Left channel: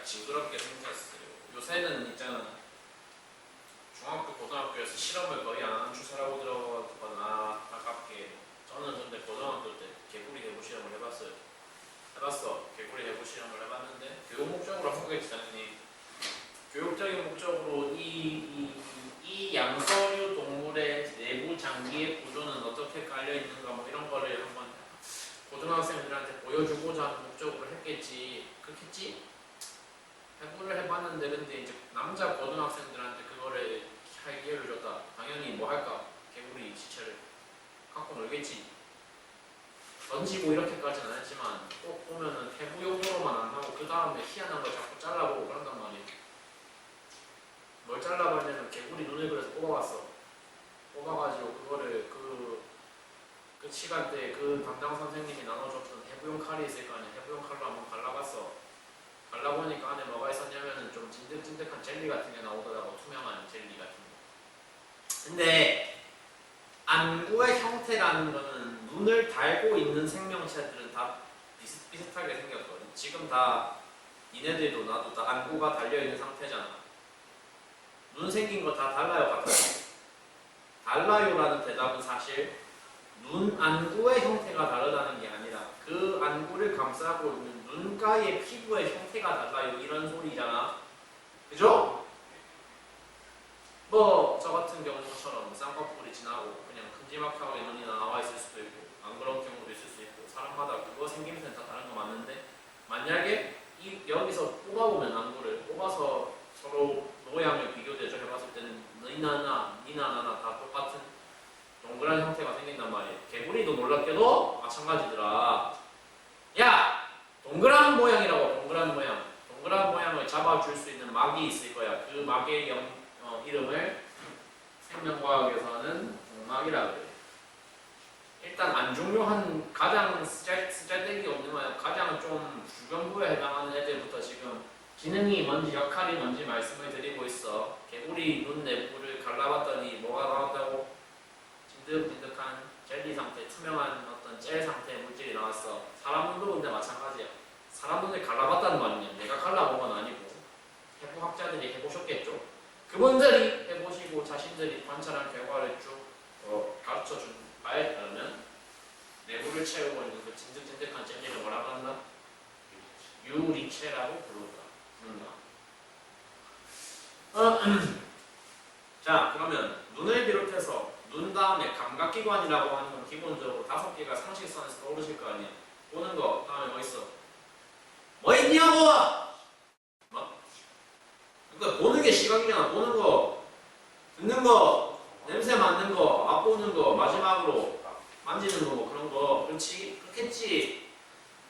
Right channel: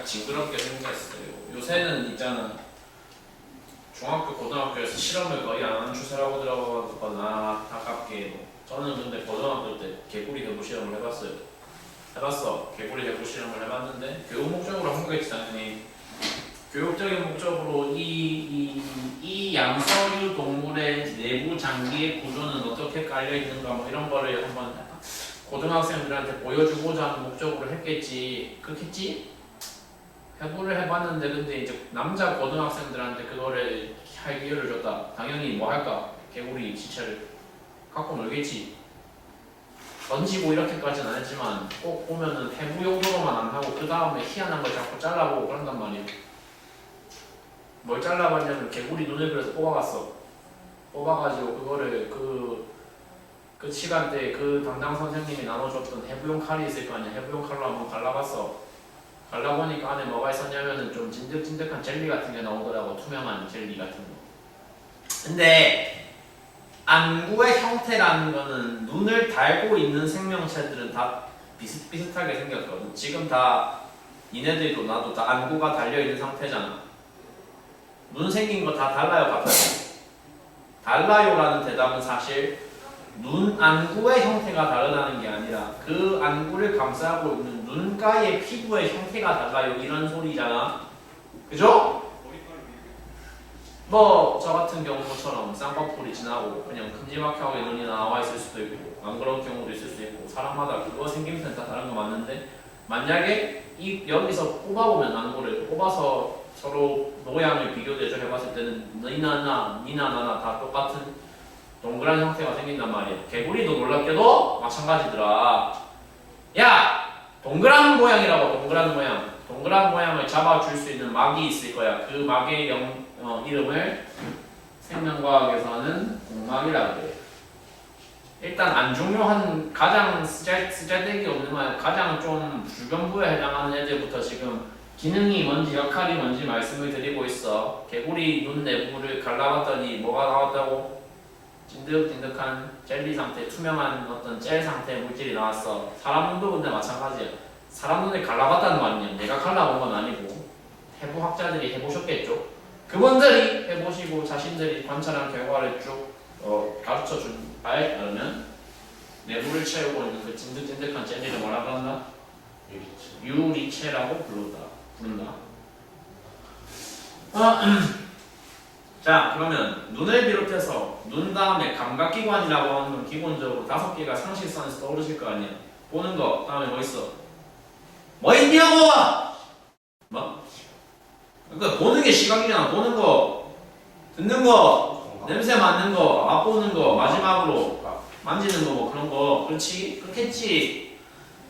살짝 징그럽게 생겼어요. 요새는 있잖아. 중학교, 고등학교에서 실험을 거의 안 하는 추세라고 들어가거나 가깝게. 저는 근데 고등학교 때 개구리 해부 실험을 해봤어요. 개구리 해부 실험을 해봤는데 교육 목적으로 한 거겠지 당연히. 교육적인 목적으로 이 양서류 동물의 내부 장기의 구조는 어떻게 깔려 있는가 뭐 이런 거를 한번 고등학생들한테 보여주고자 하는 목적으로 했겠지. 그렇겠지? 해부를 해봤는데 근데 이제 남자 고등학생들한테 그거를 할 기회를 줬다. 당연히 뭐 할까? 개구리 시체를 갖고 놀겠지. 던지고 이렇게까지는 안 했지만 꼭 보면은 해부 용도로만 안 하고 그 다음에 희한한 걸 자꾸 잘라보고 그런단 말이야. 뭘 잘라봤냐면 개구리 눈을 그래서 뽑아갔어. 뽑아가지고 그거를 그 시간대에 그 담당 선생님이 나눠줬던 해부용 칼이 있을 거 아니야. 해부용 칼로 한번 갈라봤어. 갈라보니까 안에 뭐가 있었냐면은 좀 찐득찐득한 젤리 같은 게 나오더라고. 투명한 젤리 같은 거. 근데 안구의 형태라는 거는 눈을 달고 있는 생명체들은 다 비슷비슷하게 생겼거든. 지금 다 니네들도 나도 다 안구가 달려있는 상태잖아. 눈 생긴 거 다 달라요, 같아요? 달라요라는 대답은 사실 눈 안구의 형태가 다르다는 게 아니라 그 안구를 감싸고 있는 눈가의 피부의 형태가 달라요 이런 소리잖아. 그죠? 뭐 저 같은 경우처럼 쌍꺼풀이 지나고 그냥 큼지막하게 눈이 나와 있을 수도 있고 안 그런 경우도 있을 수 있고 사람마다 그거 생김새는 다 다른 거 맞는데 만약에 여기서 뽑아보면 안구를 뽑아서 서로 모양을 비교 대조해봤을 때는 니나 나나 다 똑같은 동그란 형태가 생긴단 말이야. 개구리도 놀랍게도 마찬가지더라. 야! 동그란 모양이라고. 동그란 모양. 동그란 모양을 잡아줄 수 있는 막이 있을 거야. 그 막의 이름을 생명과학에서는 공막이라고 그래. 일단 안 중요한 가장 쓰잘데기 없는 말 가장 좀 주변부에 해당하는 애들부터 지금 기능이 뭔지 역할이 뭔지 말씀을 드리고 있어. 개구리 눈 내부를 갈라봤더니 뭐가 나왔다고? 찐득찐득한 젤리 상태, 투명한 어떤 젤 상태의 물질이 나왔어. 사람 눈도 근데 마찬가지야. 사람 눈을 갈라봤다는 거 아니냐? 내가 갈라본 건 아니고 해부학자들이 해보셨겠죠. 그분들이 해보시고 자신들이 관찰한 결과를 쭉 가르쳐준 바에 따르면 내부를 채우고 있는 그 찐득찐득한 젤리를 뭐라고 한다? 유리체라고 부른다. 자, 그러면 눈을 비롯해서 눈 다음에 감각기관이라고 하는 건 기본적으로 5개가 상식선에서 떠오르실 거 아니야. 보는 거 다음에 뭐 있어? 뭐 있냐고! 뭐? 그러니까 보는 게 시각이잖아. 보는 거, 듣는 거, 냄새 맡는 거, 맛보는 거, 마지막으로 만지는 거 뭐 그런 거. 그렇지? 그렇겠지?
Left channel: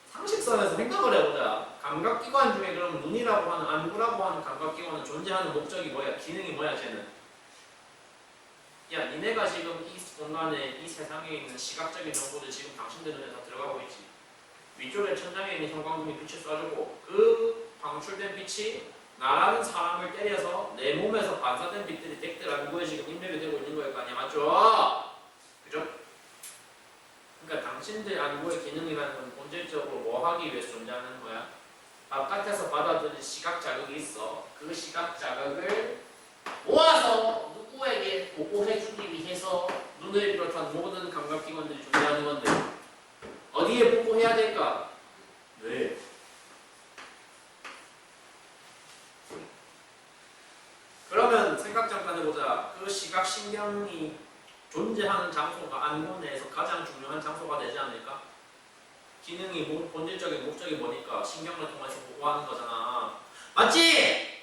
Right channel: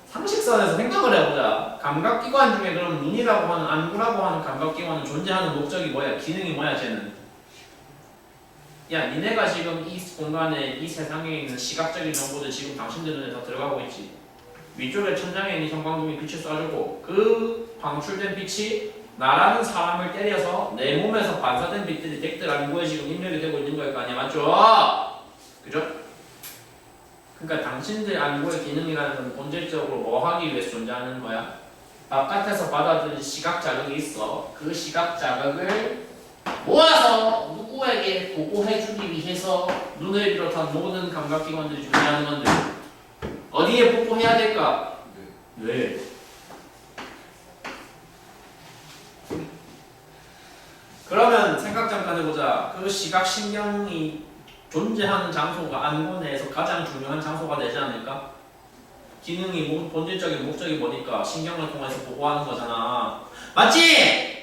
상식선에서 생각을 해보자. 감각기관 중에 그럼 눈이라고 하는 안구라고 하는 감각기관은 존재하는 목적이 뭐야? 기능이 뭐야 쟤는? 야 니네가 지금 이 공간에 이 세상에 있는 시각적인 정보들 지금 당신들 눈에 다 들어가고 있지. 위쪽에 천장에 있는 형광등이 빛을 쏴주고 그 방출된 빛이 나라는 사람을 때려서 내 몸에서 반사된 빛들이 덱들 안구에 지금 입력이 되고 있는 거일 거 아니야. 맞죠? 그죠? 그러니까 당신들 안구의 기능이라는 건 본질적으로 뭐 하기 위해서 존재하는 거야? 바깥에서 받아들인 시각 자극이 있어. 그 시각 자극을 모아서 누구에게 보고해주기 위해서 눈을 비롯한 모든 감각기관들이 존재하는 건데 어디에 보고해야 될까? 뇌. 그러면 생각 잠깐 해보자. 그 시각신경이 존재하는 장소가 안구 내에서 가장 중요한 장소가 되지 않을까? 기능이 본질적인 목적이 뭐니까 신경을 통해서 보고하는 거잖아. 맞지?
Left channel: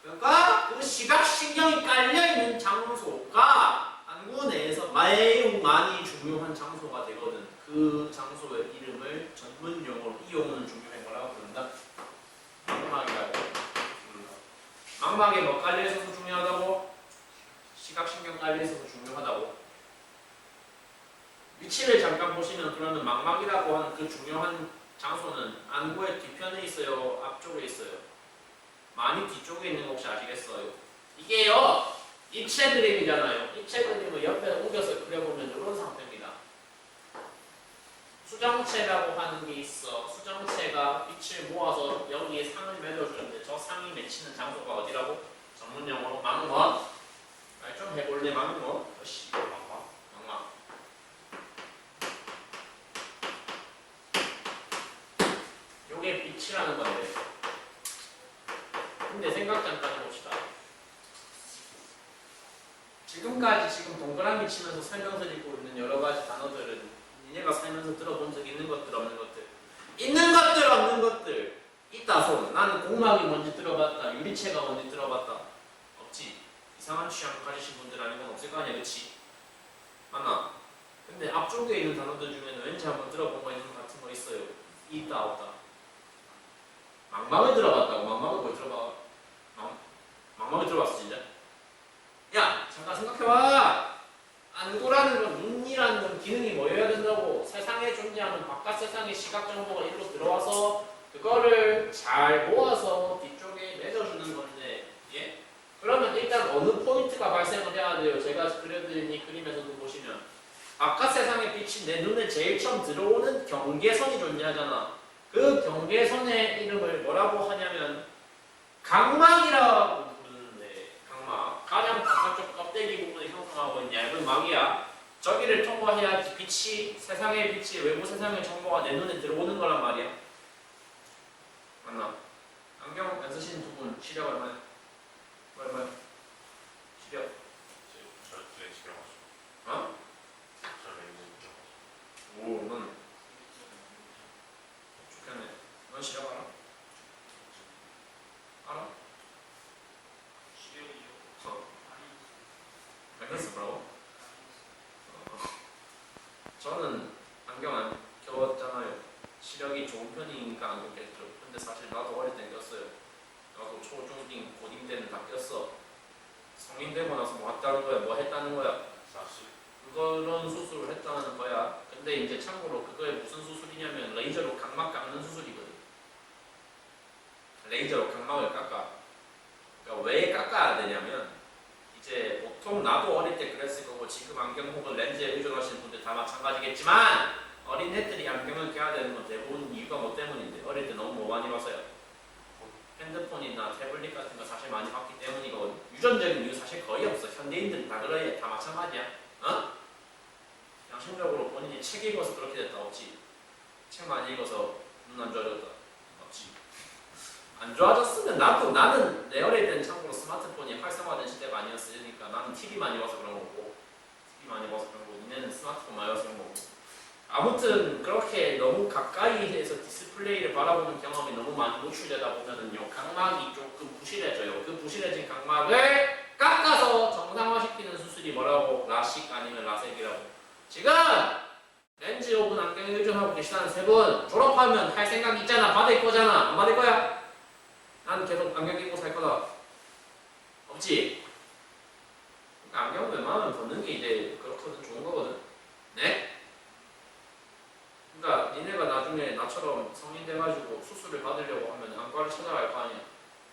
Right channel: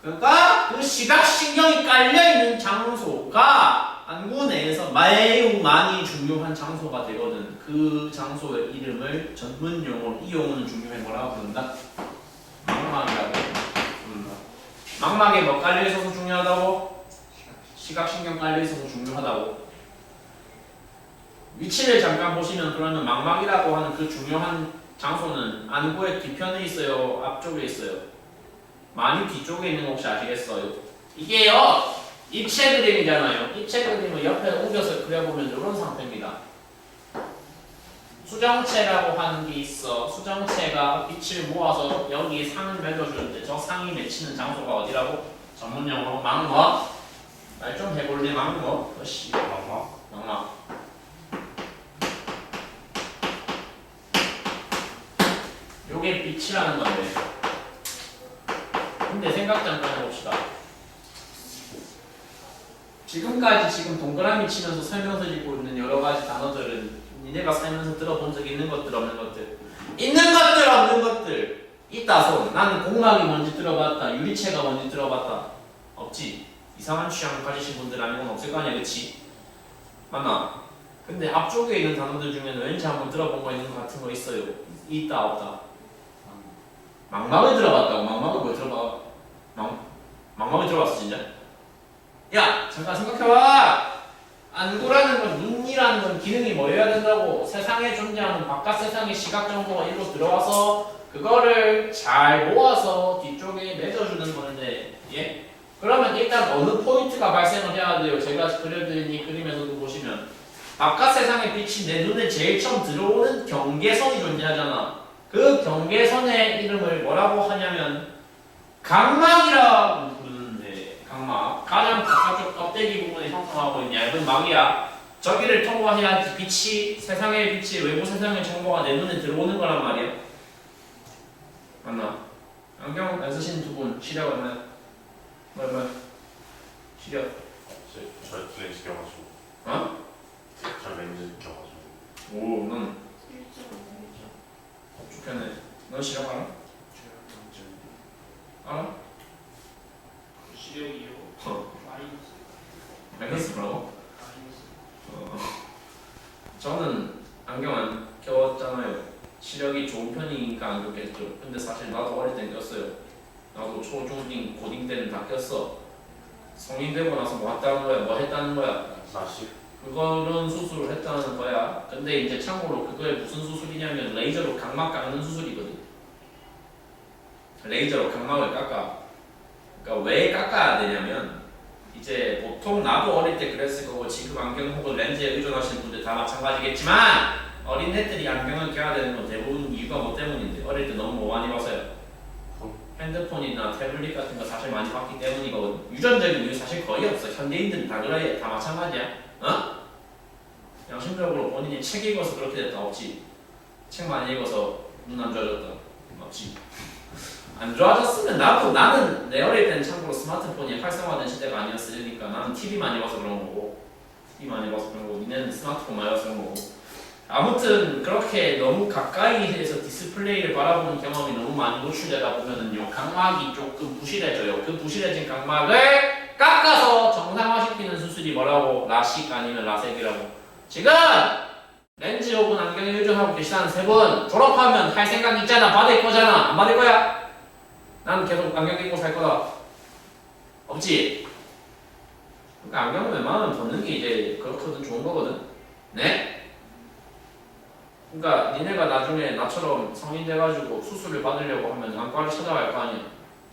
그러니까 그 시각신경이 깔려있는 장소가 안구 내에서 매우 많이 중요한 장소가 되거든. 그 장소의 이름을 전문용어로 이 용어는 중요해 뭐라고 부른다? 망막이라고 부른다. 망막에 뭐 깔려있어서 중요하다고? 시각신경 깔려있어서 중요하다고? 위치를 잠깐 보시면 그러면 망막이라고 하는 그 중요한 장소는 안구의 뒤편에 있어요? 앞쪽에 있어요? 많이 뒤쪽에 있는 거 혹시 아시겠어요? 이게요 입체 그림이잖아요. 입체 그림을 옆에 옮겨서 그려보면 이런 상태입니다. 수정체라고 하는 게 있어. 수정체가 빛을 모아서 여기에 상을 맺어주는데 저 상이 맺히는 장소가 어디라고? 전문용어로 망막. 말 좀 해볼래 망막? 어씨 망막. 요게 빛이라는 건데. 근데 생각 잠깐 해봅시다. 지금까지 지금 동그라미 치면서 설명서 읽고 있는 여러 가지 단어들은 니네가 살면서 들어본 적 있는 것들 없는 것들? 있는 것들 없는 것들 있다 손. 나는 공막이 뭔지 들어봤다. 유리체가 뭔지 들어봤다. 없지. 이상한 취향 가지신 분들 아니면 없을 거 아니야, 그치? 맞나? 근데 앞쪽에 있는 단어들 중에는 왠지 한번 들어본 거 있는 거 같은 거 있어요. 있다 없다. 망막을 들어봤다고? 망막을 뭐 들어봐? 망막을 들어봤어 진짜? 야 잠깐 생각해봐. 안구라는 건 눈이라는 건 기능이 뭐여야 된다고? 세상에 존재하는 바깥 세상의 시각 정보가 일로 들어와서 그거를 잘 모아서 뒤쪽에 맺어주는 건데, 예? 그러면 일단 어느 포인트가 발생을 해야 돼요? 제가 그려드린 이 그림에서도 보시면 바깥 세상의 빛이 내 눈에 제일 처음 들어오는 경계선이 존재하잖아. 그 경계선의 이름을 뭐라고 하냐면 각막이라고 부르는데, 각막. 가장 바깥쪽 껍데기 부분에 형성하고 있는 얇은 막이야. 저기를 통과해야 빛이, 세상의 빛이, 외부 세상의 정보가 내 눈에 들어오는 거란 말이야. 맞나? 안경 안 쓰시는 두 분 시력 얼마요? 뭐야? 시력? 저 렌즈 껴가지고. 어? 저 렌즈 껴가지고. 오, 넌 좋겠네. 넌 시력 알아? 알아? 시력이요? 마이너스 뭐라고? 저는 안경 안 껴왔잖아요. 시력이 좋은 편이니까 안경 꼈죠. 근데 사실 나도 어릴 땐 꼈어요. 나도 초, 중, 딩, 고딩 때는 다 꼈어. 성인 되고 나서 뭐 했다는 거야? 뭐 했다는 거야? 사실 그거는 수술을 했다는 거야. 근데 이제 참고로 그거에 무슨 수술이냐면 레이저로 각막 깎는 수술이거든. 레이저로 각막을 깎아. 그러니까 왜 깎아야 되냐면 이제 보통 나도 어릴 때 그랬을 거고 지금 안경 혹은 렌즈에 의존하시는 분들 다 마찬가지겠지만 어린애들이 안경을 껴야 되는 건 대부분 이유가 뭐 때문인데, 어릴 때 너무 뭐 많이 봐서요. 핸드폰이나 태블릿 같은 거 사실 많이 봤기 때문이거든. 유전적인 이유 사실 거의 없어. 현대인들은 다 그래. 다 마찬가지야. 어? 양심적으로 본인이 책 읽어서 그렇게 됐다 없지. 책 많이 읽어서 눈 안 좋아졌다 없지. 안 좋아졌으면 나는 내 어릴 때는 참고로 스마트폰이 활성화된 시대가 아니었으니까 나는 TV 많이 봐서 그런 거고, TV 많이 봐서 그런 거고, 니네는 스마트폰 많이 봐서 그런 거고. 아무튼 그렇게 너무 가까이에서 디스플레이를 바라보는 경험이 너무 많이 노출되다 보면은요, 각막이 조금 부실해져요. 그 부실해진 각막을 깎아서 정상화시키는 수술이 뭐라고? 라식 아니면 라섹이라고. 지금 렌즈 혹은 안경에 의존하고 계시다는 세 분 졸업하면 할 생각 있잖아. 받을 거잖아. 안 받을 거야? 난 계속 안경 끼고 살 거다. 없지? 그러니까 안경은 웬만하면 벗는 게 이제 그렇거든. 좋은 거거든. 네? 그러니까 니네가 나중에 나처럼 성인 돼가지고 수술을 받으려고 하면 안과를 찾아갈 거 아니야.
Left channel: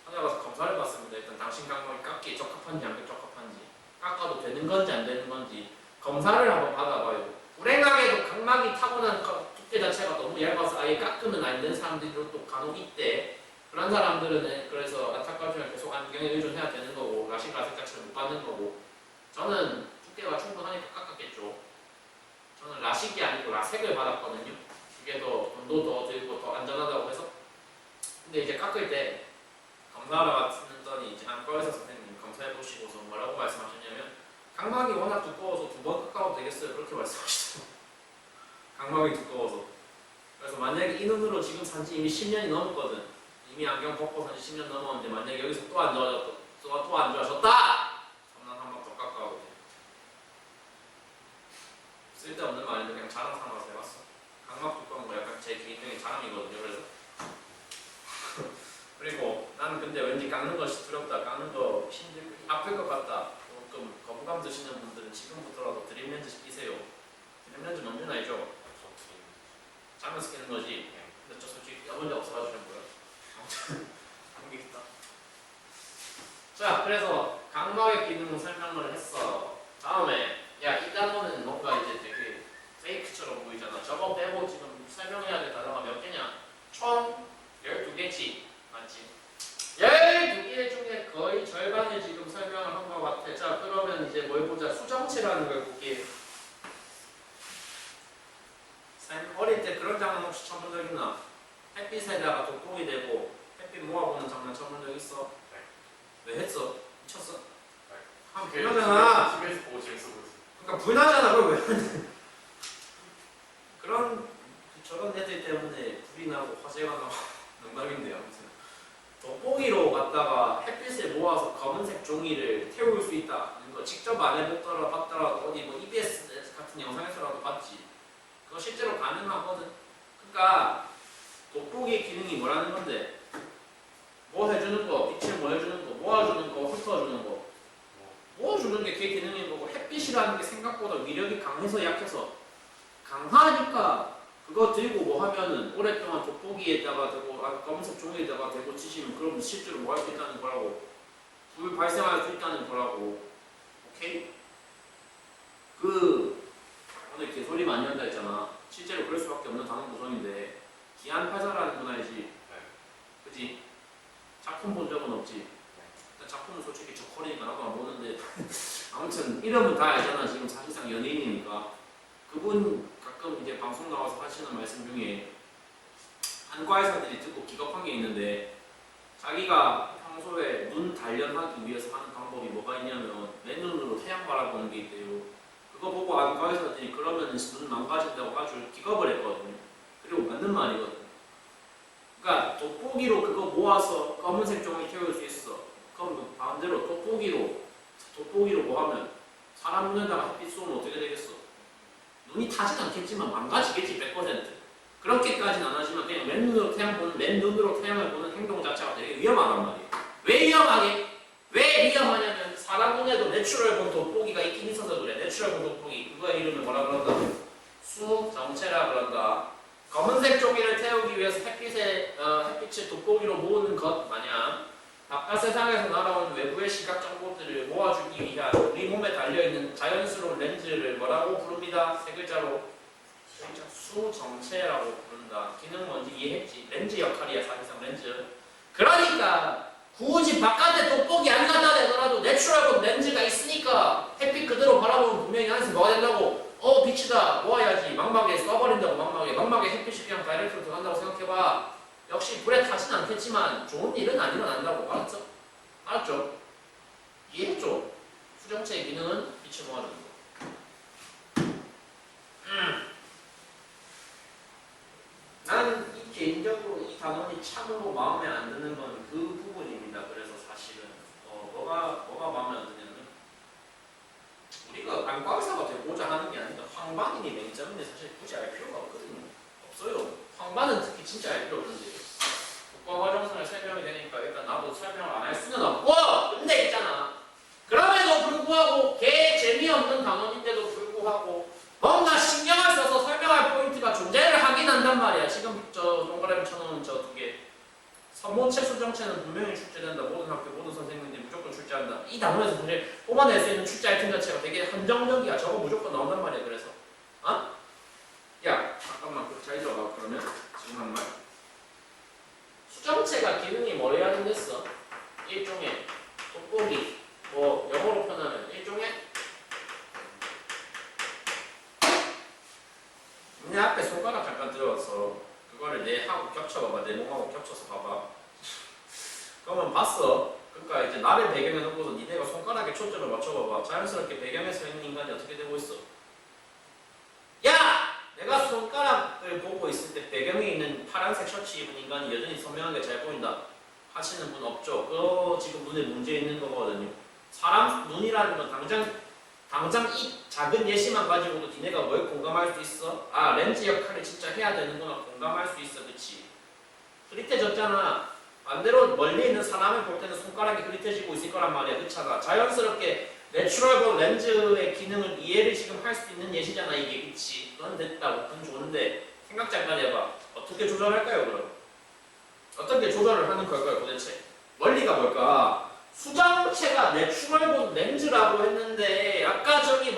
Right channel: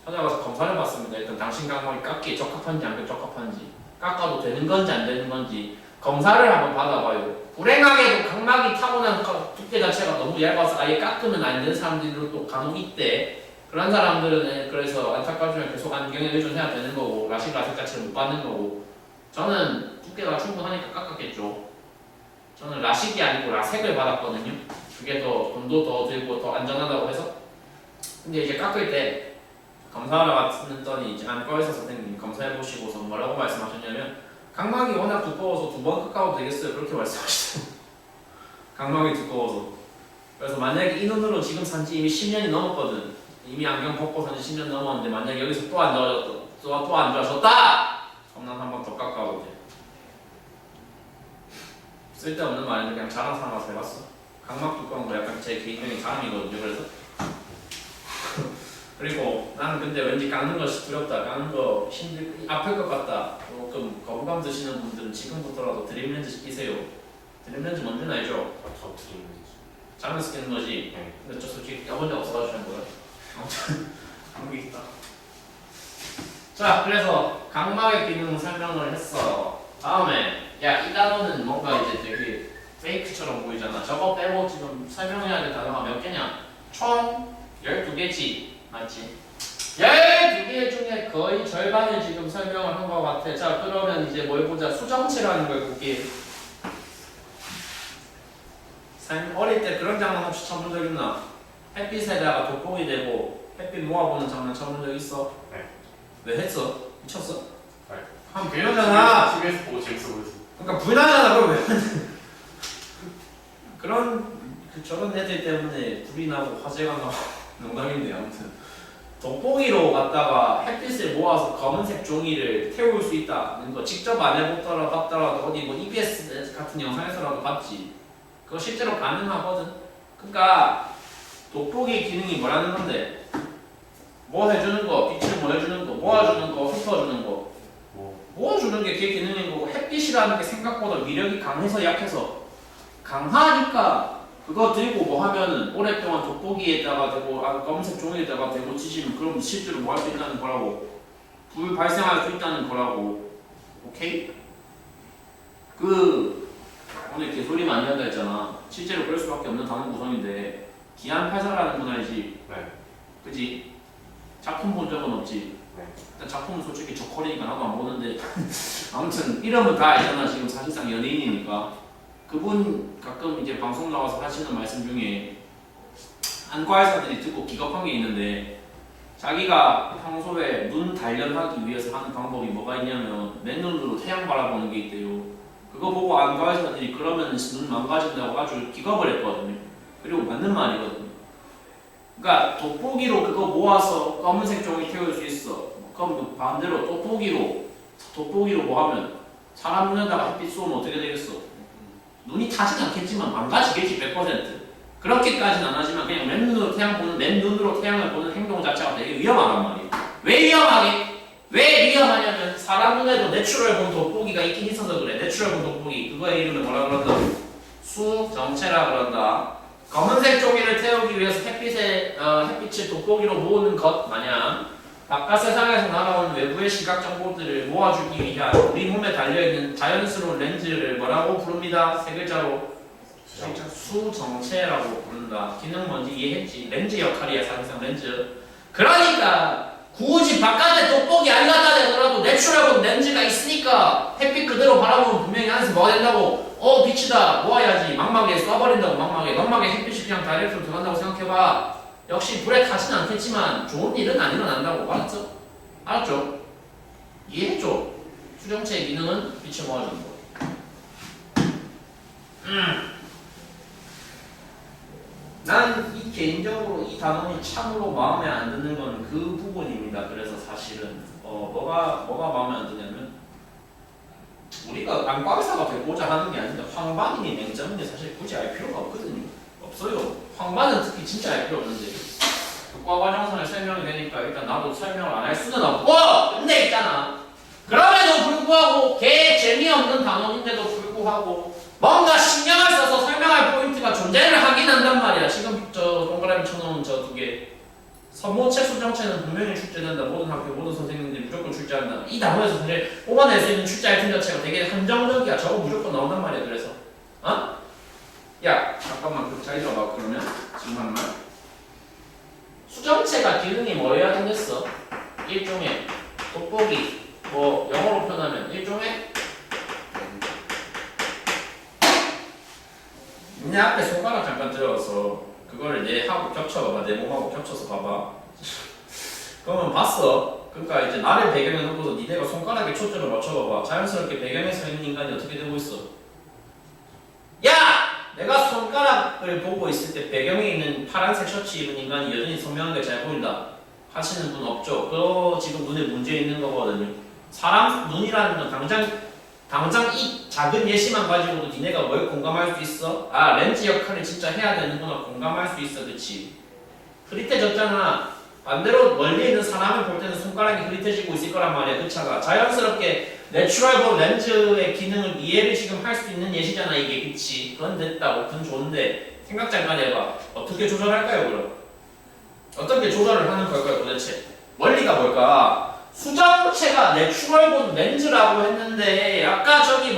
찾아가서 검사를 받습니다. 일단 당신 각막이 깎기에 적합한지 안 적합한지, 깎아도 되는 건지 안 되는 건지 검사를 한번 받아봐요. 불행하게도 각막이 타고난 두께 자체가 너무 얇아서 아예 깎으면 안 되는 사람들도 또 간혹 있대. 그런 사람들은 그래서 안타까우지만 계속 안경에 의존해야 되는 거고, 라식 자체를 못 받는 거고. 저는 두께가 충분하니까 깎았겠죠. 저는 라식이 아니고 라섹을 받았거든요. 그게 더 돈도 더 들고 더 안전하다고 해서. 근데 이제 깎을 때 검사하러 갔더니 이제 안과 의사 선생님이 검사해 보시고서 뭐라고 말씀하셨냐면, 각막이 워낙 두꺼워서 2번 깎아도 되겠어요. 그렇게 말씀하시더라고요. 각막이 두꺼워서. 그래서 만약에 이 눈으로 지금 산지 이미 10년이 넘었거든. 이미 안경 벗고 산지 10년 넘었는데 만약에 여기서 또 안 좋아졌다. 또 안 좋아졌다. 그럼 난 한 번 더 깎아도 돼. 쓸데없는 말인데 그냥 자랑 삼아서 해봤어. 각막 두꺼운 거 약간 제 개인적인 자랑이거든요. 그래서 그리고 나는 근데 왠지 깎는 것이 두렵다, 깎는 거 아플 것 같다, 조금 거부감 드시는 분들은 지금부터라도 드림렌즈 끼세요. 드림렌즈 뭔지는 알죠? 저 드리는 장에서 끼는 거지. 네. 근데 저 솔직히 껴본 적 없어가지고 잘 몰라요. 아무튼 그런 게 있다. 자, 그래서 각막의 기능 설명을 했어. 다음에 야, 이 단어는 뭔가 이제 되게 페이크처럼 보이잖아. 저거 빼고 지금 설명해야 될 단어가 몇 개냐? 총 12개지. 맞지? 12개 중에 거의 절반을 지금 설명을 한 것 같아. 자, 그러면 이제 뭘 보자. 수정체라는 걸 볼게. 어릴 때 그런 장면 혹시 쳐본 적 있나? 햇빛에다가 돋보기 되고 햇빛 모아보는 장면 쳐본 적 있어? 네. 왜 했어? 미쳤어? 네. 하면 되려잖아. TV에서 보고 재밌어 보였어. 그러니까 불나잖아. 그걸 왜 하는? 그런 저런 애들 때문에 불이 나고 화재가 나고 농담인데 아무튼 돋보기로 갖다가 햇빛을 모아서 검은색 종이를 태울 수 있다는 거 직접 안 해보더라도 봤더라도 어디 뭐 EBS 같은 영상에서라도 봤지. 그거 실제로 가능하거든. 그러니까 돋보기 기능이 뭐라는 건데 뭐 해주는 거, 빛을 뭐 해주는 거, 모아주는 거, 흩어주는 거. 모아주는 게 걔 기능인 거고 햇빛이라는 게 생각보다 위력이 강해서 약해서 강하니까 그거 들고 뭐 하면은 오랫동안 돋보기에다가 대고 검은색 종이에다가 대고 치시면 그럼 실제로 뭐 할 수 있다는 거라고. 불 발생할 수 있다는 거라고. 오케이? 오늘 개소리 많이 한다 했잖아. 실제로 그럴 수밖에 없는 단어 구성인데 기안팔사라는 건 알지? 네. 그지? 작품 본 적은 없지? 네. 일단 작품은 솔직히 저커리니까 나도 안 보는데 아무튼 이름은 다 알잖아. 지금 사실상 연예인이니까. 그분 가끔 이제 방송 나와서 하시는 말씀 중에 안과의사들이 듣고 기겁한 게 있는데 자기가 평소에 눈 단련하기 위해서 하는 방법이 뭐가 있냐면 맨눈으로 태양 바라보는 게 있대요. 그거 보고 안과의사들이 그러면 눈 망가진다고 아주 기겁을 했거든요. 그리고 맞는 말이거든요. 그러니까 돋보기로 그거 모아서 검은색 종이 태울 수 있어. 그럼 반대로 돋보기로 뭐 하면 사람 눈에다가 햇빛 쏘면 어떻게 되겠어? 눈이 타진 않겠지만 망가지겠지 100%. 그렇게까지는 안 하지만 그냥 맨눈으로 태양을 보는 행동 자체가 되게 위험하단 말이에요. 왜 위험하게? 왜 위험하냐면 사람 눈에도 내추럴 본 돋보기가 있긴 있어서 그래. 내추럴 본 돋보기. 그거의 이름을 뭐라 그런다? 수정체라 그런다. 검은색 종이를 태우기 위해서 햇빛을 돋보기로 모으는 것 마냥 바깥 세상에서 날아오는 외부의 시각 정보들을 모아주기 위한 우리 몸에 달려있는 자연스러운 렌즈를 뭐라고 부릅니다? 세 글자로 수정체라고 부른다. 기능 뭔지 이해했지? 렌즈 역할이야 사실상 렌즈. 그러니까 굳이 바깥에 돋보기 안 갖다 대더라도 내추럴본 렌즈가 있으니까 햇빛 그대로 바라보면 분명히 안에서 뭐가 된다고? 빛이다 모아야지. 망막에 쏴버린다고. 망막에 햇빛이 그냥 다이렉트로 들어간다고 생각해봐. 역시 불에 타진 않겠지만 좋은 일은 안 일어난다고. 알았죠? 알았죠? 이해했죠? 수정체의 기능은 빛을 모아주는 거. 난 이 개인적으로 이 단원이 참으로 마음에 안 드는 건 그 부분입니다. 그래서 사실은 뭐가 마음에 안 드냐면 우리가 안과의사가 되고자 하는 게 아니라 황반이니 맹점이니 사실 굳이 알 필요가 없거든요. 없어요. 황반은 특히 진짜 알 필요 없는데 과 과정상에 설명이 되니까 일단 나도 설명을 안 할 수는 없고 근데 있잖아. 그럼에도 불구하고 개 재미없는 단원인데도 불구하고 뭔가 신경을 써서 설명할 포인트가 존재를 하긴 한단 말이야. 지금 저 동그라미 쳐놓은 저 두 개. 선모체 수정체는 분명히 출제된다. 모든 학교 모든 선생님들이 무조건 출제한다. 이 단원에서 사실 뽑아낼 수 있는 출제 아이템 자체가 되게 한정적이야. 저거 무조건 나온단 말이야. 그래서 야 잠깐만 잘 들어봐. 그러면 지금 하는 말 수정체가 기능이 뭐래야 되겠어? 일종의 돋보기 뭐 영어로 표현하면 일종의 내 앞에 손가락 잠깐 들어서 그거를 내 하고 겹쳐봐봐. 내 몸하고 겹쳐서 봐봐. 그러면 봤어. 그러니까 이제 나를 배경에 놓고서 니네가 손가락에 초점을 맞춰봐봐. 자연스럽게 배경에 서 있는 인간이 어떻게 되고 있어? 야! 내가 손가락을 보고 있을 때 배경에 있는 파란색 셔츠 입은 인간이 여전히 선명하게 잘 보인다 하시는 분 없죠? 그거 지금 눈에 문제 있는 거거든요. 사람 눈이라는 건 당장 이 작은 예시만 가지고도 니네가 뭘 공감할 수 있어? 렌즈 역할을 진짜 해야 되는구나. 공감할 수 있어. 그치? 흐릿해졌잖아. 반대로 멀리 있는 사람을 볼 때는 손가락이 흐릿해지고 있을 거란 말이야. 그 차가 자연스럽게 내추럴본 렌즈의 기능을 이해를 지금 할 수 있는 예시잖아 이게. 그치? 그건 됐다고. 그건 좋은데 생각 잠깐 해봐. 어떻게 조절할까요 그럼? 어떻게 조절을 하는 걸까요 도대체? 원리가 뭘까? 수정체가 내추럴본 렌즈라고 했는데 아까 저기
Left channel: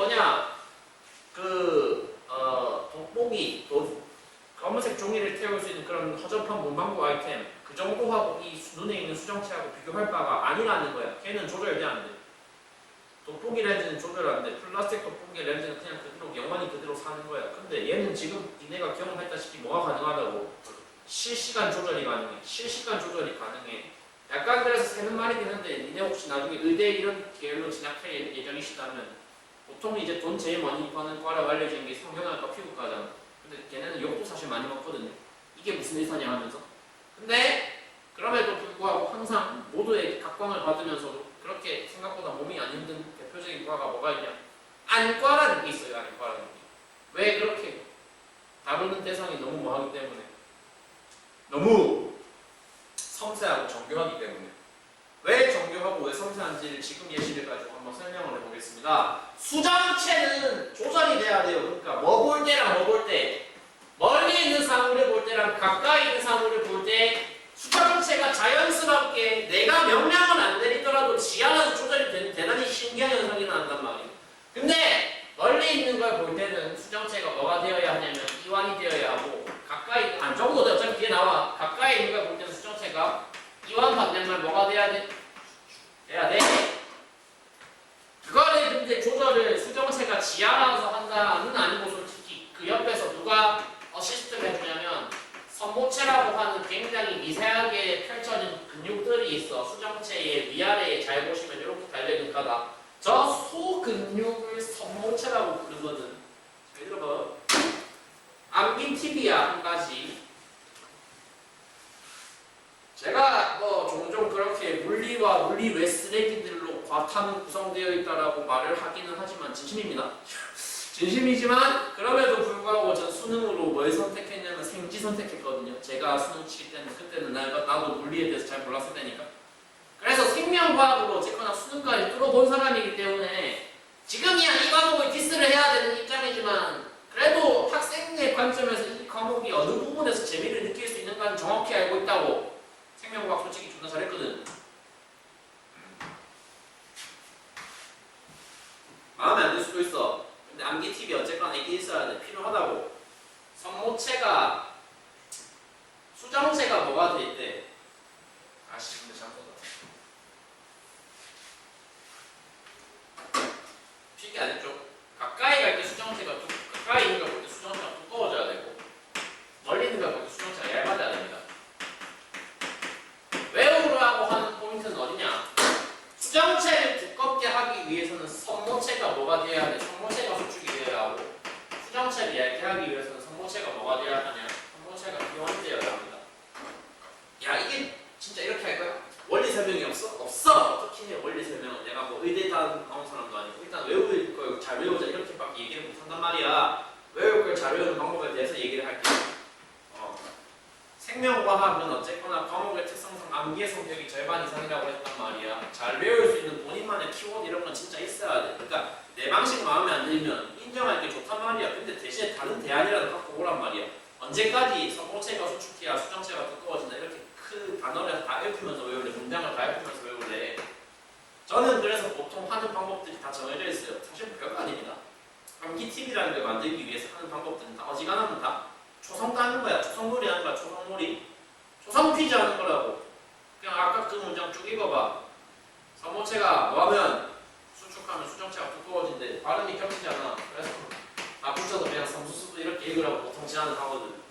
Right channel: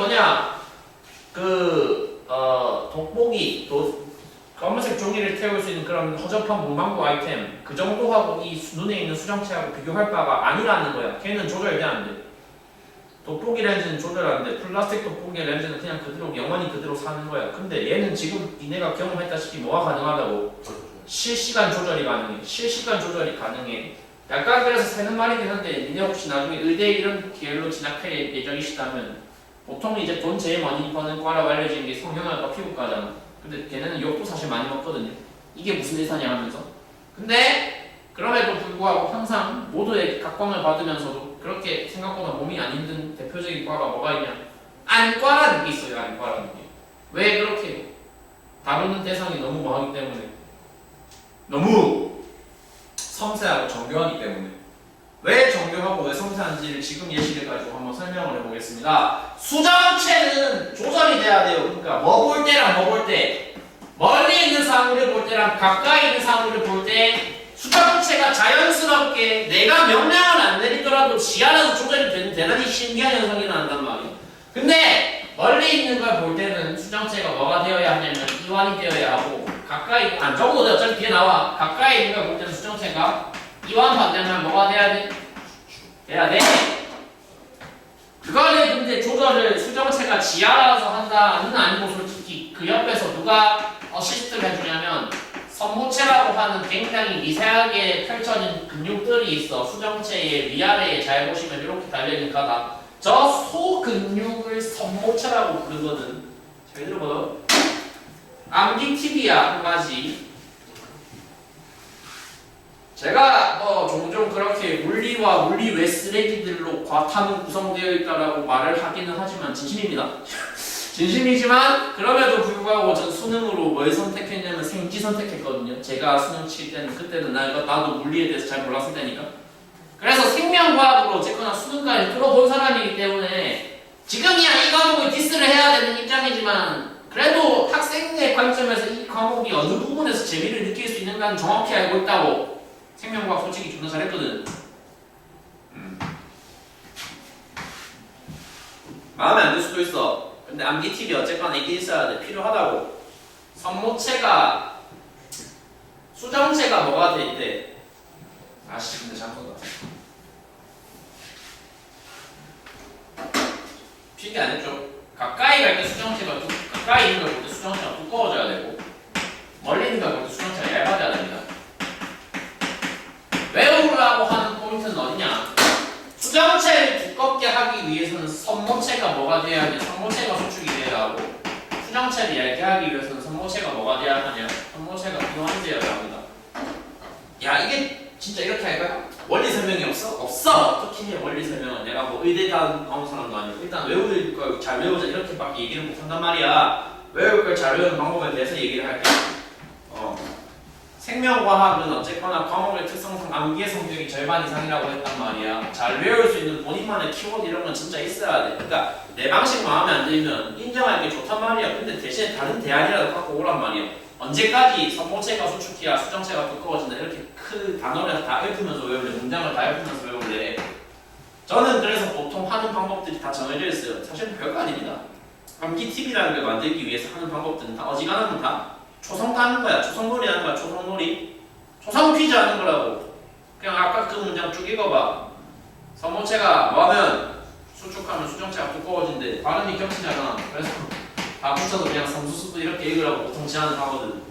돋보기, 검은색 종이를 태울 수 있는 그런 허접한 문방구 아이템 그 정도하고 이 눈에 있는 수정체하고 비교할 바가 아니라는 거야. 걔는 조절이 안 돼. 돋보기 렌즈는 조절 안 돼. 플라스틱 돋보기 렌즈는 그냥 그대로 영원히 그대로 사는 거야. 근데 얘는 지금 니네가 경험했다시피 뭐가 가능하다고? 실시간 조절이 가능해. 실시간 조절이 가능해. 약간 그래서 새는 말이긴 한데 니네 혹시 나중에 의대 이런 계열로 진학할 예정이시다면 보통 이제 돈 제일 많이 버는 과라고 알려지는 게 성형외과 피부과잖아. 근데 걔네는 욕도 사실 많이 먹거든요. 이게 무슨 의사냐 하면서. 근데 그럼에도 불구하고 항상 모두의 각광을 받으면서도 그렇게 생각보다 몸이 안 힘든 대표적인 과가 뭐가 있냐? 안과라는 게 있어요. 안과라는 게. 왜 그렇게 다루는 대상이 너무 많기 때문에. 너무 섬세하고 정교하기 때문에. 왜 정교하고 왜 섬세한지를 지금 예시를 가지고 한번 설명을 해보겠습니다. 수정체는 조절이 돼야 돼요. 그러니까 뭐 볼 때랑 뭐 볼 때, 멀리 있는 사물을 볼 때랑 가까이 있는 사물을 볼 때 수정체가 자연스럽게 내가 명령을 안 내리더라도 지 알아서 조절이 되는 대단히 신기한 현상이 나온단 말이에요. 근데 멀리 있는 걸 볼 때는 수정체가 뭐가 되어야 하냐면 이완이 되어야 하고, 가까이 적어도 어차피 뒤에 나와. 가까이 있는 걸 볼 때는 수정체가 이완 반대면 뭐가 돼야 돼? 돼야 돼. 그거를 근데 조절을 수정체가 지 알아서 한다는 아니고 솔직히 그 옆에서 누가 어시스트를 해주냐면 선모체라고 하는 굉장히 미세하게 펼쳐진 근육들이 있어. 수정체의 위아래에 잘 보시면 이렇게 달려있는 가다. 저 소근육을 선모체라고 부르거든. 잘 들어봐요. 암기티비아 한 가지. 제가 뭐 종종 그렇게 물리와 물리 외 쓰레기들로 과탐은 구성되어 있다라고 말을 하기는 하지만 진심입니다. 진심이지만 그럼에도 불구하고 전 수능으로 뭘 선택했냐면 생지 선택했거든요. 제가 수능 칠 때는 그때는 나도 물리에 대해서 잘 몰랐을 때니까. 그래서 생명과학으로 어쨌거나 수능까지 뚫어본 사람이기 때문에 지금이야 이 과목을 디스를 해야 되는 입장이지만 그래도 학생의 관점에서 이 과목이 어느 부분에서 재미를 느낄 수 있는가는 정확히 알고 있다고. 생명과학 솔직히 존나 잘했거든. 마음에 안 들 수도 있어. 근데 암기팁이 어쨌거나 있긴 있어야 돼. 필요하다고. 선모체가 수정체가 뭐가 돼 있대? 아씨 근데 잠깐만. 필기 안 했죠? 가까이 갈 때 수정체가 가까이 있는 걸 볼 때 수정체가 두꺼워져야 되고 멀리 있는 걸 볼 때 수정체가 얇아져야 됩니다. 외우라고 하는 포인트는 어디냐? 수정체를 두껍게 하기 위해서는 선모체가 뭐가 돼야 하냐? 선모체가 수축이 돼야 하고 수정체를 얇게 하기 위해서는 선모체가 뭐가 돼야 하냐? 선모체가 이완되어야 합니다. 야 이게 진짜 이렇게 할까요? 원리 설명이 없어? 없어! 어떻게 해 원리 설명은. 내가 뭐 의대 나온 사람도 아니고 일단 외울 걸 잘 외우자 이렇게밖에 얘기를 못한단 말이야. 외울 걸 잘 외우는 방법에 대해서 얘기를 할게. 생명과학은 어쨌거나 과목의 특성상 암기의 성격이 절반 이상이라고 했단 말이야. 잘 외울 수 있는 본인만의 키워드 이런 건 진짜 있어야 돼. 그러니까 내 방식 마음에 안 들면 인정할 게 좋단 말이야. 근데 대신에 다른 대안이라도 갖고 오란 말이야. 언제까지 선모체가 수축해야 수정체가 두꺼워진다 이렇게 큰 단어를 다 읊으면서 외울래? 문장을 다 읊으면서 외울래? 저는 그래서 보통 하는 방법들이 다 정해져 있어요. 사실 별거 아닙니다. 암기 팁이라는 걸 만들기 위해서 하는 방법들은 다 어지간하면 다 초성 하는 거야. 초성놀이 하는 거야. 초성놀이. 초성 퀴즈 하는 거라고. 그냥 아까 그 문장 쭉 읽어봐. 선모체가 뭐하면 수축하면 수정체가 두꺼워진대. 발음이 겹치잖아. 그래서 다 붙여서 그냥 섬수수도 이렇게 읽으라고 보통 제안을 하거든.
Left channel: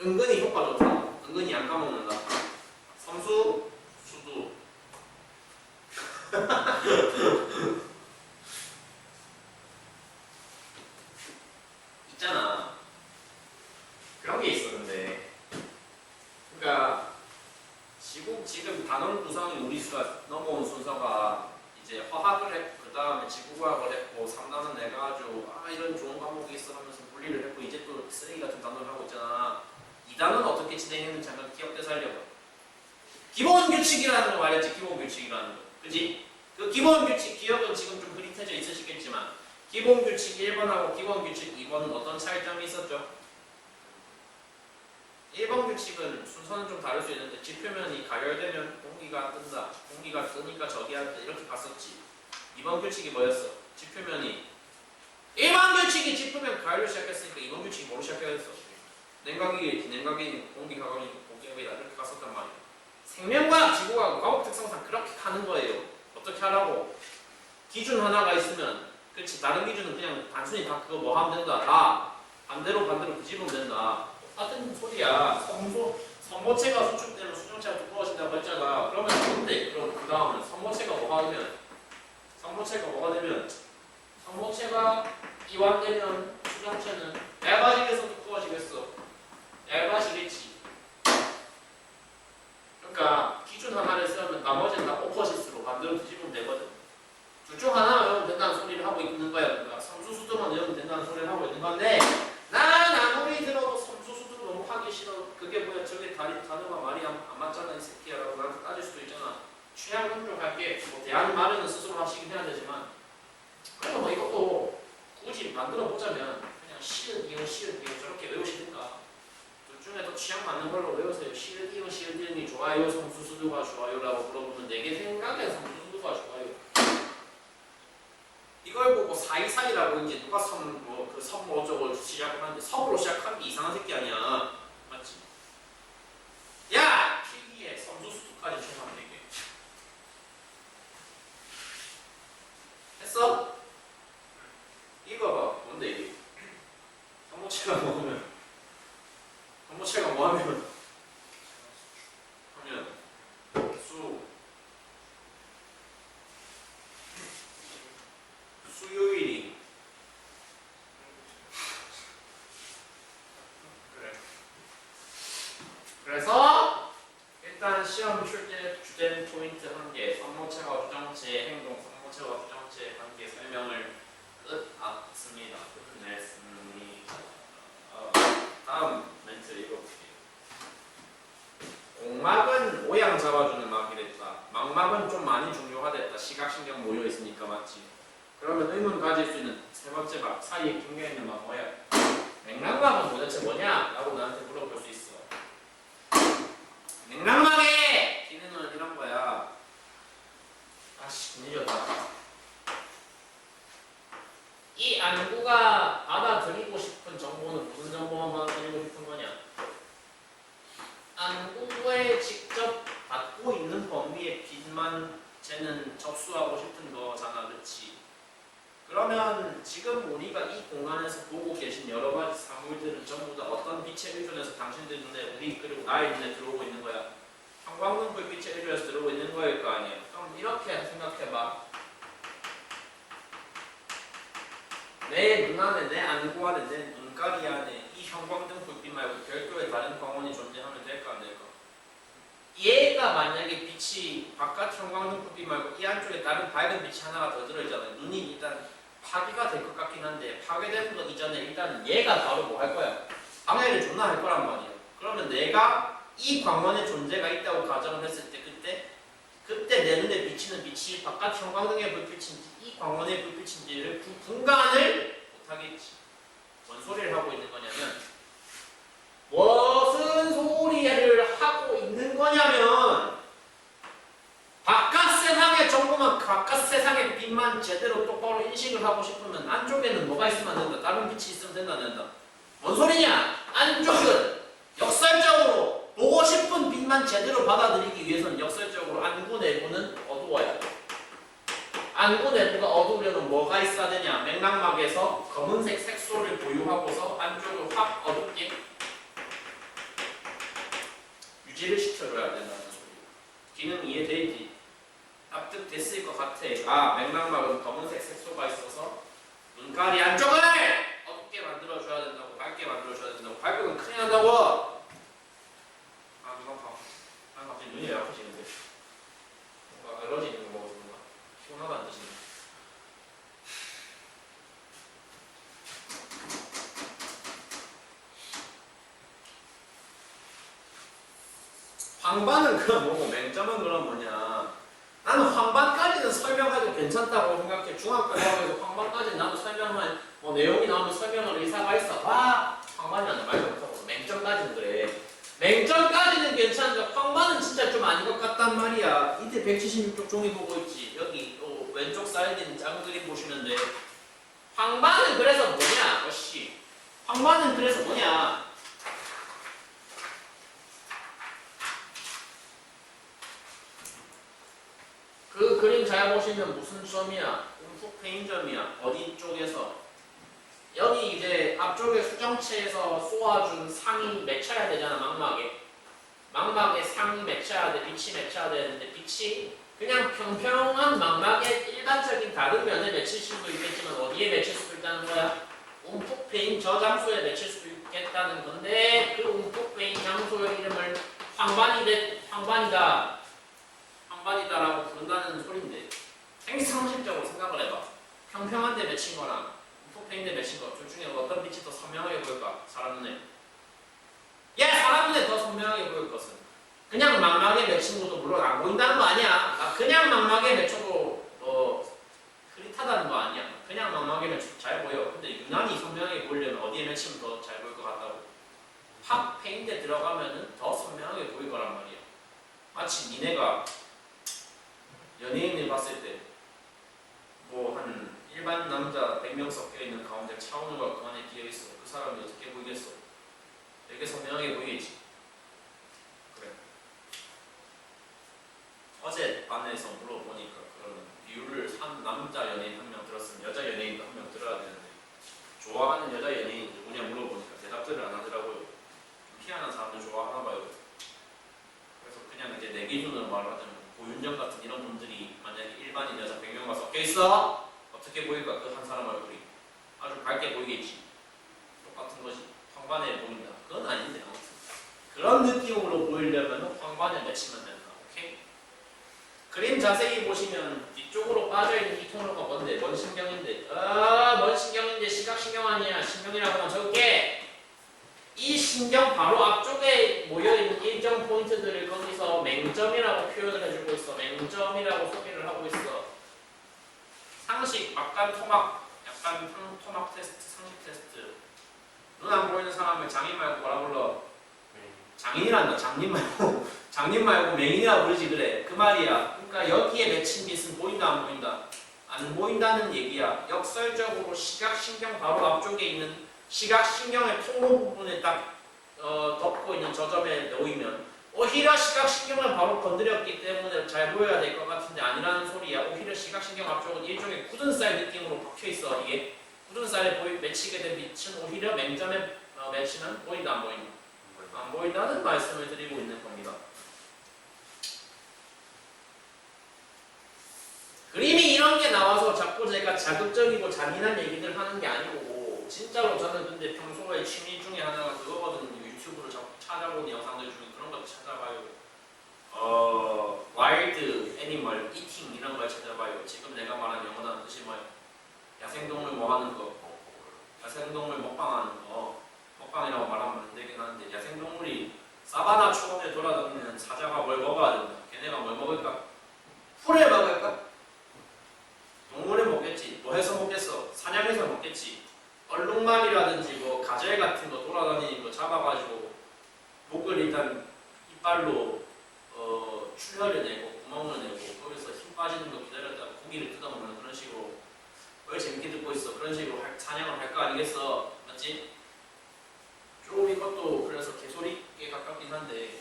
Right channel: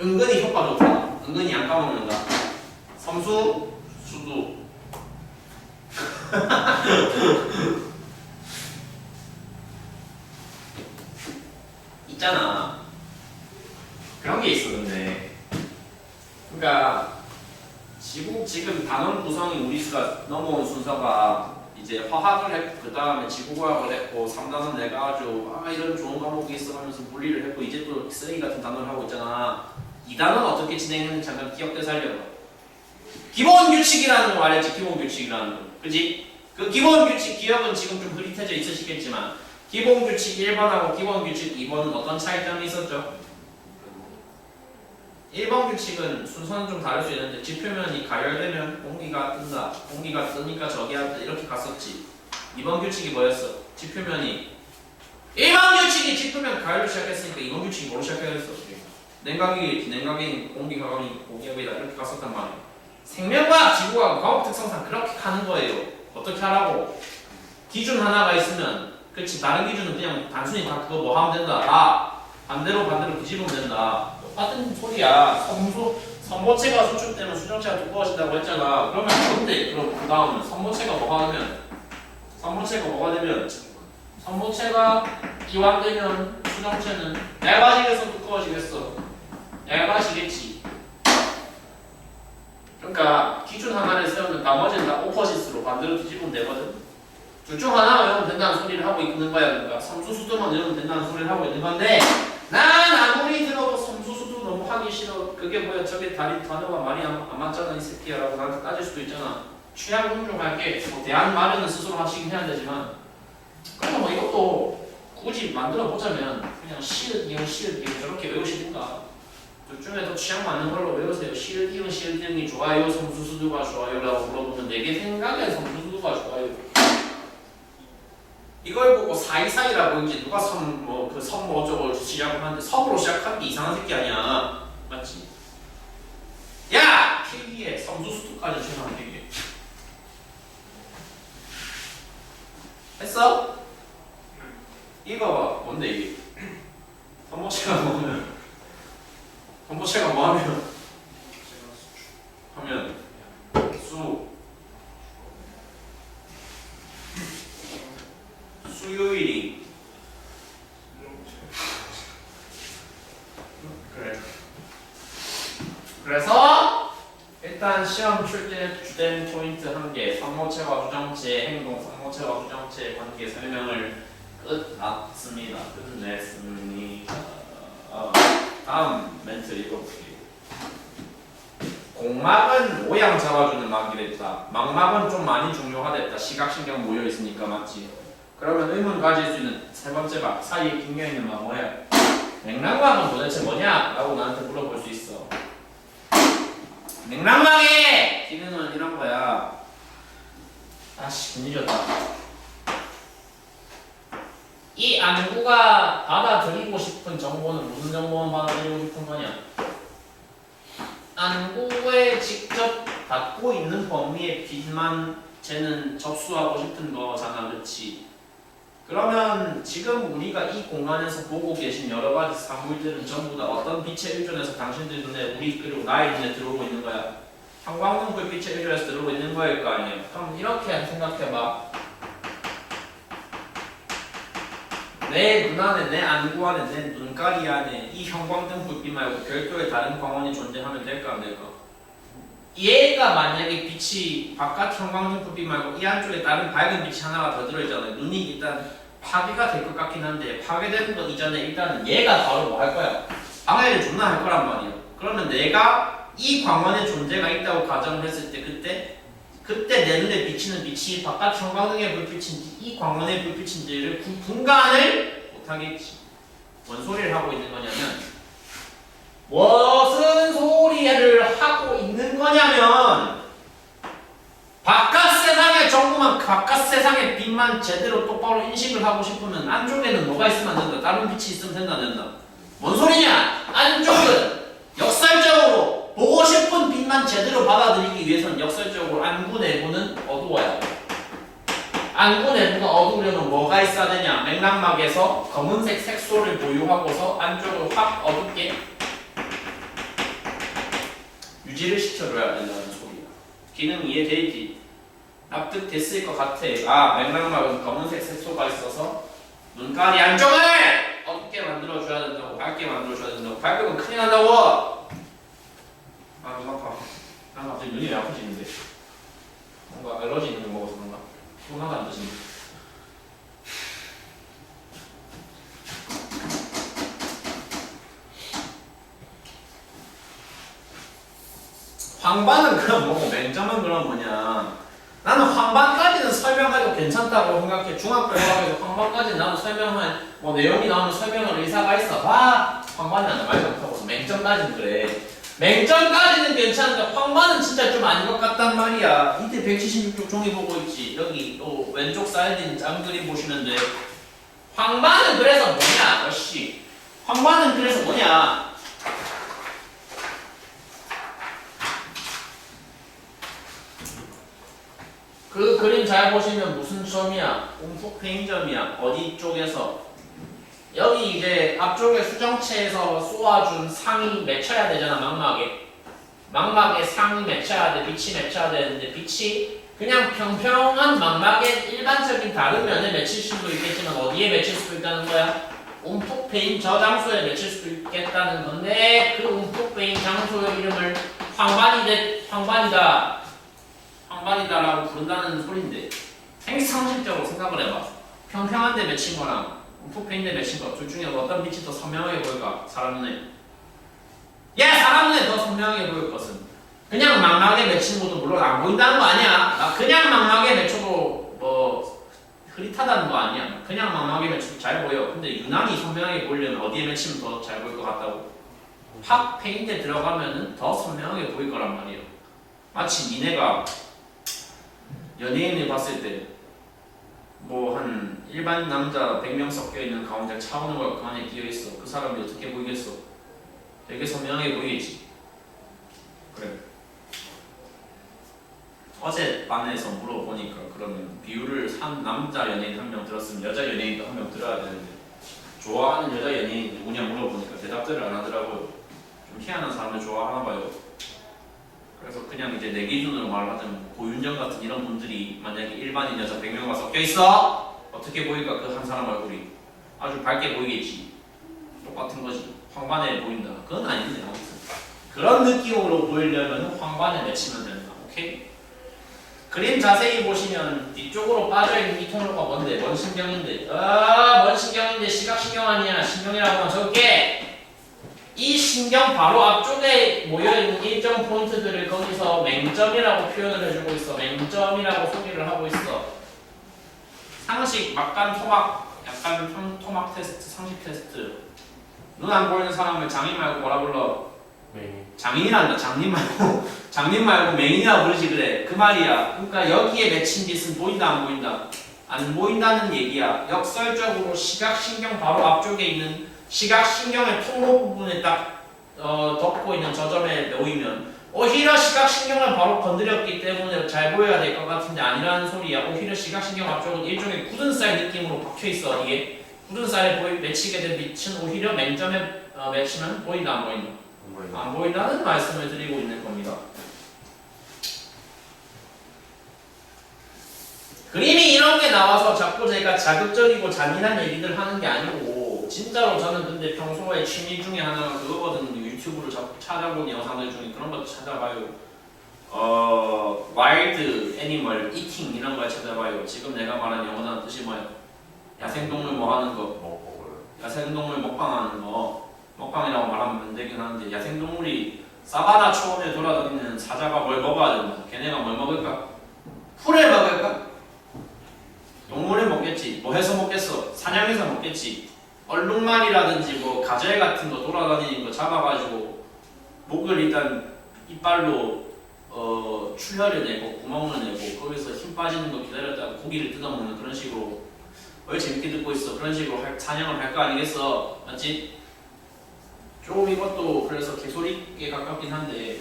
은근히 효과 좋다. 은근히 안 까먹는다. 섬수, 수두. 있잖아. 그런 게 있어. 근데 그러니까 지금 단원 구성이 우리 수가 넘어온 순서가 이제 화학을 했고 그 다음에 지구과학을 했고 3단원 내가지고 이런 좋은 과목이 있어 하면서 물리를 했고 이제 또 쓰레기 같은 단원을 하고 있잖아. 2단원 어떻게 진행했는지 잠깐 기억돼 살려봐. 기본 규칙이라는 거 말했지. 기본 규칙이라는 거. 그지? 그 기본 규칙 기억은 지금 좀 흐릿해져 있으시겠지만 기본 규칙 1번하고 기본 규칙 2번은 어떤 차이점이 있었죠? 1번 규칙은 순서는 좀 다를 수 있는데 지표면이 가열되면 공기가 뜬다. 공기가 뜨니까 저기 한다. 이렇게 갔었지. 2번 규칙이 뭐였어? 지표면이 일반 규칙이 짚으면 가열로 시작했으니까 이번 규칙이 뭐로 시작해야겠어? 냉각이, 비냉각이, 공기가감이, 공기압이다 이렇게 갔었단 말이야. 생명과학, 지구과학, 과학 특성상 그렇게 가는 거예요. 어떻게 하라고? 기준 하나가 있으면 그렇지 다른 기준은 그냥 단순히 다 그거 뭐 하면 된다. 다 반대로 뒤집으면 된다. 똑같은 소리야. 선모체가 수축되면 수정체가 두꺼워진다고 했잖아. 그러면 뭔데? 그럼 그 다음은 선모체가 뭐가 되면 선모체가 이완되면 수정체는 얇아지겠어 두꺼워지겠어? 얇아지겠지. 그러니까 기준 하나를 세우면 나머지는 다 오퍼짓으로 반대로 뒤집으면 되거든. 둘 중 하나 외우면 된다는 소리를 하고 있는 거야. 그러니까 섬수수도만 외우면 된다는 소리를 하고 있는 건데 난 아무리 들어도 섬수수도 너무 하기 싫어. 그게 뭐야 저게 단어가 말이 안 맞잖아 이 새끼야 라고 나한테 따질 수도 있잖아. 취향 존중할게. 뭐 대안 마련은 스스로 하시긴 해야 되지만 그래서 뭐 이것도 굳이 만들어 보자면 그냥 시읒 이응 저렇게 외우시든가 둘 중에 더 취향 맞는 걸로 외우세요. 시읒 이응이 좋아요 섬수수도가 좋아요 라고 물어보면 내게 생각엔 섬수수도가 좋아요. 이걸 보고 사이사이라고 이제 누가 그 섬 어쩌고 시작을 하는데 섬으로 시작하는 게 이상한 새끼 아니야. 맞지? 야! 필기에 섬수수도까지 최소한 필기해. 했어? 이거 봐. 뭔데 이게? 선모체가 뭐하면 수요일이 그래. 그래서 일단 시험 출제 주된 포인트 1개 선모체와 주정체의 행동, 선모체와 주정체의 관계 설명을 끝냈습니다. 다음 멘트 읽어볼게요. 공막은 모양 잡아주는 막이 됐다. 망막은 좀 많이 중요하됐다. 시각신경 모여 있으니까 맞지? 그러면 의문 가질 수 있는 세 번째 막 사이에 낑겨 있는 막 뭐야? 맥락막은 도대체 뭐냐? 라고 나한테 물어볼 수 있어. 맥락막의 기능은 이런 거야. 아씨 분위기였다. 이 안구가 받아들이고 싶은 정보는 무슨 정보만 받아들이고 싶은 거냐? 안구에 직접 닿고 있는 범위의 빛만 쟤는 접수하고 싶은 거잖아, 그렇지? 그러면 지금 우리가 이 공간에서 보고 계신 여러 가지 사물들은 전부 다 어떤 빛에 의존해서 당신들 눈에 우리 그리고 나의 눈에 들어오고 있는 거야? 형광등 불빛에 의존해서 들어오고 있는 거일 거 아니에요? 그럼 이렇게 생각해봐. 내 눈 안에, 내 안구 안에, 내 눈가리 안에 이 형광등 불빛 말고 별도의 다른 광원이 존재하면 될까 안 될까? 얘가 만약에 빛이 바깥 형광등 불빛 말고 이 안쪽에 다른 밝은 빛이 하나가 더 들어있잖아요. 눈이 일단 파괴가 될 것 같긴 한데 파괴되는 것 이전에 일단은 얘가 바로 뭐 할 거야? 방해를 존나 할 거란 말이야. 그러면 내가 이 광원의 존재가 있다고 가정을 했을 때 그때 내 눈에 비치는 빛이 바깥 형광등의 불빛인지 이 광원의 불빛인지를 분간을 못하겠지. 뭔 소리를 하고 있는 거냐면 무슨 소리를 하고 있는 거냐면 바깥 세상의 정보만 바깥 세상의 빛만 제대로 똑바로 인식을 하고 싶으면 안쪽에는 뭐가 있으면 안 된다. 다른 빛이 있으면 된다 안 된다. 뭔 소리냐? 안쪽은 역설적으로 보고 싶은 빛만 제대로 받아들이기 위해서는 역설적으로 안구 내부는 어두워야 돼. 안구 내부가 어두우려면 뭐가 있어야 되냐? 맥락막에서 검은색 색소를 보유하고서 안쪽을 확 어둡게 유지를 시켜줘야 된다는 소리야. 기능 이해되지? 납득됐을 것 같아. 아, 맥락막은 검은색 색소가 있어서 눈가리 안쪽을 어둡게 만들어줘야 된다고, 밝게 만들어줘야 된다고. 밝으면 큰일 난다고! 아, 눈 아파. 난 갑자기 눈이 왜 아프지는데? 뭔가 알러지 있는 거 먹어서 그런가? 피곤하다는 뜻인데. 황반은 그럼 뭐고 맹점은 그럼 뭐냐? 나는 황반까지는 설명해도 괜찮다고 생각해. 중학교 과학에서 황반까지는 나도 설명할 뭐 내용이 나오면 설명할 의사가 있어. 봐! 황반이란다 말도 못하고 맹점까지는 그래. 맹점까지는 괜찮은데 황반은 진짜 좀 아닌 것 같단 말이야. 이때 176쪽 종이 보고 있지. 여기 또 왼쪽 사이드는 짠 그림 보시면 돼. 황반은 그래서 뭐냐? 어씨. 황반은 그래서 뭐냐? 그 그림 잘 보시면 무슨 점이야? 움푹 패인 점이야. 어디 쪽에서? 여기 이제 앞쪽에 수정체에서 쏘아준 상이 맺혀야 되잖아. 망막에 상이 맺혀야 돼. 빛이 맺혀야 되는데 빛이 그냥 평평한 망막의 일반적인 다른 면에 맺힐 수도 있겠지만 어디에 맺힐 수도 있다는 거야? 움푹 패인 저 장소에 맺힐 수도 있겠다는 건데 그 움푹 패인 장소의 이름을 황반이다라고 부른다는 소린데 상식적으로 생각을 해봐. 평평한 데 맺힌 거랑 움푹 패인 데 맺힌 거 둘 중에 어떤 빛이 더 선명하게 보일까? 사람 눈에. 사람 눈에 더 선명하게 보일 것은 그냥 망막에 맺힌 것도 물론 안 보인다는 거 아니야. 그냥 망막에 맺혀도 뭐 흐릿하다는 거 아니야. 그냥 망막에 맺혀도 잘 보여. 근데 유난히 선명하게 보이려면 어디에 맺히면 더 잘 보일 것 같다고? 팍 페인트에 들어가면은 더 선명하게 보일 거란 말이야. 마치 니네가 연예인을 봤을 때 뭐 한 일반 남자 100명 섞여 있는 가운데 차은우가 그 안에 끼어 있어. 그 사람이 어떻게 보이겠어? 되게 선명하게 보이겠지. 그래. 어제 반에서 물어보니까 그러면 비율을 한 남자 연예인 한 명 들었으면 여자 연예인도 한 명 들어야 되는데 좋아하는 여자 연예인 누구냐 물어보니까 대답들을 안 하더라고요. 좀 희한한 사람을 좋아하나 봐요. 그래서 그냥 이제 내 기준으로 말하자면 고윤정 같은 이런 분들이 만약에 일반인 여자 100명과 섞여 있어 어떻게 보일까? 그 한 사람 얼굴이 아주 밝게 보이겠지. 똑같은 거지. 황반에 보인다. 그건 아닌데 아무튼 그런 느낌으로 보이려면 황반에 맺히면 된다. 오케이? 그림 자세히 보시면 뒤쪽으로 빠져있는 이 통로가 뭔데? 뭔 신경인데? 뭔 신경인데 시각신경 아니야. 신경이라고만 적을게. 이 신경 바로 앞쪽에 모여있는 일정 포인트들을 거기서 맹점이라고 표현을 해주고 있어. 맹점이라고 소개를 하고 있어. 상식, 막간 토막, 약간 토막 테스트, 상식 테스트. 눈 안 보이는 사람을 장인 말고 뭐라 불러? 장인이란다. 장님 말고 맹인이라 부르지 그래. 그 말이야. 그러니까 여기에 맺힌 빛은 보인다 안 보인다? 안 보인다는 얘기야. 역설적으로 시각신경 바로 앞쪽에 있는 시각신경의 통로 부분에 딱 덮고 있는 저 점에 놓이면 오히려 시각신경을 바로 건드렸기 때문에 잘 보여야 될 것 같은데 아니라는 소리야. 오히려 시각신경 앞쪽은 일종의 굳은 쌀 느낌으로 박혀있어. 이게 굳은 쌀에 맺히게 된 빛은 오히려 맹점에 맺히면 보인다 안 보인다? 안 보인다는 말씀을 드리고 있는 겁니다. 그림이 이런 게 나와서 자꾸 제가 자극적이고 잔인한 얘기들 하는 게 아니고 진짜로 저는 근데 평소에 취미 중에 하나가 그거거든요. 유튜브를 자꾸 찾아보는 영상들 중에 그런 것도 찾아봐요. 와일드 애니멀 이팅 이런 걸 찾아봐요. 지금 내가 말한 영어는 뜻이 뭐예요? 야생동물 뭐 하는 거? 야생동물 먹방하는 거. 먹방이라고 말하면 안 되긴 하는데 야생동물이 사바나 초원에 돌아다니는 사자가 뭘 먹어야 된다. 걔네가 뭘 먹을까? 풀을 먹을까? 동물을 먹겠지. 뭐 해서 먹겠어? 사냥해서 먹겠지. 얼룩말이라든지 뭐 가젤 같은 거 돌아다니는 거 잡아가지고 목을 일단 이빨로 출혈을 내고 구멍을 내고 거기서 힘 빠지는 거 기다렸다가 고기를 뜯어먹는 그런 식으로 왜 재밌게 듣고 있어? 그런 식으로 사냥을 할 거 아니겠어? 맞지? 좀 이것도 그래서 개소리에 가깝긴 한데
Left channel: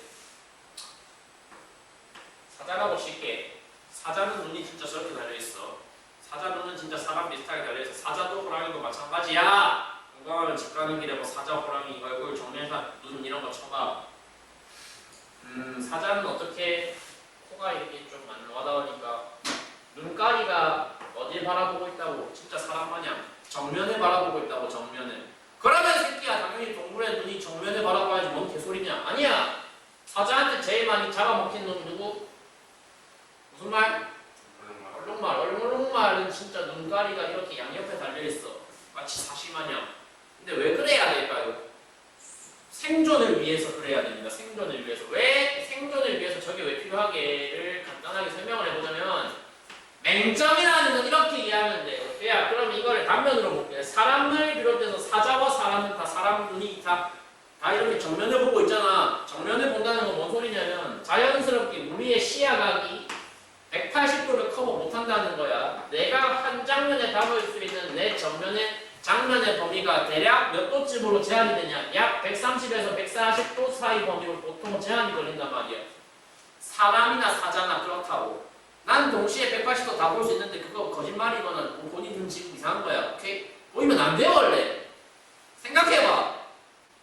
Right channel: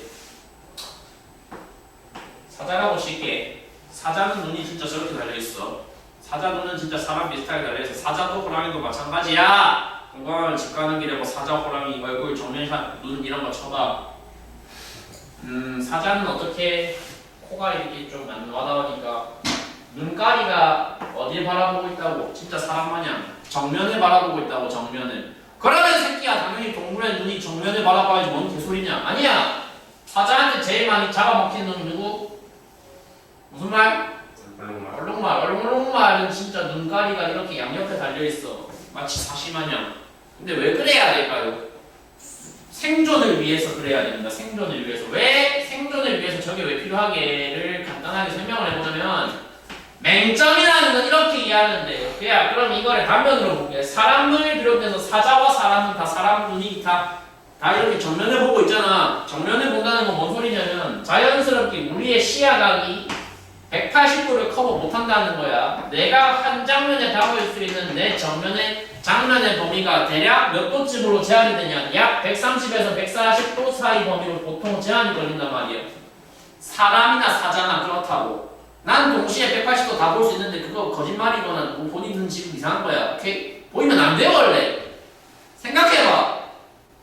사자라고 칠게. 사자는 눈이 진짜 저렇게 달려있어. 사자 눈은 진짜 사람 비슷하게 달려있어. 사자도 호랑이도 마찬가지야. 건강하면 집 가는 길에 뭐 사자, 호랑이 얼굴 정면샷, 눈 이런 거 쳐봐. 사자는 어떻게 코가 이렇게 좀 안 와닿으니까 눈가리가 어딜 바라보고 있다고? 진짜 사람 마냥 정면을 바라보고 있다고. 정면을. 그러면 새끼야 당연히 동물의 눈이 정면을 바라봐야지. 뭔 개소리냐? 아니야. 사자한테 제일 많이 잡아먹힌 놈이 누구? 무슨 말? 얼룩말은 진짜 눈가리가 이렇게 양옆에 달려있어. 마치 사시마냥. 근데 왜 그래야 될까요? 생존을 위해서 그래야 됩니다. 생존을 위해서. 왜 생존을 위해서 저게 왜 필요하게를 간단하게 설명을 해보자면 맹점이라는 건 이렇게 이해하면 돼요. 그럼 이거를 단면으로 볼게요. 사람을 비롯해서 사자와 사람은 다 사람 눈이 다 이렇게 정면을 보고 있잖아. 정면을 본다는 건 뭔 소리냐면 자연스럽게 우리의 시야각이 180도를 커버 못한다는 거야. 내가 한 장면에 담을 수 있는 내 정면의 장면의 범위가 대략 몇 도쯤으로 제한이 되냐? 약 130에서 140도 사이 범위로 보통 제한이 걸린단 말이야. 사람이나 사자나 그렇다고. 난 동시에 180도 다 볼 수 있는데 그거 거짓말이거나 본인 눈 지금 이상한 거야. 오케이? 보이면 안 돼 원래. 생각해봐.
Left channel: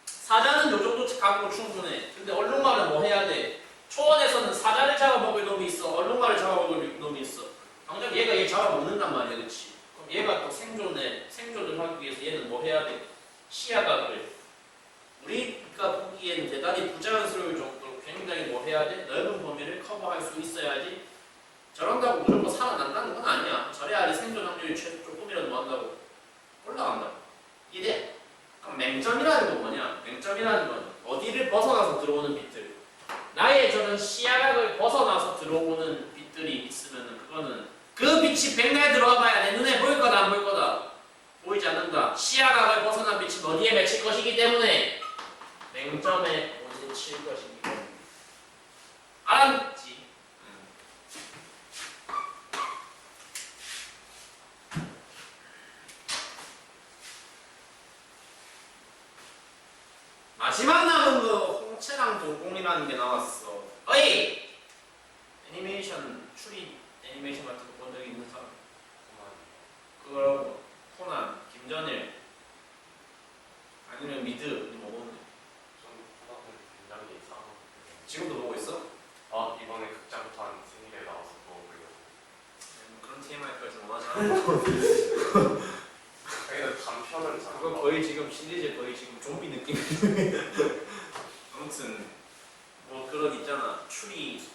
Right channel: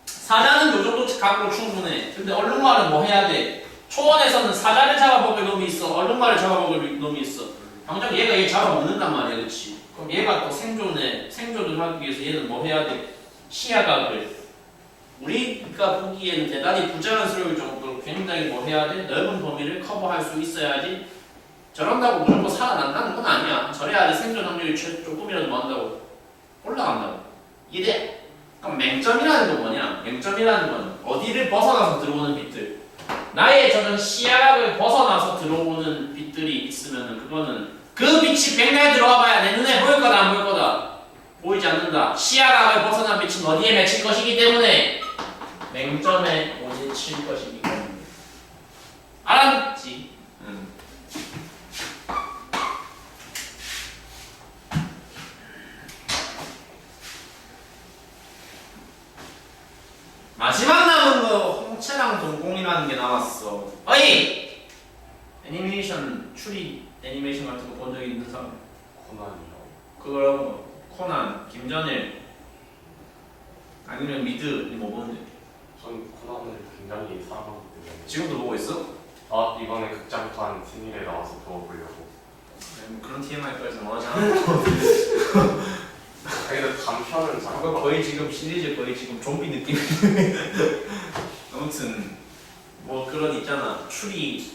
사자는 요 정도 각으로 충분해. 근데 얼룩말은 뭐 해야 돼? 초원에서는 사자를 잡아먹을 놈이 있어. 얼룩말을 잡아먹을 놈이 있어. 당장 얘가 얘 잡아먹는단 말이야, 그렇지? 그럼 얘가 또 생존을 하기 위해서 얘는 뭐 해야 돼? 시야각을 우리가 보기에는 대단히 부자연스러울 정도로 굉장히 뭐 해야 돼? 넓은 범위를 커버할 수 있어야지. 저런다고 무조건 살아난다는 건 아니야. 저래야지 생존 확률이 조금이라도 뭐 한다고 올라간다고. 이래. 그럼 맹점이라는 건 뭐냐? 맹점이라는 건 어디를 벗어나서 들어오는 빛들. 나의 저는 시야각을 벗어나서 들어오는 빛들이 있으면 그거는 그 빛이 백날 들어와 봐야 내 눈에 보일 거다 안 보일 거다? 보이지 않는다. 시야각을 벗어난 빛은 어디에 맺힐 것이기 때문에 맹점에 맺힐 것이기 때문에. 알았지? 마지막 남은 거 홍채랑 동공이라는 게 남았어. 어이! 애니메이션 추리 애니메이션 같은 거 본 적 있는 사람? 코난이요. 그거랑 뭐 코난, 김전일 아니면 미드 뭐 보는데? 전 코난을 굉장히 사랑하기 때문에. 지금도 보고 있어? 아 이번에 극장판 신일에 나와서 그거 보려고. 뭐 그런 TMI까지 원하지 않아. 근데 단편은 잘. 그거 거의 지금 시리즈 거의 지금 좀비 느낌. 아무튼 뭐 그런 있잖아. 추리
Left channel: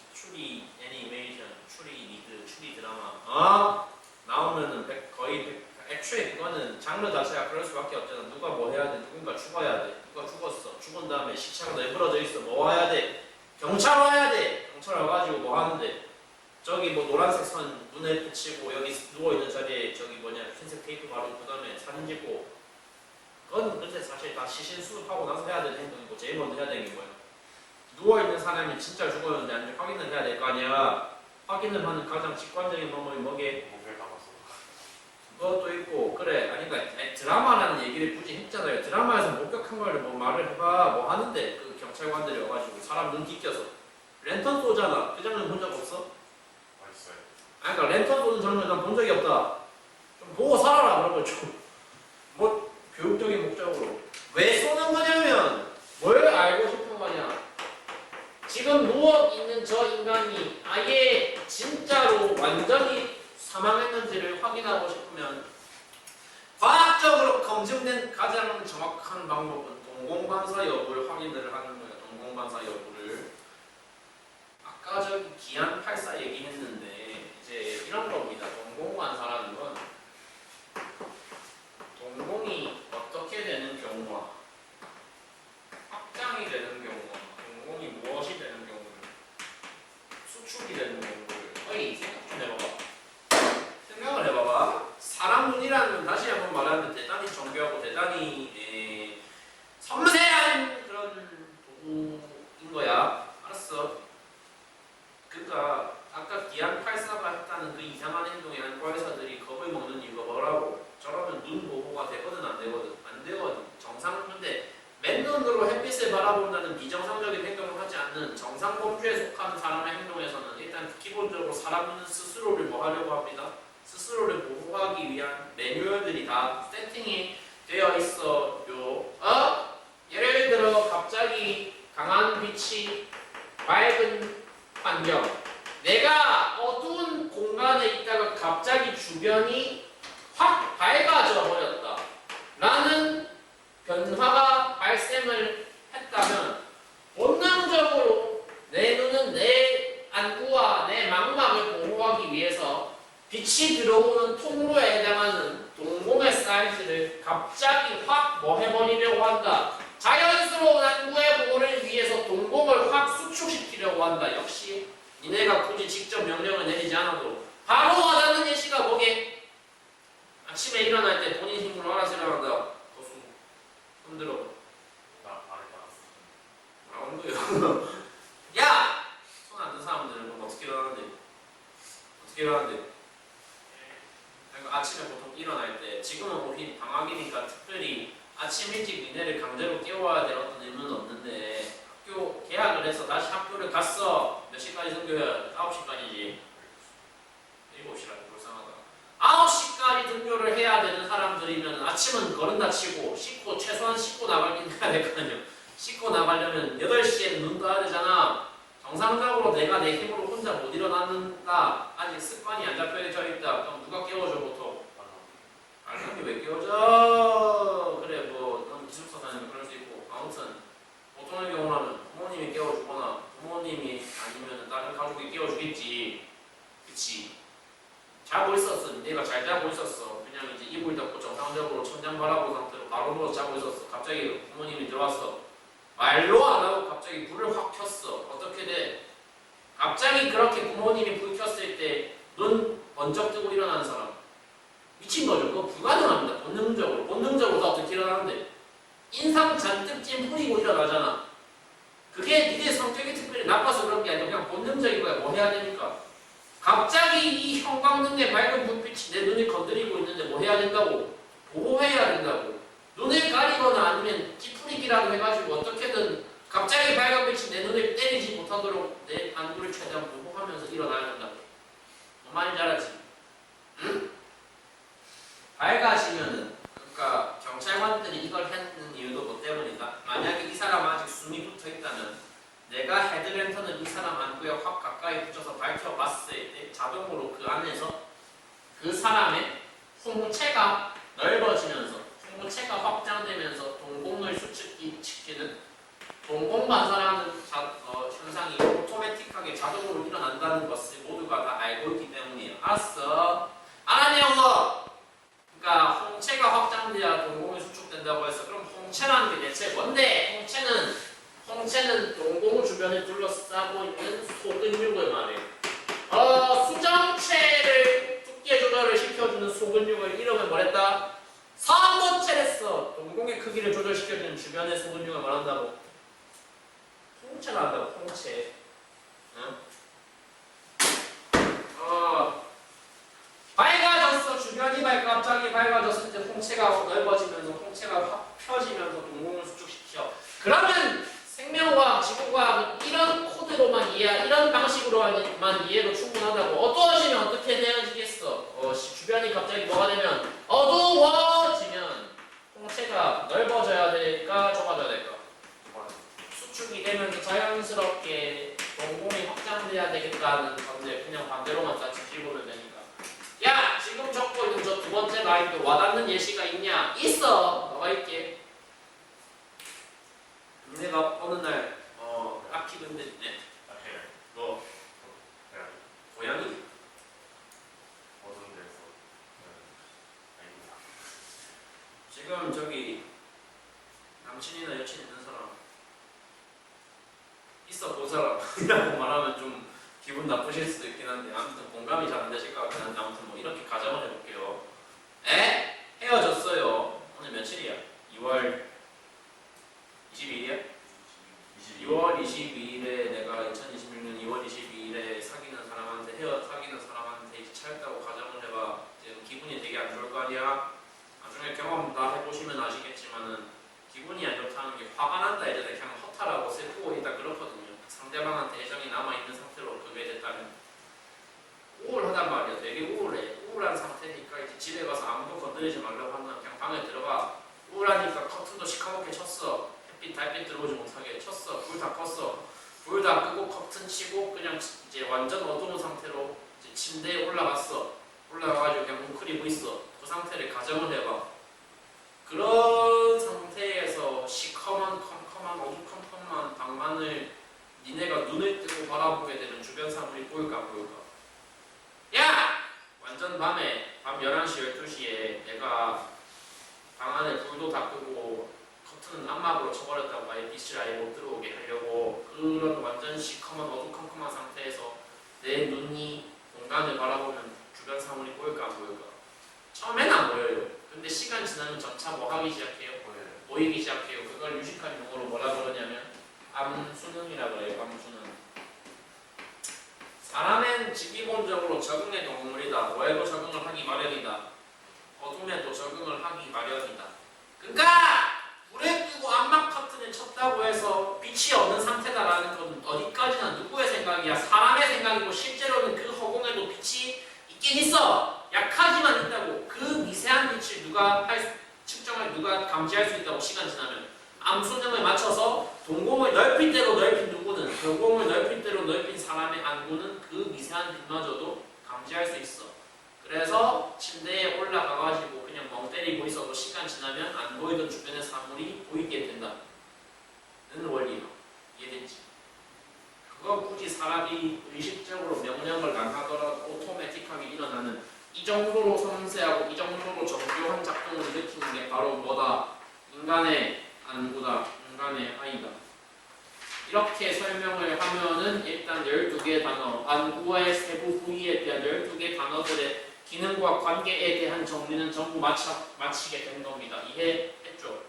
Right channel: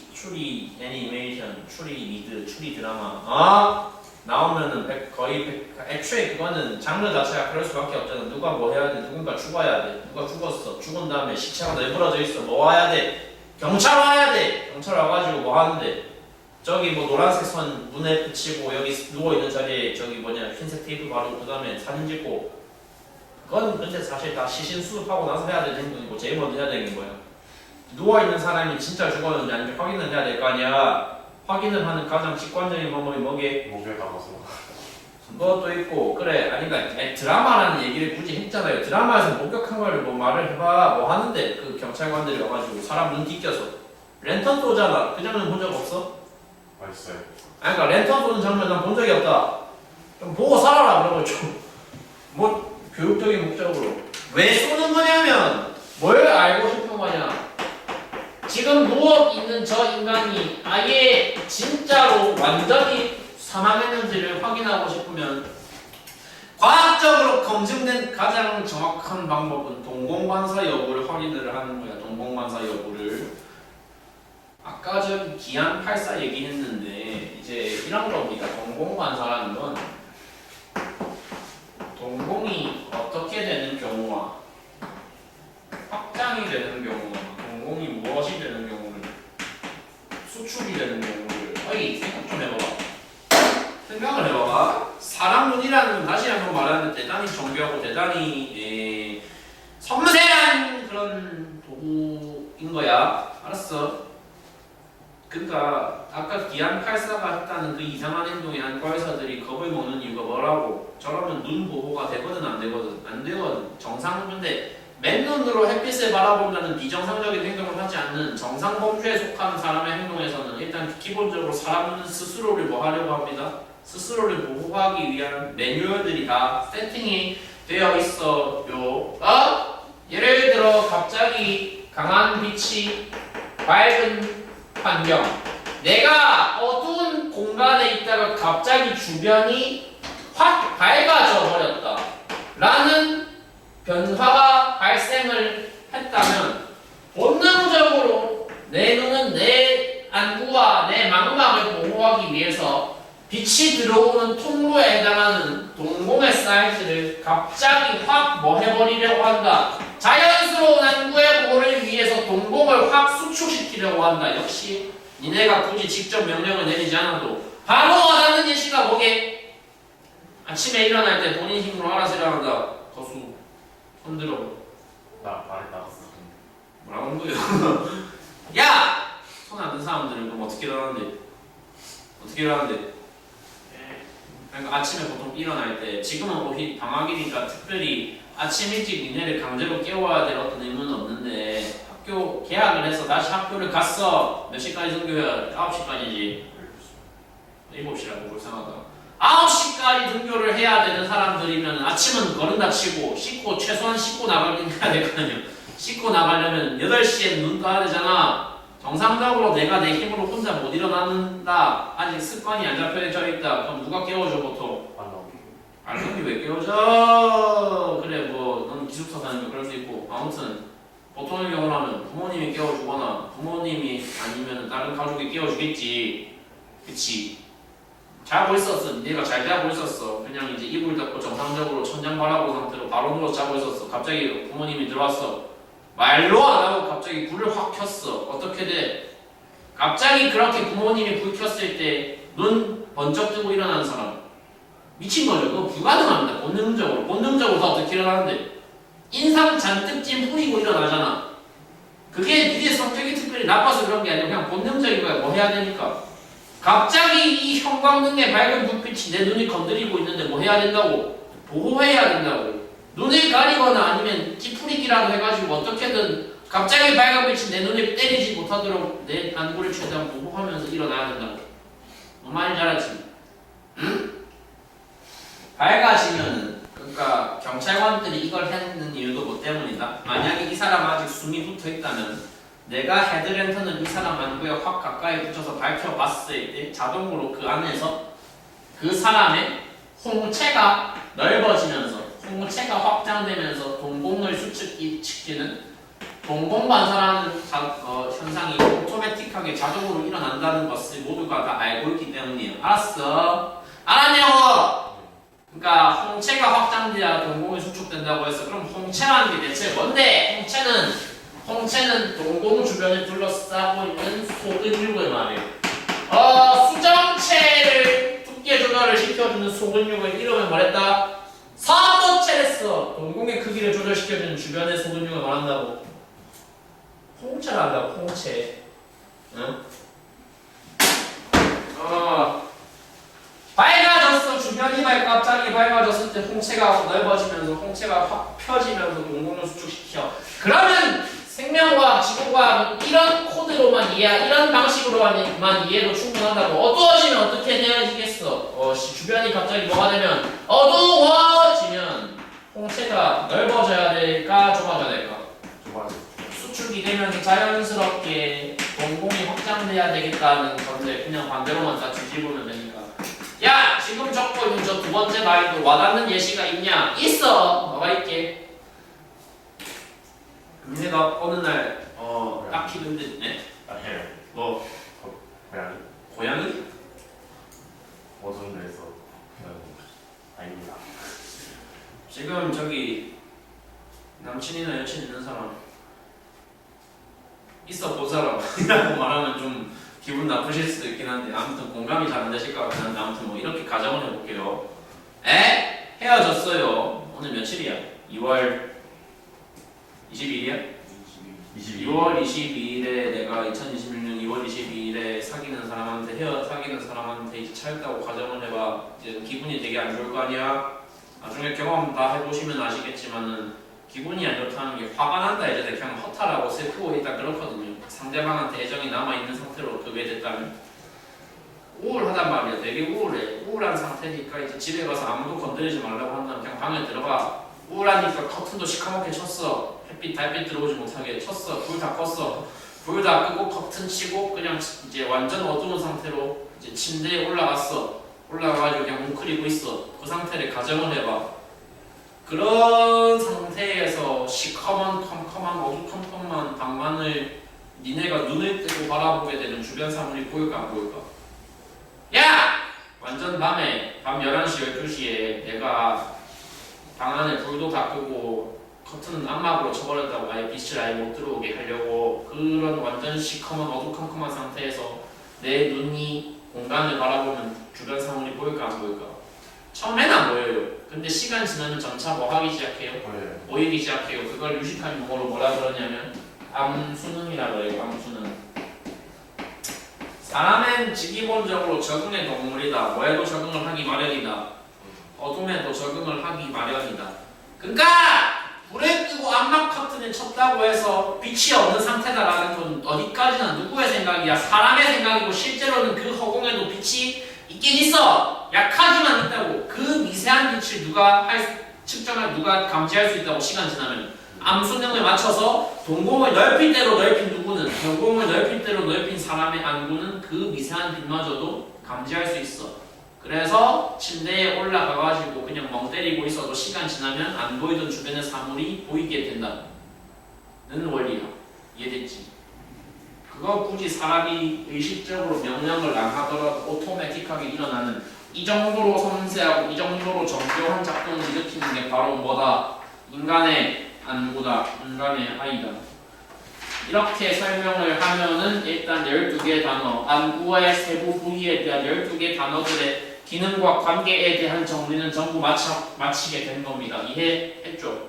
애니메이션, 추리 미드, 추리 드라마. 나오면은 거의 애초에 그거는 장르 자체가 그럴 수밖에 없잖아. 누가 뭐 해야 돼? 누군가 죽어야 돼. 누가 죽었어. 죽은 다음에 시체가 내버려져 있어. 뭐 와야 돼? 경찰 와야 돼. 경찰 와가지고 뭐 하는데? 저기 뭐 노란색 선 문에 붙이고 여기 누워있는 자리에 저기 뭐냐 흰색 테이프 바르고 그 다음에 사진 찍고. 그건 근데 사실 다 시신 수습하고 나서 해야 되는 행동이고 제일 먼저 해야 되는 거야. 누워있는 사람이 진짜 죽었는지 아닌지 확인을 해야 될 거 아니야. 확인을 하는 가장 직관적인 방법이 뭐게? 목에 담아서. 그것도 있고 그래 아니까 드라마라는 얘기를 굳이 했잖아요. 드라마에서 목격한 걸 뭐 말을 해봐 뭐 하는데 그 경찰관들이 와가지고 사람 눈 뒤껴서 랜턴 쏘잖아. 그 장면 본 적 없어? 맛있어요. 아니 그러니까 랜턴 쏘는 장면 난 본 적이 없다. 좀 보고 살아라 그런 거 좀 뭐 교육적인 목적으로 왜 쏘는 거냐면 뭘 알고 싶은 거냐. 지금 누워있는 저 인간이 아예 진짜로 완전히 사망했는지를 확인하고 싶으면 과학적으로 검증된 가장 정확한 방법은 동공반사 여부를 확인을 하는 거야. 동공반사 여부를. 아까 저기 기안 84 얘기했는데 이제 이런 겁니다. 동공반사라는 건 동공이 어떻게 되는 경우와 확장이 되는 경우와 동공이 무엇이 되는 경우를 수축이 되는 경우를 생각 좀 해봐봐. 생각을 해봐봐. 사람 눈이라는 건 다시 한번 말하는데 대단히 정교하고 대단히 섬세한 그런 도구인 거야. 알았어? 그러니까 아까 기안 84가 했다는 그 이상한 행동에 안과 의사들이 겁을 먹는 이유가 뭐라고? 저러면 눈 보호가 되거든 안 되거든? 안 되거든. 정상인데 맨눈으로 햇빛을 바라본다는 비정상적인 행동을 하지 않는 정상 범주에 속하는 사람의 행동에서는 일단 기본적으로 사람은 스스로를 뭐 하려고 합니다. 스스로를 보호하기 위한 매뉴얼들이 다 세팅이 되어 있어요. 예를 들어 갑자기 강한 빛이 밝은 환경. 내가 어두운 공간에 있다가 갑자기 주변이 확 밝아져 버렸다. 라는 변화가 발생을 했다면 본능적으로 내 눈은 내 안구와 내 망막을 보호하기 위해서 빛이 들어오는 통로에 해당하는 동공의 사이즈를 갑자기 확 뭐 해버리려고 한다. 자연스러운 안구의 보호를 위해서 동공을 확 수축시키려고 한다. 역시 니네가 굳이 직접 명령을 내리지 않아도 바로 와닿는 예시가 뭐게? 아침에 일어날 때 본인 힘으로 알아서 일어난다. 거수 손들어. 나 말을 나갔어. 뭐라고 하는 거예요? 야! 손 안 든 사람들은 그럼 어떻게 일어나는데? 어떻게 일어나는데? 그러니까 아침에 보통 일어날 때 지금은 오히 방학이니까 특별히 아침 일찍 니네를 강제로 깨워야 될 어떤 의무는 없는데 학교 개학을 해서 다시 학교를 갔어. 몇 시까지 등교해야? 9시까지지. 7시라고 불쌍하다. 9시까지 등교를 해야 되는 사람들이면 아침은 거른다 치고 씻고 최소한 씻고 나가긴 해야 될 거 아니야. 씻고 나가려면 8시에 눈 떠야 되잖아. 정상적으로 내가 내 힘으로 혼자 못 일어나는다. 아직 습관이 안 잡혀져 있다. 그럼 누가 깨워줘 보통? 알람이 왜 깨워져? 그래 뭐 넌 기숙사 다니면 그럴 수 있고 아무튼 보통의 경우라면 부모님이 깨워주거나 부모님이 아니면 다른 가족이 깨워주겠지. 그치? 자고 있었어. 내가 잘 자고 있었어. 그냥 이제 이불 덮고 정상적으로 천장 바라본 상태로 바로 누워 자고 있었어. 갑자기 부모님이 들어왔어. 말로 안 하고 갑자기 불을 확 켰어. 어떻게 돼? 갑자기 그렇게 부모님이 불 켰을 때 눈 번쩍 뜨고 일어나는 사람 미친 거죠. 그거 불가능합니다. 본능적으로 다 어떻게 일어나는데 인상 잔뜩 찜뿌리고 일어나잖아. 그게 니네 성격이 특별히 나빠서 그런 게 아니라 그냥 본능적인 거야. 뭐 해야 되니까. 갑자기 이 형광등의 밝은 불빛이 내 눈을 건드리고 있는데 뭐 해야 된다고? 보호해야 된다고. 눈을 가리거나 아니면 찌푸리기라도 해가지고 어떻게든 갑자기 빨간 빛이 내 눈을 때리지 못하도록 내 안구를 최대한 보호하면서 일어나야 된다고. 뭔 말인지 알았지? 응? 밝아지면은 그러니까 경찰관들이 이걸 했는 이유도 뭐 때문이다. 만약에 이 사람 아직 숨이 붙어 있다면 내가 헤드랜턴을 이 사람 안구에 확 가까이 붙여서 밝혀봤을 때 자동으로 그 안에서 그 사람의 홍채가 넓어지면서 홍채가 확장되면서 동공을 수축시키는 동공반사라는 현상이 오토매틱하게 자동으로 일어난다는 것을 모두가 다 알고 있기 때문이에요. 알았어? 알았냐고? 그러니까 홍채가 확장돼야 동공이 수축된다고 해서 그럼 홍채라는 게 대체 뭔데? 홍채는 동공 주변을 둘러싸고 있는 소근육을 말해요. 수정체를 두께 조절을 시켜주는 소근육을 이름을 뭐랬다? 삼도체랬어. 동공의 크기를 조절시켜주는 주변의 소근육을 말한다고. 홍채를 한다고. 홍채. 응? 밝아졌어. 주변이 갑자기 밝아졌을 때 홍채가 넓어지면서 홍채가 확 펴지면서 동공을 수축시켜. 그러면 생명과학, 지구과학은 이런 코드로만 이런 방식으로만 이해도 충분하다고. 어두워지면 어떻게 되어지겠어? 주변이 갑자기 뭐가 되면 어두워지면 홍채가 넓어져야 될까 좁아져야 될까? 수축이 되면서 자연스럽게 동공이 확장돼야 되겠다는 건데 그냥 반대로만 다 뒤집으면 되니까. 야! 지금 적고 있는 저 두 번째 말도 와닿는 예시가 있냐? 있어! 뭐가 있게? 내가 어느 날 딱히 근데 뭐? 고양이? 어두운 데서 아닙니다. 지금 저기 남친이나 여친 있는 사람 있어 본 사람이라고 말하면 좀 기분 나쁘실 수도 있긴 한데 아무튼 공감이 잘 안 되실 것 같긴 한데 아무튼 뭐 이렇게 가정을 해볼게요. 헤어졌어요. 오늘 며칠이야? 2월 22일이야? 2월 22일에 내가 2026년 2월 22일에 사귀는 사람한테 이제 차였다고 가정을 해봐. 이제 기분이 되게 안 좋을 거 아니야? 나중에 경험 다 해보시면 아시겠지만은 기분이 안 좋다는 게 화가 난다 이제 그냥 허탈하고 슬프고 일단 그렇거든요. 상대방한테 애정이 남아있는 상태로 그게 됐다면 우울하단 말이야. 되게 우울해. 우울한 상태니까 이제 집에 가서 아무도 건드리지 말라고 한다면 그냥 방에 들어가. 우울하니까 커튼도 시커멓게 쳤어. 햇빛 달빛 들어오지 못하게 쳤어. 불 다 껐어. 불 다 끄고 커튼 치고 그냥 이제 완전 어두운 상태로 이제 침대에 올라갔어. 올라가가지고 그냥 뭉클이고 있어. 그 상태를 가정을 해봐. 그런 상태에서 시커먼 컴컴한 어두컴컴한 방만을 니네가 눈을 뜨고 바라보게 되는 주변 사물이 보일까 안 보일까? 야! 완전 밤에 밤 11시 12시에 내가 방 안에 불도 다 끄고 커튼은 암막으로 쳐버렸다고 아예 빛을 아예 못 들어오게 하려고 그런 완전 시커먼 어두컴컴한 상태에서 내 눈이 공간을 바라보면 주변 사물이 보일까 안 보일까? 처음에는 안 보여요. 근데 시간 지나면 점차 뭐 하기 시작해요? 보이기 시작해요. 그걸 유식한 용어로 뭐라 그러냐면 암수능이라고 해요. 암수능. 사람은 기본적으로 적응의 동물이다. 뭐에도 적응을 하기 마련이다. 어둠에도 적응을 하기 마련이다. 그러니까 불을 끄고 암막 커튼을 쳤다고 해서 빛이 없는 상태다라는 건 어디까지나 누구의 생각이야? 사람의 생각이고 실제로는 그 허공에도 빛이 있긴 있어. 약하지만 있다고. 그 미세한 빛을 누가 감지할 수 있다고 시간 지나면 암수능을 맞춰서 동공을 넓힌 대로 넓힌 누구는 동공을 넓힌 대로 넓힌 사람의 안구는 그 미세한 빛마저도 감지할 수 있어. 그래서 침대에 올라가가지고 그냥 멍 때리고 있어도 시간 지나면 안 보이던 주변의 사물이 보이게 된다는 원리야. 이해됐지? 그거 굳이 사람이 의식적으로 명령을 안 하더라도 오토매틱하게 일어나는 이 정도로 섬세하고 이 정도로 정교한 작동을 일으키는 게 바로 뭐다? 인간의 안구다. 인간의 아이다. 이렇게 설명을 하면은 일단 12개의 단어, 안구의 세부 부위에 대한 12개의 단어들의 기능과 관계에 대한 정리는 전부 마치게 된 겁니다. 이해했죠?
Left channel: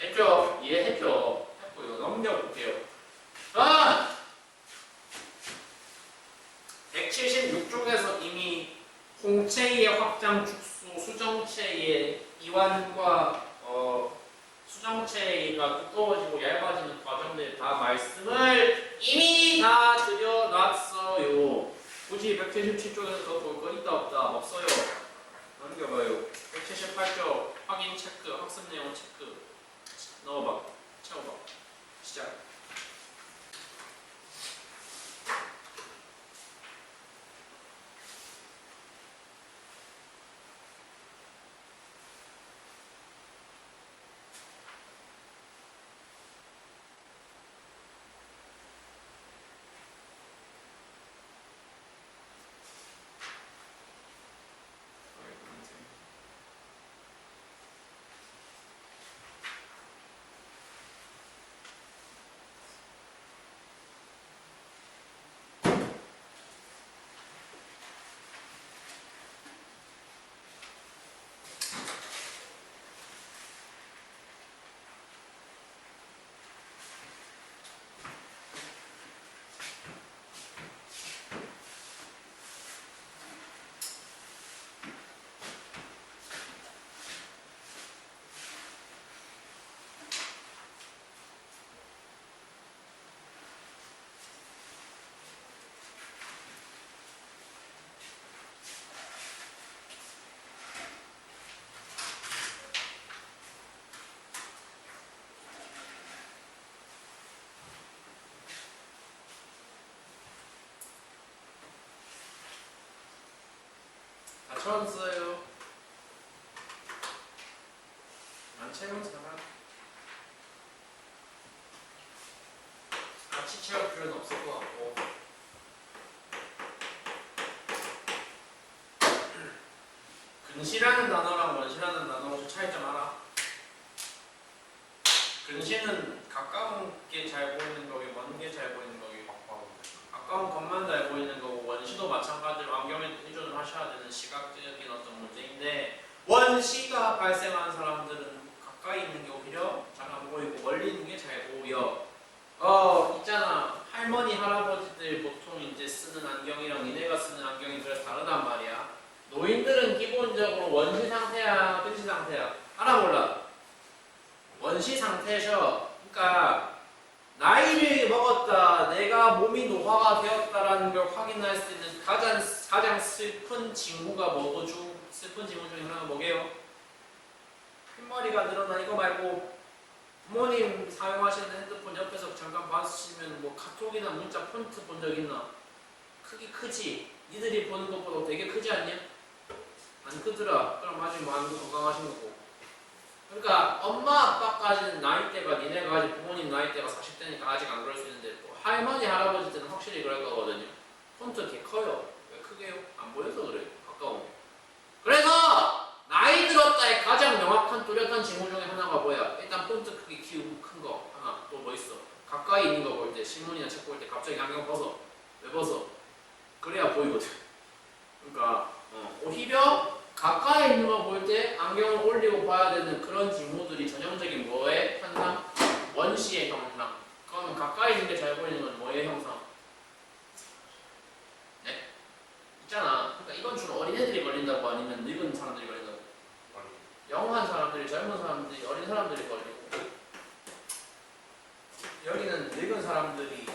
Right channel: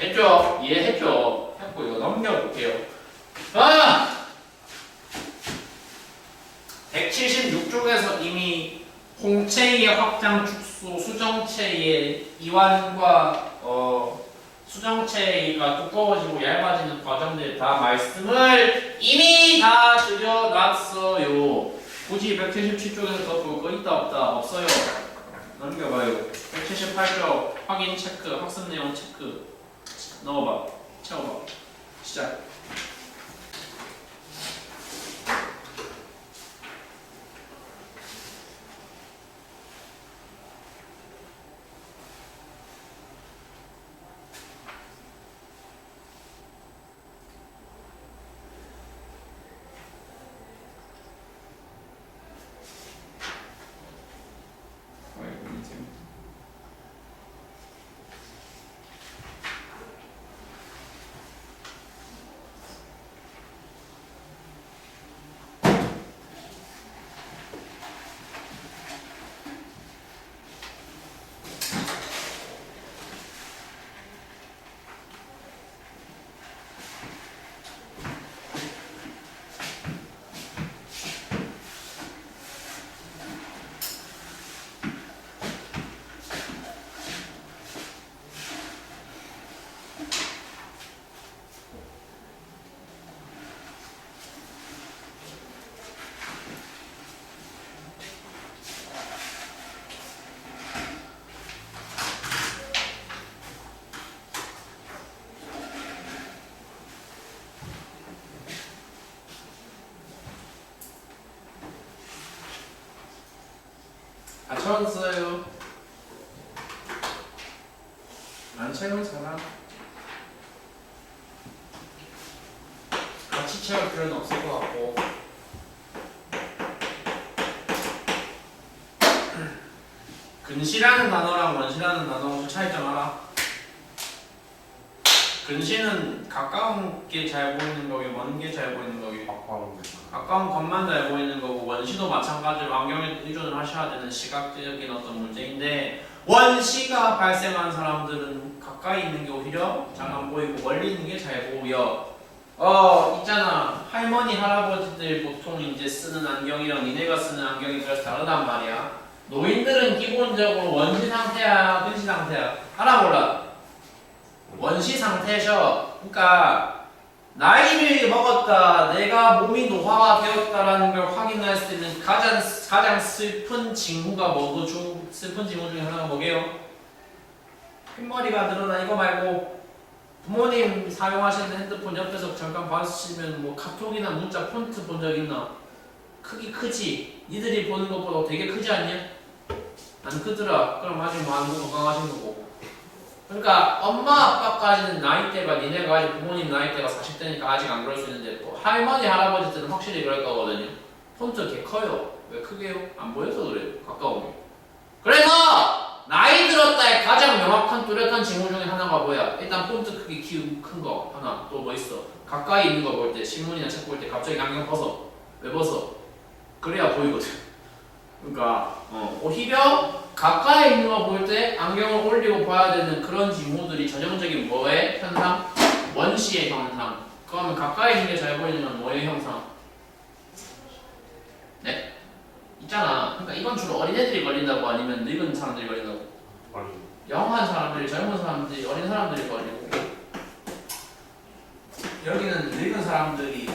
했죠? 이해했죠? 했고요. 넘겨볼게요. 176쪽에서 이미 홍채의 확장 축소, 수정체의 이완과 수정체가 두꺼워지고 얇아지는 과정들 다 말씀을 이미 다 드려놨어요. 굳이 177쪽에서 더 볼 거 있다 없다? 없어요. 넘겨봐요. 178쪽 확인 체크, 학습 내용 체크 넣어봐. 채워봐. 시작. 다 채웠어요. 안 채운 사람? 같이 채울 필요는 없을 것 같고. 근시라는 단어랑 원시라는 단어 혹시 차이점 알아? 근시는 가까운 게 잘 보이는 거기, 먼 게 잘 보이는 거기. 가까운 것만 잘 보이는 거고, 원시도 마찬가지로 안경에 의존을 하셔야 되는 시각적인 어떤 문제인데, 원시가 발생한 사람들은 가까이 있는 게 오히려 잘 안 보이고 멀리 있는 게 잘 보여. 있잖아. 할머니 할아버지들 보통 이제 쓰는 안경이랑 니네가 쓰는 안경이 그래서 다르단 말이야. 노인들은 기본적으로 원시 상태야, 근시 상태야? 알아 몰라? 원시 상태셔. 그러니까 나이를 먹었다, 내가 몸이 노화가 되었다라는 걸 확인할 수 있는 가장 슬픈 징후가 슬픈 징후 중에 하나가 뭐게요? 흰머리가 늘어나. 이거 말고 부모님 사용하시는 핸드폰 옆에서 잠깐 봐주시면 뭐 카톡이나 문자 폰트 본 적 있나? 크기 크지? 니들이 보는 것보다 되게 크지 않냐? 안 크더라. 그럼 아직 많은 건강하신 거고. 그러니까 엄마 아빠까지는 나이대가 니네가 아직 부모님 나이대가 40대니까 아직 안 그럴 수 있는데 뭐 할머니 할아버지들은 확실히 그럴 거거든요. 폰트 개 커요. 왜 크게요? 안 보여서 그래요. 가까우면. 그래서 나이 들었다의 가장 명확한 뚜렷한 징후 중에 하나가 뭐야? 일단 폰트 크기 키우고 큰 거 하나. 또 뭐 있어? 가까이 있는 거 볼 때, 신문이나 책 볼 때 갑자기 안경 벗어. 왜 벗어? 그래야 보이거든. 그러니까 오히려 가까이 있는 거 볼 때 안경을 올리고 봐야 되는 그런 징후들이 전형적인 뭐의 현상? 원시의 현상. 그러면 가까이 있는 게 잘 보이는 건 뭐의 형상? 있잖아. 그러니까 이건 주로 어린애들이 걸린다고 아니면 늙은 사람들이 걸린다고? 어린. 영한 사람들이, 젊은 사람들이, 어린 사람들이 걸리고, 여기는 늙은 사람들이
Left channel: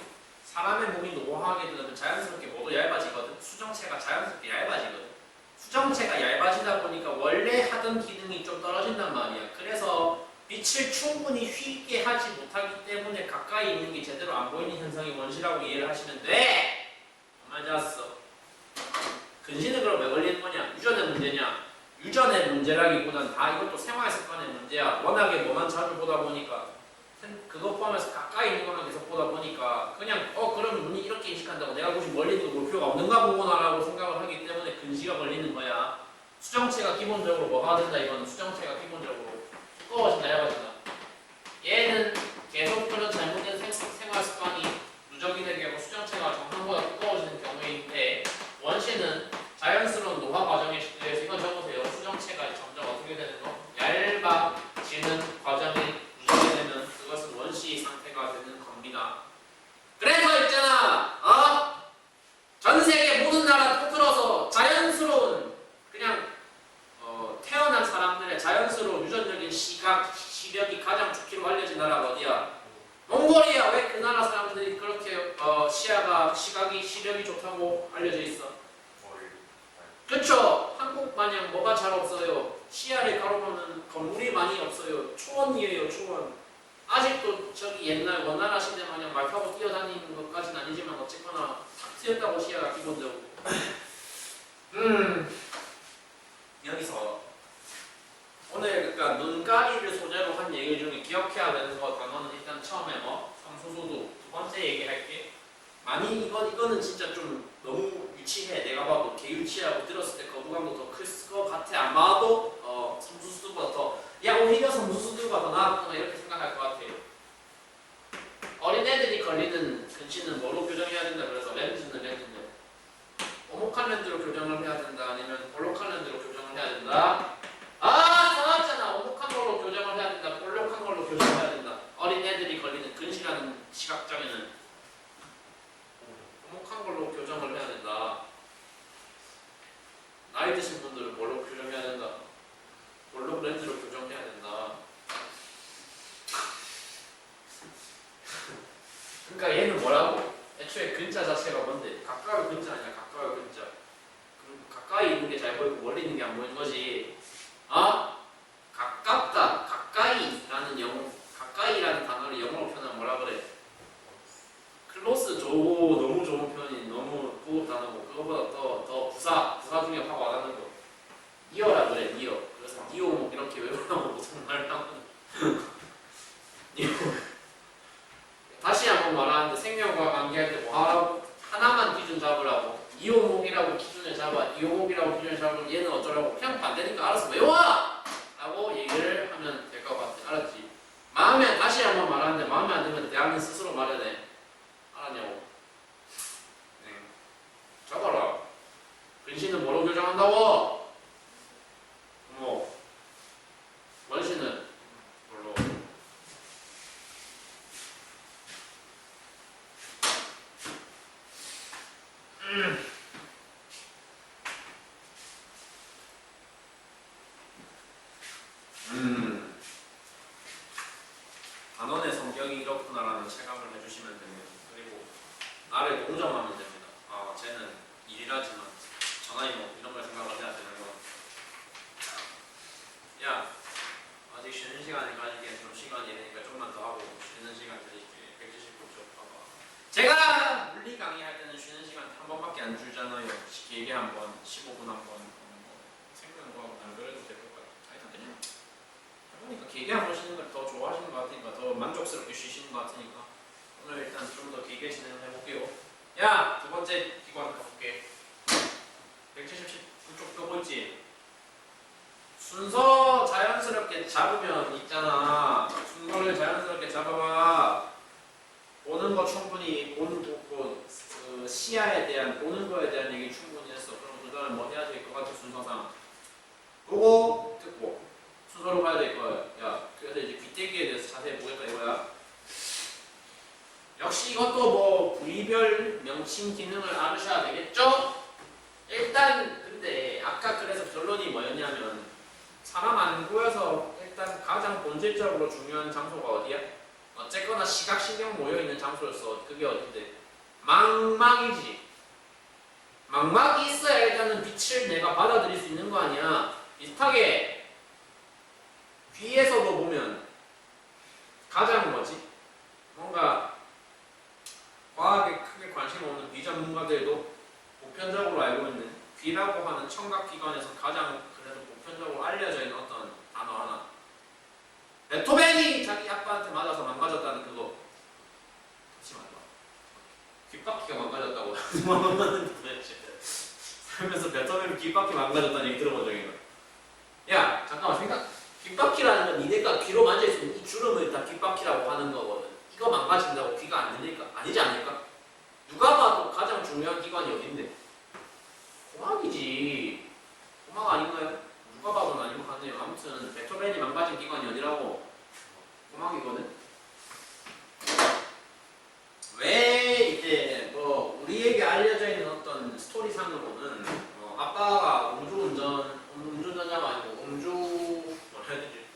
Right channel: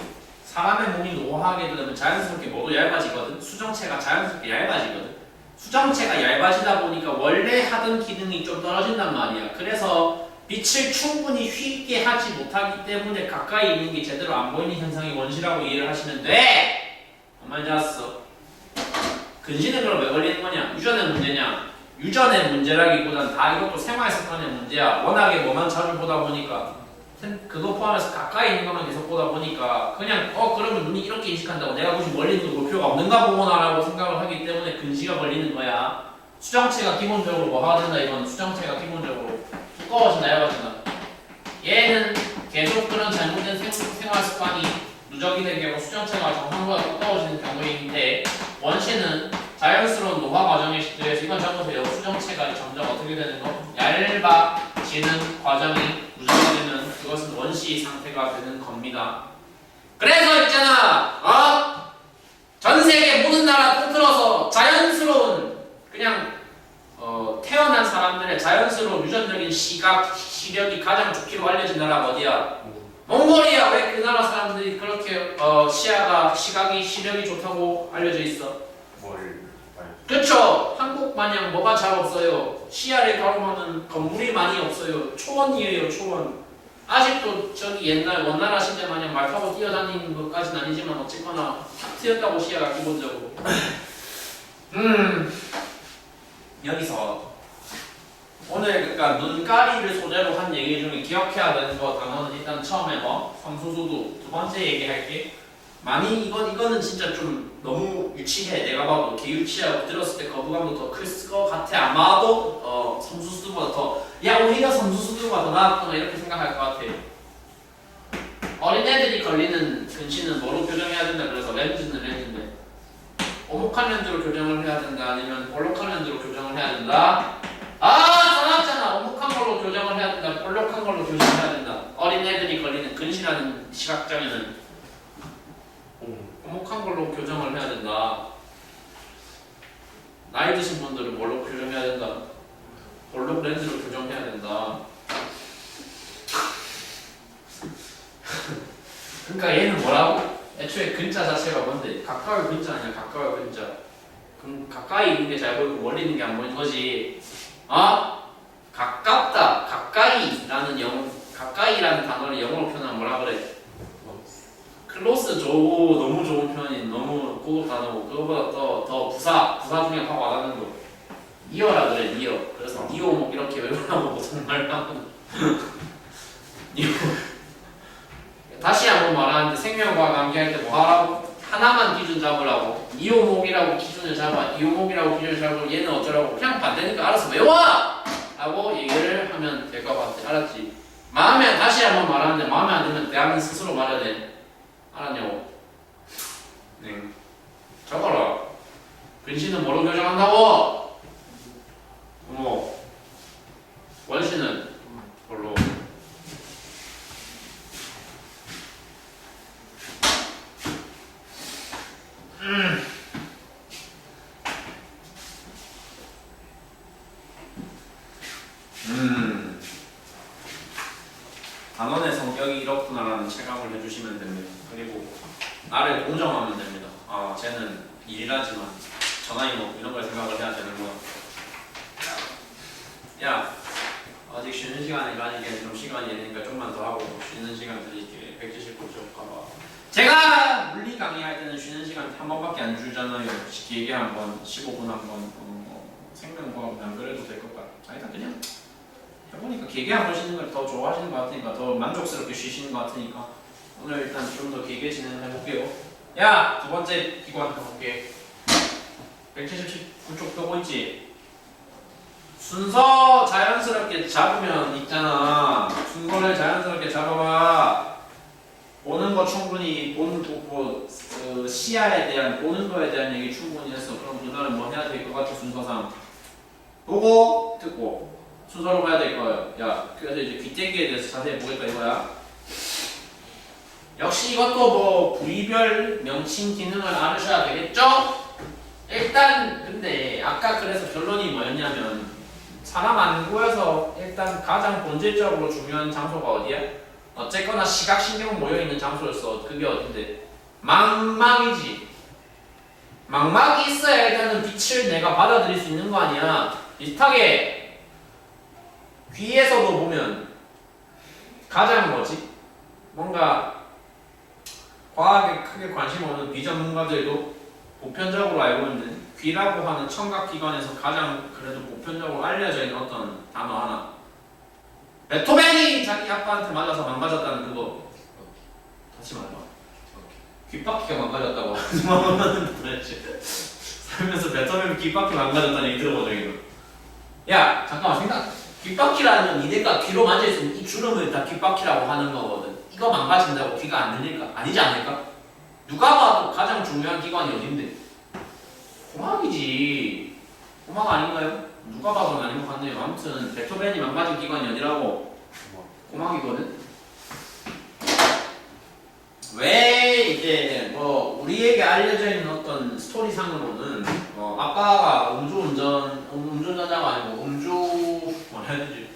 사람의 몸이 노화하게 되면 자연스럽게 모두 얇아지거든. 수정체가 자연스럽게 얇아지거든. 수정체가 얇아지다 보니까 원래 하던 기능이 좀 떨어진단 말이야. 그래서 빛을 충분히 휘게 하지 못하기 때문에 가까이 있는 게 제대로 안 보이는 현상이 원시라고 이해를 하시면 돼. 가만히 잤어. 근시는 그럼 왜 걸리는 거냐? 유전의 문제냐? 유전의 문제라기보단 다 이것도 생활 습관의 문제야. 워낙에 뭐만 자주 보다 보니까 그거 포함해서 가까이 있는 것만 계속 보다 보니까 그냥 그러면 눈이 이렇게 인식한다고 내가 굳이 멀리 있는 걸 볼 필요가 없는가 보구나라고 생각을 하기 때문에 근시가 걸리는 거야. 수정체가 기본적으로 뭐가 된다 이건 수정체가 기본적으로 두꺼워진다 얇아진다. 얘는 계속 그런 잘못된 생활 습관이 누적이 되게 하고 수정체가 정상보다 두꺼워지는 경우인데 원시는 자연스러운 노화 과정에 의해서 이건 적으세요. 수정체가 점점 어떻게 되는 거? 얇아지는 과정이 누적이 되면 그것은 원시 상태가 되는 겁니다. 그래서 있잖아, 전 세계 모든 나라 통틀어서 자연스러운 그냥 태어난 사람들의 자연스러운 유전적인 시력이 가장 좋기로 알려진 나라가 어디야? 몽골이야. 왜 그 나라 사람들이 그렇게 시각이 시력이 좋다고 알려져 있어? 그쵸? 한국 마냥 뭐가 잘 없어요. 시야를 가로막는 건물이 많이 없어요. 초원이에요, 초원. 아직도 저기 옛날 원나라 시대 마냥 말 타고 뛰어다니는 것까지는 아니지만 어쨌거나 탁 트였다고 시야가 기본적으로. 여기서 오늘 그러니까 눈가리를 소재로 한 얘기 중에 기억해야 되는 거 단어는 일단 처음에 성수수두. 두 번째 얘기할게. 많이 이거는 진짜 좀 너무 유치해. 내가 봐도 개유치하고 들었을 때 거부감도 더 클 것 같아. 아마도 성수수두보다 더 오히려 성수수두가 더 나았구나 이렇게 생각할 것 같아. 어린애들이 걸리는 근시는 뭐로 교정해야 된다 그래서 렌즈는 렌즈인데 오목한 렌즈로 교정을 해야 된다 아니면 볼록한 렌즈로 교정을 해야 된다. 전화왔잖아. 오목한 걸로 교정을 해야 된다. 볼록한 걸로 교정해야 된다. 어린애들이 걸리는 근시라는 시각장애는 오목한 걸로 교정을 해야 된다. 나이 드신 분들은 뭘로 교정해야 된다? 볼록 렌즈로 교정해야 된다. 그러니까 얘는 뭐라고? 애초에 근자 자체가 뭔데? 가까울 근자 아니야? 가까울 근자. 그럼 가까이 있는 게 잘 보이고 멀리 있는 게 안 보이는 거지. 가깝다, 가까이라는 단어를 영어로 표현하면 뭐라 그래? 클로스. 너무 좋은 표현이 너무 고급 단어고 그거보다 더 부사 중에 확 와닿는 거 니어라 그래. 니어. 그래서 니오 이렇게 외우라고 보통 말하는 니오. 다시 한번 말하는데 생명과학 암기할 때 뭐 하라고? 하나만 기준 잡으라고. 이오목이라고 기준을 잡아. 이오목이라고 기준을 잡으면 얘는 어쩌라고? 그냥 반대니까 알아서 외워! 라고 얘기를 하면 될 것 같아. 알았지? 다시 한번 말하는데 마음에 안 들면 대학은 스스로 말해야 돼. 알았냐고? 네. 적어라. 근시는 뭐로 교정한다고? 원시는 뭘로? 단원의 성격이 이렇구나라는 체감을 해주시면 됩니다. 그리고 나를 동정하면 됩니다. 쟤는 일이라지만 전화이 이런 걸 생각을 해야 되는구나. 야, 아직 쉬는 시간이 가니까 좀 시간이 되니까 좀만 더 하고 쉬는 시간 드릴게. 179쪽 가봐. 제가 물리 강의할 때는 쉬는 시간 한 번밖에 안 주잖아요. 길게 한 번, 15분 한 번. 생명과학 안 그래도 될 것 같아. 일단 그냥 해보니까 길게 한 번 쉬는 걸 더 좋아하시는 것 같으니까 더 만족스럽게 쉬시는 것 같으니까 오늘 일단 좀 더 길게 진행해볼게요. 야! 두 번째 기관 해볼게. 179쪽 펴고 있지? 순서 자연스럽게 잡으면 있잖아. 순서를 자연스럽게 잡아봐. 보는 거 충분히 보고 시야에 대한 보는 거에 대한 얘기 충분히 했어. 그럼 그 다음에 뭐 해야 될 것 같아? 순서상 보고 듣고 순서로 가야 될 거예요. 야, 그래서 이제 귀때기에 대해서 자세히 보겠다 이거야. 역시 이것도 부위별 명칭 기능을 알으셔야 되겠죠? 일단 결론이 뭐였냐면 사람 안구에서 일단 가장 본질적으로 중요한 장소가 어디야? 어쨌거나 시각신경 모여있는 장소였어. 그게 어딘데? 망막이지. 망막이 있어야 일단은 빛을 내가 받아들일 수 있는 거 아니야. 비슷하게 귀에서도 보면 가장 뭐지? 뭔가 과학에 크게 관심 없는 비전문가들도 보편적으로 알고 있는 귀라고 하는 청각기관에서 가장 그래도 보편적으로 알려져 있는 어떤 단어 하나. 베토벤이 자기 아빠한테 맞아서 망가졌다는 그거. 다시 말해봐. 귓바퀴가 망가졌다고. 살면서 베토벤 귓바퀴 망가졌다는 얘기 들어본 적이 있어. 야 잠깐만 생각. 귓바퀴라는 건 니네가 귀로 만질 수 있는 이 주름을 다 귓바퀴라고 하는 거거든. 이거 망가진다고 귀가 안 들릴까? 아니지 않을까? 누가 봐도 가장 중요한 기관이 어딘데? 고막이지. 고막 아닌가요? 누가 봐도 아닌 것 같네요. 아무튼 베토벤이 망가진 기관이 어디라고? 고막이거든. 왜 이제 뭐 우리에게 알려져 있는 어떤 스토리상으로는 아빠가 음주운전자가 아니고 뭐라 해야 되지?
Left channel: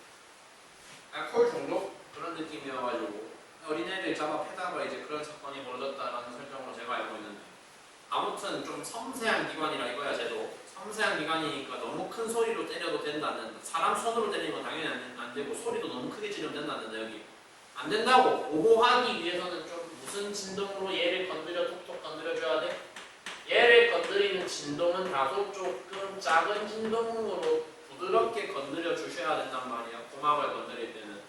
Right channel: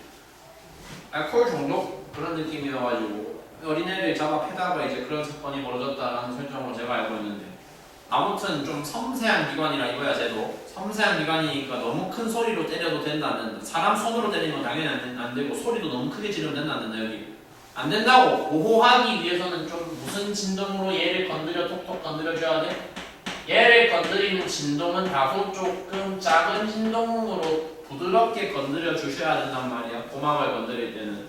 알코올 중독 그런 느낌이어가지고 어린애를 잡아 패다가 이제 그런 사건이 벌어졌다라는 설정으로 제가 알고 있는데, 아무튼 좀 섬세한 기관이라 이거야. 쟤도 섬세한 기관이니까 너무 큰 소리로 때려도 된다는, 사람 손으로 때리는 건 당연히 안 되고 소리도 너무 크게 지르면 된다는 여기 안 된다고. 보호하기 위해서는 좀 무슨 진동으로 얘를 건드려 톡톡 건드려줘야 돼? 얘를 건드리는 진동은 다소 조금 작은 진동으로 부드럽게 건드려 주셔야 된단 말이야. 고막을 건드릴 때는.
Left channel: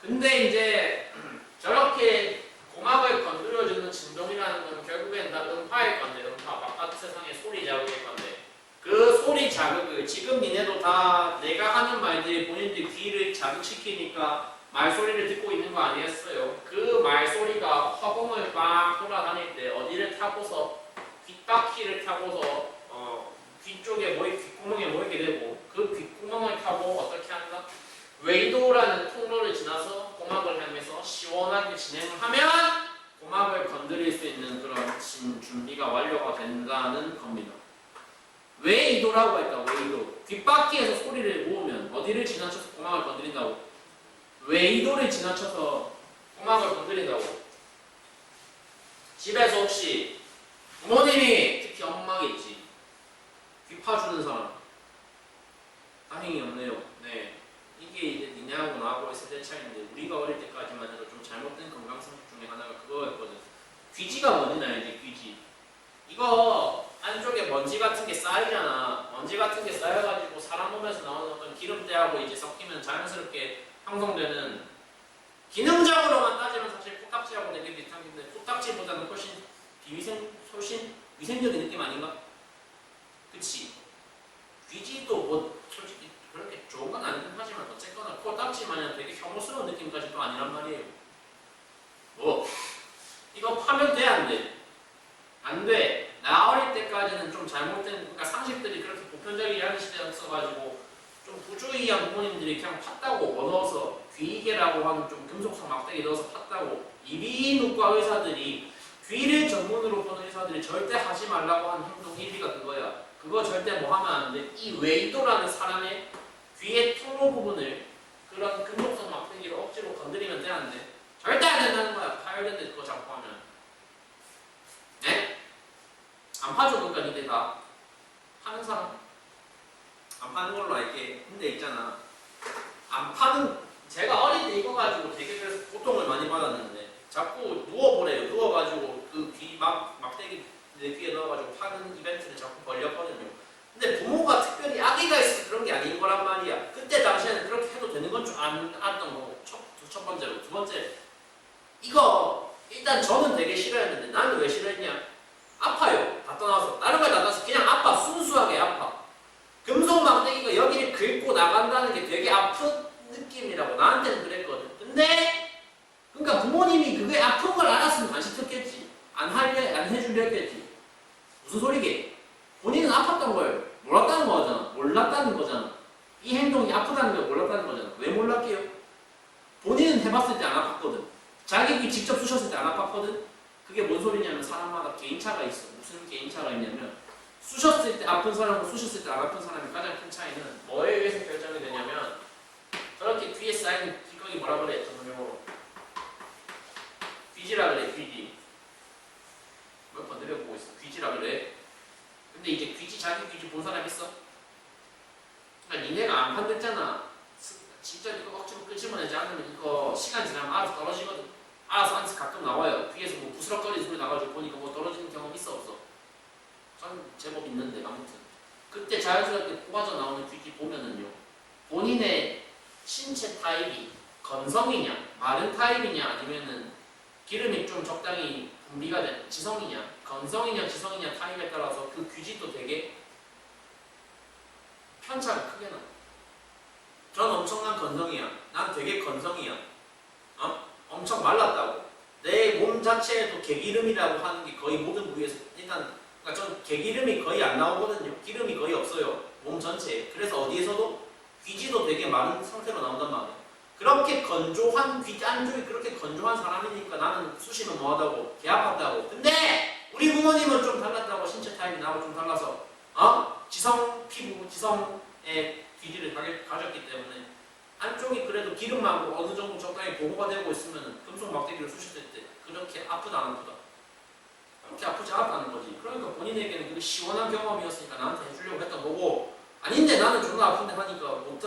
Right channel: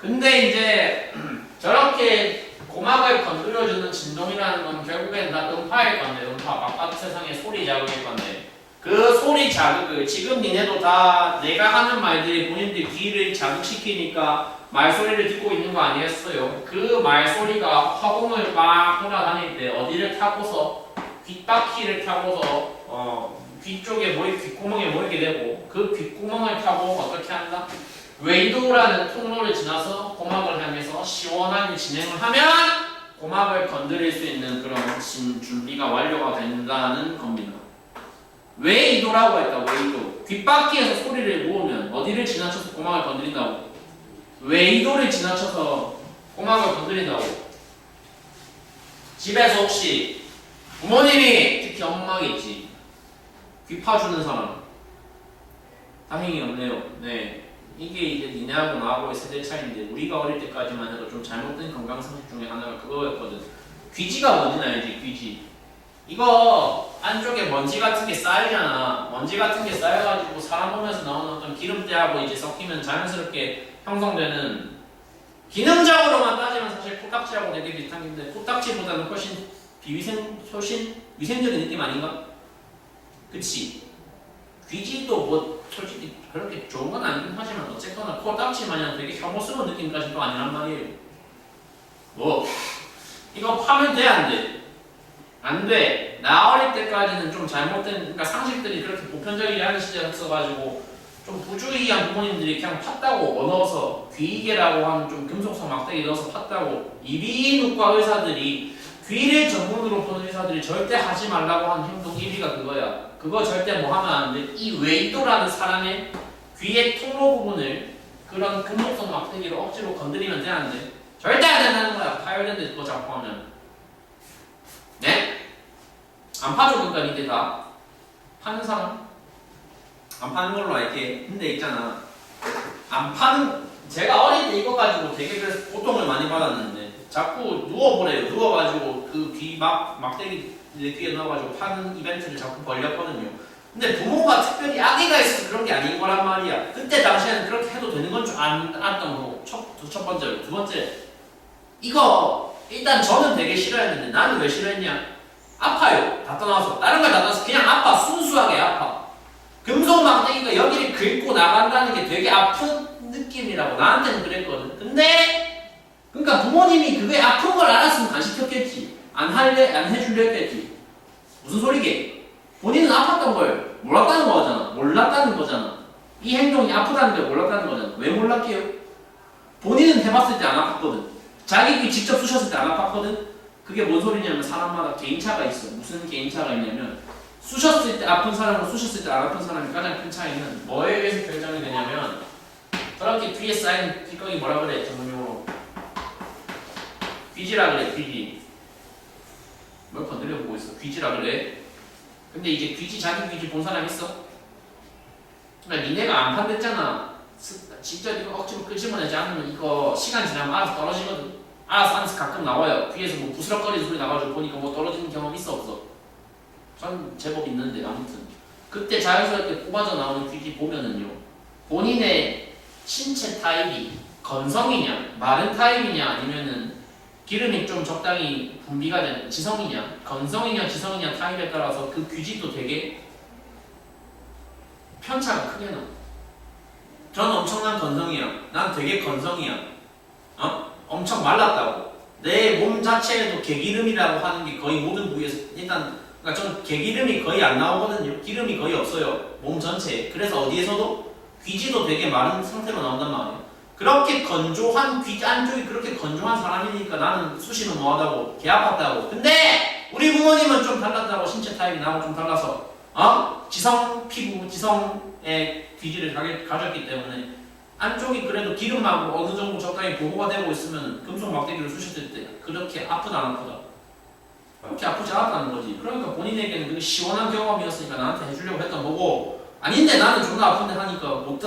근데 이제 저렇게 고막을 건드려주는 진동이라는 건 결국엔 다 음파일 건데, 음파 바깥 세상의 소리 자극일 건데, 그 소리 자극을 지금 니네도 다 내가 하는 말들이 본인들 귀를 자극시키니까 말소리를 듣고 있는 거 아니겠어요? 그 말소리가 화공을 막 돌아다닐 때 어디를 타고서 귓바퀴를 타고서 귀 쪽에 귓구멍에 모이게 되고, 그 귓구멍을 타고 어떻게 한다? 웨이도라는 통로를 지나서 고막을 향해서 시원하게 진행을 하면 고막을 건드릴 수 있는 그런 준비가 완료가 된다는 겁니다. 웨이도라고 했다. 웨이도. 귓바퀴에서 소리를 모으면 어디를 지나쳐서 고막을 건드린다고? 웨이도를 지나쳐서 고막을 건드린다고. 집에서 혹시 부모님이, 특히 엄마겠지, 귀 파주는 사람 다행히 없네요. 네, 이게 이제 니네하고 나하고의 세대 차이인데, 우리가 어릴 때까지만 해도 좀 잘못된 건강상식 중에 하나가 그거였거든. 귀지가 뭔지 알지? 귀지. 이거 안쪽에 먼지 같은 게 쌓이잖아. 먼지 같은 게 쌓여가지고 사람 몸에서 나오는 어떤 기름때하고 이제 섞이면 자연스럽게 형성되는, 기능적으로만 따지면 사실 코딱지하고 되게 비슷한 건데 코딱지보다는 훨씬 위생적인 느낌 아닌가? 그치? 귀지도 뭐 솔직히 그렇게 좋은 건 아니긴 하지만 어쨌거나 코딱지 마냥 되게 혐오스러운 느낌까지도 아니란 말이에요. 뭐 이거 파면 돼 안 돼? 안 돼. 나 어릴 때까지는 좀 잘못된, 그러니까 상식들이 그렇게 보편적이지 않은 시대였어가지고 좀 부주의한 부모님들이 그냥 팠다고 넣어서, 귀이개라고 하는 좀 금속성 막대기 넣어서 팠다고, 이비인후과 의사들이, 귀를 전문으로 보는 의사들이 절대 하지 말라고 하는 행동 1위가 그거야. 그거 절대 뭐 하면 안 돼. 이 웨이도라는 사람의 귀의 통로 부분을 그런 금속성 막대기로 억지로 건드리면 돼 안 돼? 절대 안 된다는 거야. 파열된데 그거 잡고 하면. 네? 안 파줘. 그러니까 니들 다 파는 사람? 안 파는 걸로 알게. 근데 있잖아, 안 파는, 제가 어릴 때 이거 가지고 되게 그래서 고통을 많이 받았는데, 자꾸 누워보래요. 누워가지고 그 귀 막대기 내 귀에 넣어가지고 파는 이벤트를 자꾸 벌렸거든요. 근데 부모가 특별히 악의가 있어서 그런 게 아닌 거란 말이야. 그때 당시에는 그렇게 해도 되는 건 줄 알았던 거고. 첫 번째로. 두 번째, 이거 일단 저는 되게 싫어했는데, 나는 왜 싫어했냐? 아파요. 다 떠나서. 다른 걸 다 떠나서 그냥 아파. 순수하게 아파. 금속 막대기가 여기를 긁고 나간다는 게 되게 아픈 느낌이라고 나한테는 그랬거든. 근데 그러니까 부모님이 그게 아픈 걸 알았으면 안 시켰겠지. 안 해줄려 했겠지. 무슨 소리게? 본인은 아팠던 걸 몰랐다는 거잖아. 이 행동이 아프다는 걸 몰랐다는 거잖아. 왜 몰랐게요? 본인은 해봤을 때 안 아팠거든. 자기 귀 직접 쑤셨을 때 안 아팠거든. 그게 뭔 소리냐면 사람마다 개인차가 있어. 무슨 개인차가 있냐면, 쑤셨을 때 아픈 사람과 쑤셨을 때 안 아픈 사람의 가장 큰 차이는 뭐에 의해서 결정이 되냐면 그렇게 귀에 쌓인 찌꺼기 뭐라 그래 전문용어로 귀지라 그래 귀지 몇 번 늘려보고 있어 귀지라 그래 근데 이제 귀지 자기 귀지 본 사람 있어? 그러니까 니네가 안 판댔잖아 진짜 이거 억지로 끄집어내지 않으면 이거 시간 지나면 알아서 떨어지거든 알아서 안에서 가끔 나와요 귀에서 뭐 부스럭거리는 소리 나가지고 보니까 뭐 떨어지는 경험 있어 없어? 전 제법 있는데 아무튼 그때 자연스럽게 뽑아져 나오는 귀지 보면은요 본인의 신체 타입이 건성이냐 마른 타입이냐 아니면은 기름이 좀 적당히 분비가 된 지성이냐 건성이냐 지성이냐 타입에 따라서 그 귀지도 되게 편차가 크게 나. 전 엄청난 건성이야. 난 되게 건성이야. 엄청 말랐다고. 내 몸 자체에도 개기름이라고 하는 게 거의 모든 부위에서 일단 그러니까 전 개기름이 거의 안 나오거든요. 기름이 거의 없어요. 몸 전체에. 그래서 어디에서도 귀지도 되게 마른 상태로 나온단 말이에요. 그렇게 건조한 귀 안쪽이 그렇게 건조한 사람이니까 나는 수시는 뭐하다고 개 아팠다고. 근데 우리 부모님은 좀 달랐다고 신체 타입이 나하고 좀 달라서 지성 피부 지성의 귀지를 가졌기 때문에 안쪽이 그래도 기름하고 어느 정도 적당히 보호가 되고 있으면 금속 막대기를 쑤셨을 때 그렇게 아프다 안 아프다? 그렇게 아프지 않았다는 거지. 그러니까 본인에게는 그게 시원한 경험이었으니까 나한테 해주려고 했던 거고 아닌데 나는 존나 아픈데 하니까 못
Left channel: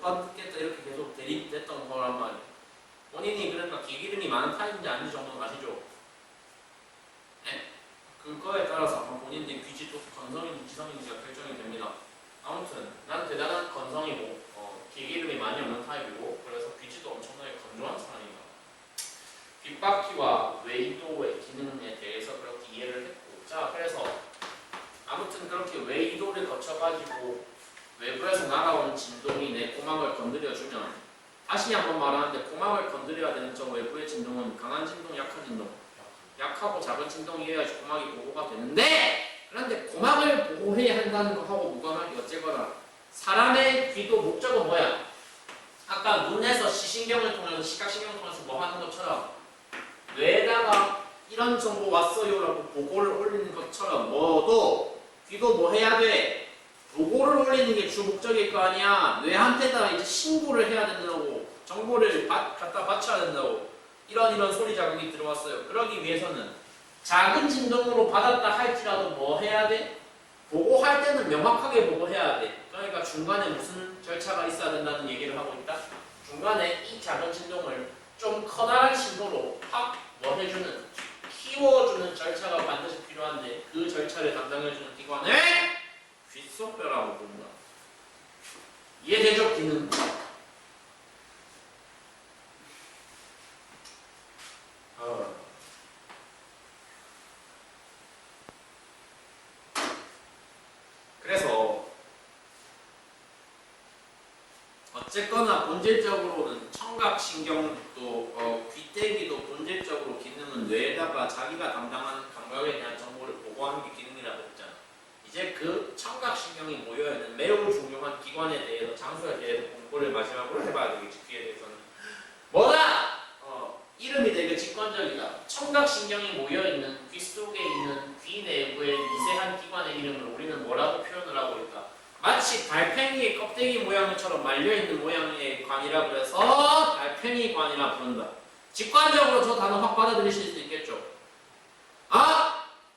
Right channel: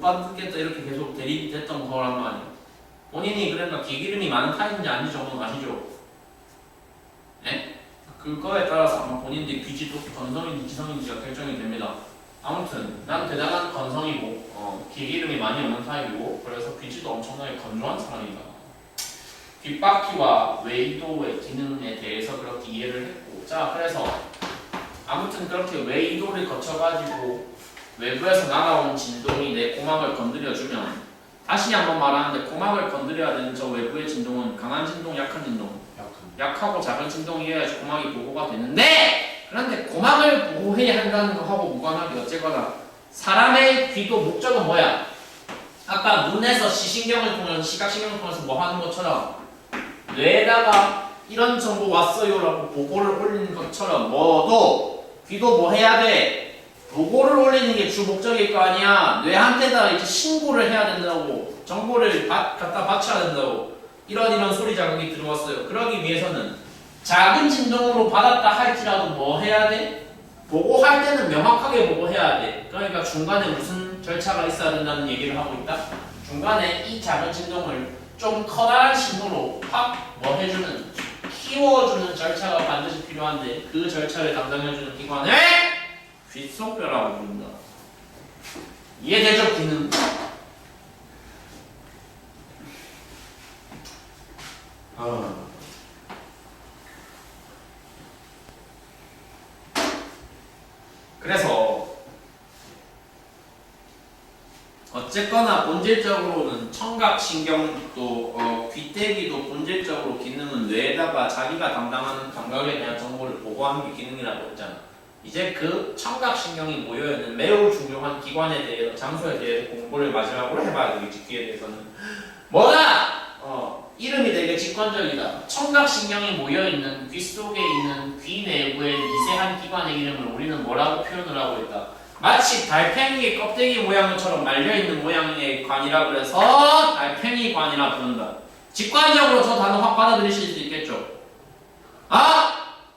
받겠다 이렇게 계속 대립됐던 거란 말이야. 본인이 그러니까 개기름이 많은 타입인지 아닌지 정도는 아시죠? 예? 그거에 따라서 아마 본인들의 귀지도 건성인지 지성인지가 결정이 됩니다. 아무튼 난 대단한 건성이고 개기름이 많이 없는 타입이고 그래서 귀지도 엄청나게 건조한 사람이다. 귓바퀴와 외이도의 기능에 대해서 그렇게 이해를 했고 자 그래서 아무튼 그렇게 외이도를 거쳐가지고 외부에서 날아온 진동이 내 고막을 건드려주면 다시 한번 말하는데 고막을 건드려야 되는 저 외부의 진동은 강한 진동, 약한 진동 약하고 작은 진동이어야지 고막이 보호가 되는데 그런데 고막을 보호해야 한다는 거하고 무관하게 어쨌거나 사람의 귀도 목적은 뭐야? 아까 눈에서 시신경을 통해서 시각신경을 통해서 뭐 하는 것처럼 뇌에다가 이런 정보 왔어요 라고 보고를 올리는 것처럼 뭐도 귀도 뭐 해야 돼? 보고를 올리는 게 주 목적일 거 아니야. 뇌한테다 이제 신고를 해야 된다고 정보를 갖다 바쳐야 된다고 이런 소리 자극이 들어왔어요. 그러기 위해서는 작은 진동으로 받았다 할지라도 뭐 해야 돼? 보고할 때는 명확하게 보고해야 돼. 그러니까 중간에 무슨 절차가 있어야 된다는 얘기를 하고 있다. 중간에 이 작은 진동을 좀 커다란 신호로 확 뭐 해주는 키워주는 절차가 반드시 필요한데 그 절차를 담당해주는 기관을 귓속뼈라고 부른다. 이해되죠? 귀는? 그래서 어쨌거나 본질적으로는 청각신경도 귀때기도 본질적으로 기능은 뇌에다가 자기가 담당하는 감각에 대한 정보를 보고하는 게 기능이라고 했잖아. 이제 그 청각신경이 모여있는 매우 중요한 기관에 대해서 장소에 대해서 공부를 마지막으로 해봐야 되겠지. 귀에 대해서는 뭐다? 이름이 되게 직관적이다. 청각신경이 모여있는 귀 속에 있는 귀 내부의 미세한 기관의 이름을 우리는 뭐라고 표현을 하고 있다. 마치 달팽이의 껍데기 모양처럼 말려있는 모양의 관이라 그래서 달팽이 관이라 부른다. 직관적으로 저 단어 확 받아들이실 수 있겠죠?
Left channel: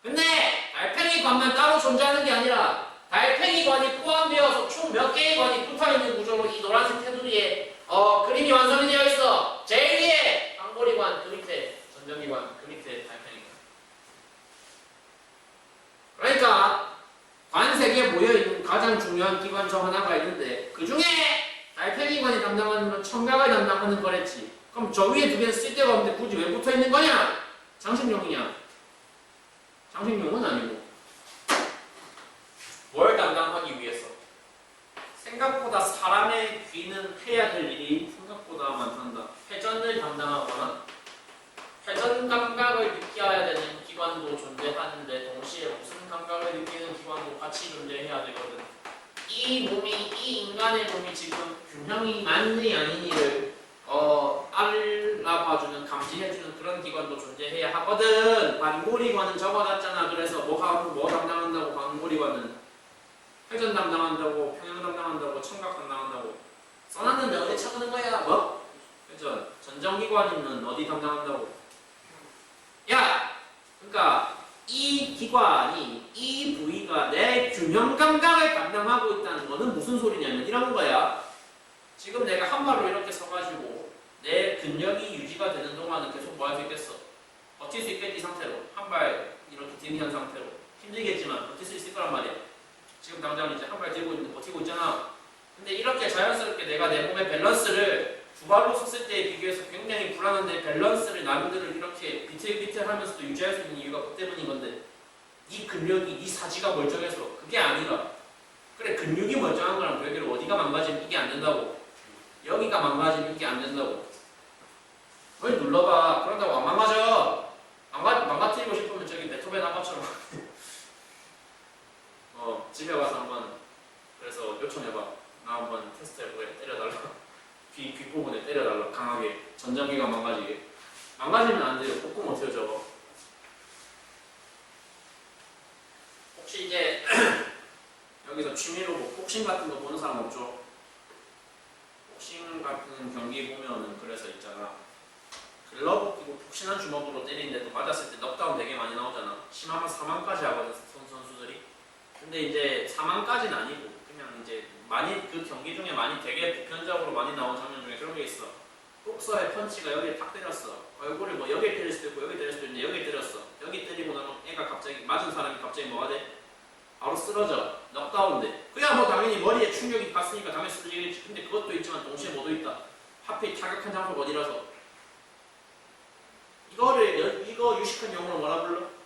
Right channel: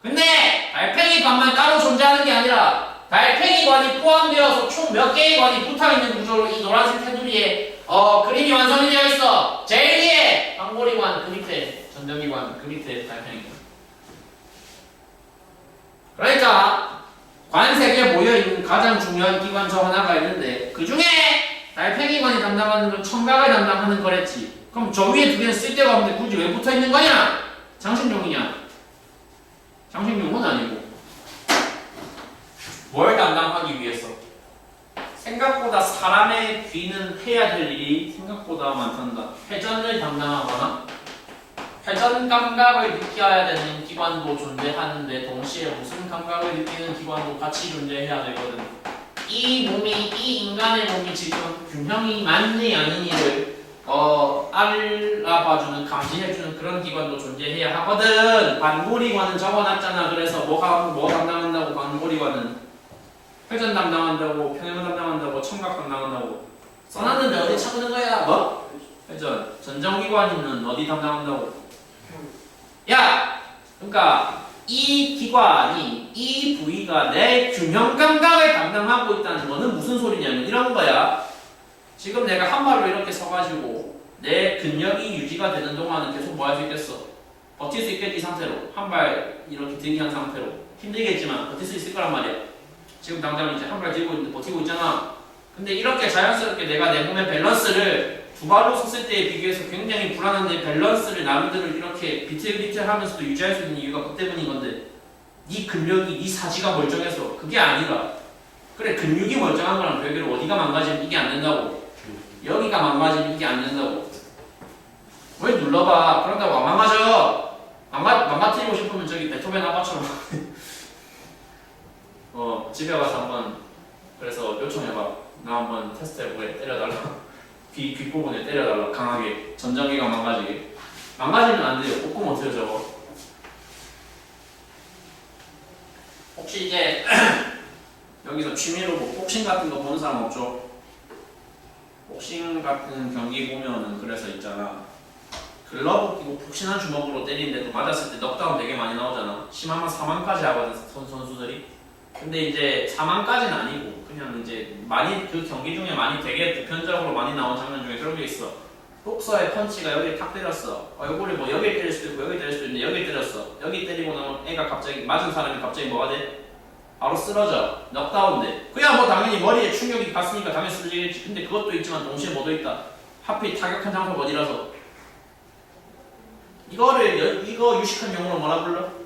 근데 달팽이 관만 따로 존재하는 게 아니라 달팽이 관이 포함되어서 총 몇 개의 관이 붙어있는 구조로 이 노란색 테두리에 그림이 완성이 되어 있어. 제일 위에 방고리관, 그 밑에 전정기관, 그 밑에 달팽이관. 그러니까 관 3개 모여있는 가장 중요한 기관 중 하나가 있는데 그 중에 달팽이관이 담당하는 건 청각을 담당하는 거랬지. 그럼 저 위에 2개는 쓸데가 없는데 굳이 왜 붙어있는 거냐? 장식용이냐? 장식용은 아니고 뭘 담당하기 위해서? 생각보다 사람의 귀는 해야 될 일이 생각보다 많단다. 회전을 담당하거나 회전 감각을 느껴야 되는 기관도 존재하는데 동시에 무슨 감각을 느끼는 기관도 같이 존재해야 되거든. 이 인간의 몸이 지금 균형이 맞니 아니니를 알아봐주는, 감지해주는 그런 기관도 존재해야 하거든. 반고리관은 적어놨잖아. 그래서 뭐 담당한다고 원고리관은 회전 담당한다고, 평형 담당한다고, 청각 담당한다고 써놨는데 어디 찾는 거야? 뭐? 회전. 전정기관은 어디 담당한다고? 야! 그러니까 이 기관이 이 부위가 내 균형 감각을 담당하고 있다는 거는 무슨 소리냐면 이런 거야. 지금 내가 한 발로 이렇게 서가지고 내 근력이 유지가 되는 동안은 계속 뭐 할 수 있겠어? 버틸 수 있겠지. 이 상태로 한 발 이렇게 들기 한 상태로 힘들겠지만 버틸 수 있을 거란 말이야. 지금 당장 이제 한 발 들고 있는데 버티고 있잖아. 근데 이렇게 자연스럽게 내가 내 몸의 밸런스를 두 발로 섰을 때에 비교해서 굉장히 불안한데 밸런스를 나름대로 이렇게 비틀비틀하면서도 유지할 수 있는 이유가 그 때문인 건데 네 근력이 네 사지가 멀쩡해서 그게 아니라 그래 근육이 멀쩡한 거랑 별개로 어디가 망가지면 이게 안 된다고 여기가 망가지면 이게 안 된다고 왜 눌러봐 그런다고 안 망가져 망가뜨리고 싶으면 저기 베토벤 아빠처럼 집에 가서 한번 그래서 요청해봐 나 한번 테스트 해보게 때려달라 귀 부분에 때려달라 강하게 전정기가 망가지게 망가지면 안 돼요. 볶음 어때요 저거? 혹시 이제 여기서 취미로 뭐 복싱 같은 거 보는 사람 없죠? 복싱 같은 경기 보면은 그래서 있잖아 글러브 끼고 푹신한 주먹으로 때리는데도 맞았을 때 넉다운 되게 많이 나오잖아 심하면 사망까지 하거든 선수들이 근데 이제 사망까지는 아니고 그냥 이제 많이 그 경기 중에 많이 되게 보편적으로 많이 나온 장면 중에 그런 게 있어. 복서의 펀치가 여기 탁 때렸어. 얼굴이 뭐 여기 때릴 수도 있고 여기 때릴 수도 있는데 여기 때렸어. 여기 때리고 나면 애가 갑자기 맞은 사람이 갑자기 뭐가 돼? 바로 쓰러져. 넉다운돼. 그야 뭐 당연히 머리에 충격이 갔으니까 당연히 쓰러지겠지. 근데 그것도 있지만 동시에 뭐도 있다. 하필 타격한 장소가 어디라서. 이거 유식한 용어로 뭐라 불러?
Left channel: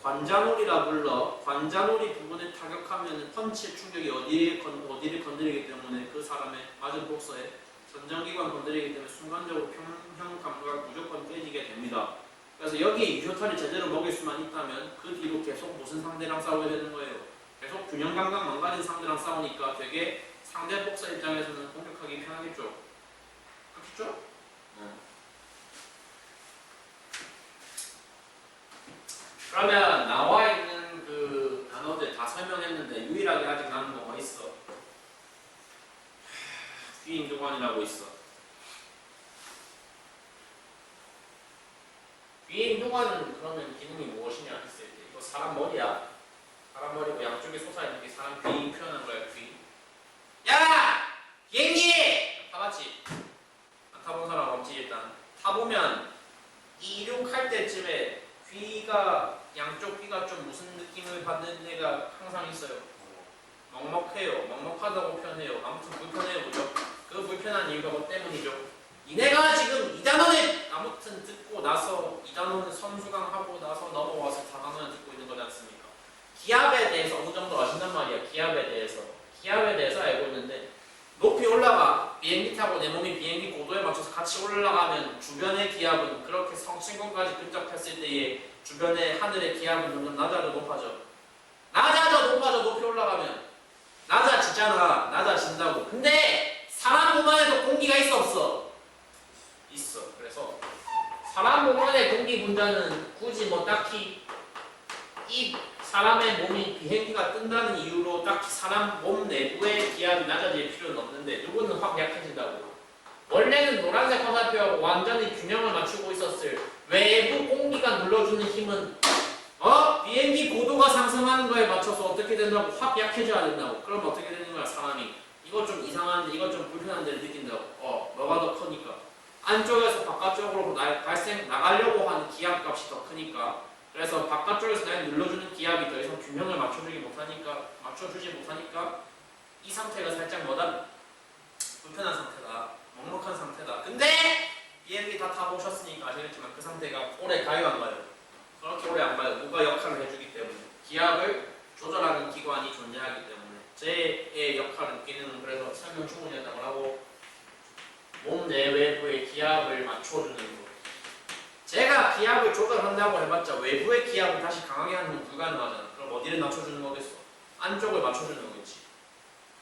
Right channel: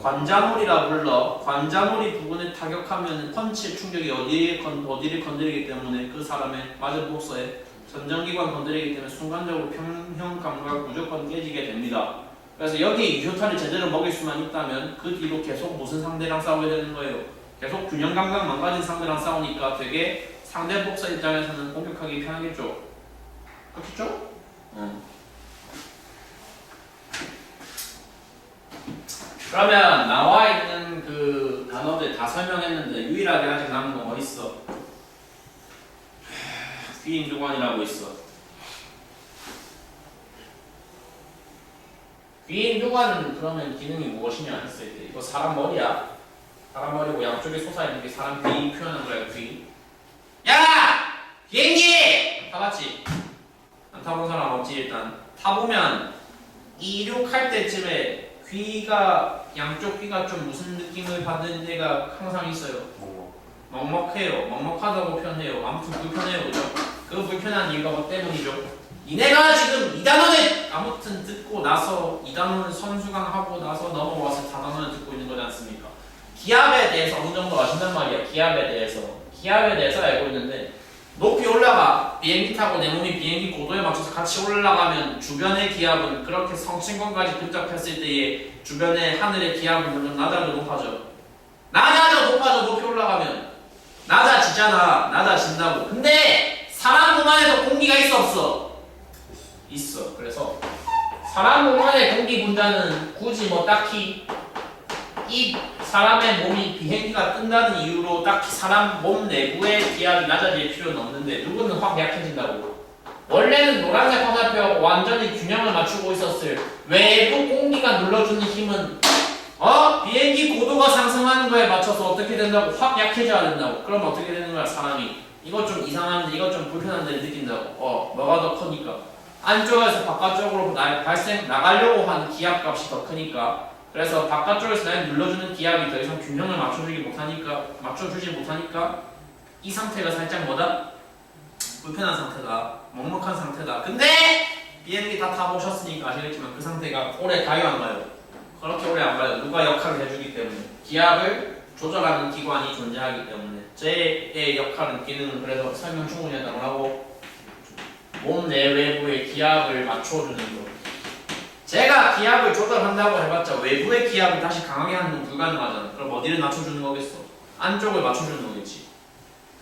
관자놀이라 불러. 관자놀이 부분에 타격하면 펀치의 충격이 어디를 건드리기 때문에 그 사람의 맞은 복서에 전정기관 건드리기 때문에 순간적으로 평형 감각 무조건 깨지게 됩니다. 그래서 여기 유효탄을 제대로 먹일 수만 있다면 그 뒤로 계속 무슨 상대랑 싸워야 되는 거예요. 계속 균형 감각 망가진 상대랑 싸우니까 되게 상대 복서 입장에서는 공격하기 편하겠죠. 그렇겠죠? 그러면 나와 있는 그 단어들 다 설명했는데 유일하게 아직 남은 거 뭐 있어? 귀인두관이라고 있어. 귀인두관은 그러면 기능이 무엇이냐 했을 때 이거 사람 머리야. 사람 머리고 양쪽에 솟아있는 게 사람 귀 표현한 거야. 귀. 야! 비행기! 타봤지? 안 타본 사람 없지 일단. 타보면 이륙할 때쯤에 귀가 양쪽 귀가 좀 무슨 느낌을 받는 데가 항상 있어요. 먹먹해요. 먹먹하다고 표현해요. 아무튼 불편해요. 그죠? 그 불편한 이유가 뭐 때문이죠? 니네가 지금 2단원을 아무튼 듣고 나서 2단원을 선수강하고 나서 넘어와서 4단원을 듣고 있는 거지 않습니까? 기압에 대해서 어느 정도 아신단 말이야. 기압에 대해서 알고 있는데 높이 올라가 비행기 타고 내 몸이 비행기 고도에 맞춰서 같이 올라가면 주변의 기압은 그렇게 성층권까지 근접했을 때의 주변의 하늘의 기압은 점점 낮아져 높아져 높이 올라가면 낮아진다고. 근데 사람 몸 안에도 공기가 있어 없어? 있어. 그래서 사람 몸 안의 공기 분자는 굳이 뭐 딱히 이 사람의 몸이 비행기가 뜬다는 이유로 딱히 사람 몸 내부의 기압이 낮아질 필요는 없는데 누구는 확 약해진다고. 원래는 노란색 화살표 완전히 균형을 맞추고 있었을 외부 공기가 눌러주는 힘은 비행기 고도가 상승하는 거에 맞춰서 어떻게 된다고? 확 약해져야 된다고. 그럼 어떻게 되는 거야 사람이? 이거 좀 이상한데 이거 좀 불편한데 느낀다고. 뭐가 더 크니까 안쪽에서 바깥쪽으로 나가려고 하는 기압값이 더 크니까 그래서 바깥쪽에서 날 눌러주는 기압이 더 이상 균형을 맞춰주지 못하니까 이 상태가 살짝 뭐다? 불편한 상태다. 먹먹한 상태다. 근데 비행기 다 타보셨으니까 아시겠지만 그 상태가 오래 가요 안 가요? 그렇게 오래 안 가요. 누가 역할을 해주기 때문에 기압을 조절하는 기관이 존재하기 때문에 제의 역할은 기능은 그래서 설명 충분히 했다고 하고 몸 내외부의 기압을 맞춰주는 거. 제가 기압을 조절한다고 해봤자 외부의 기압을 다시 강하게 하는 건 불가능하잖아. 그럼 어디를 낮춰주는 거겠어? 안쪽을 맞춰주는 거겠지.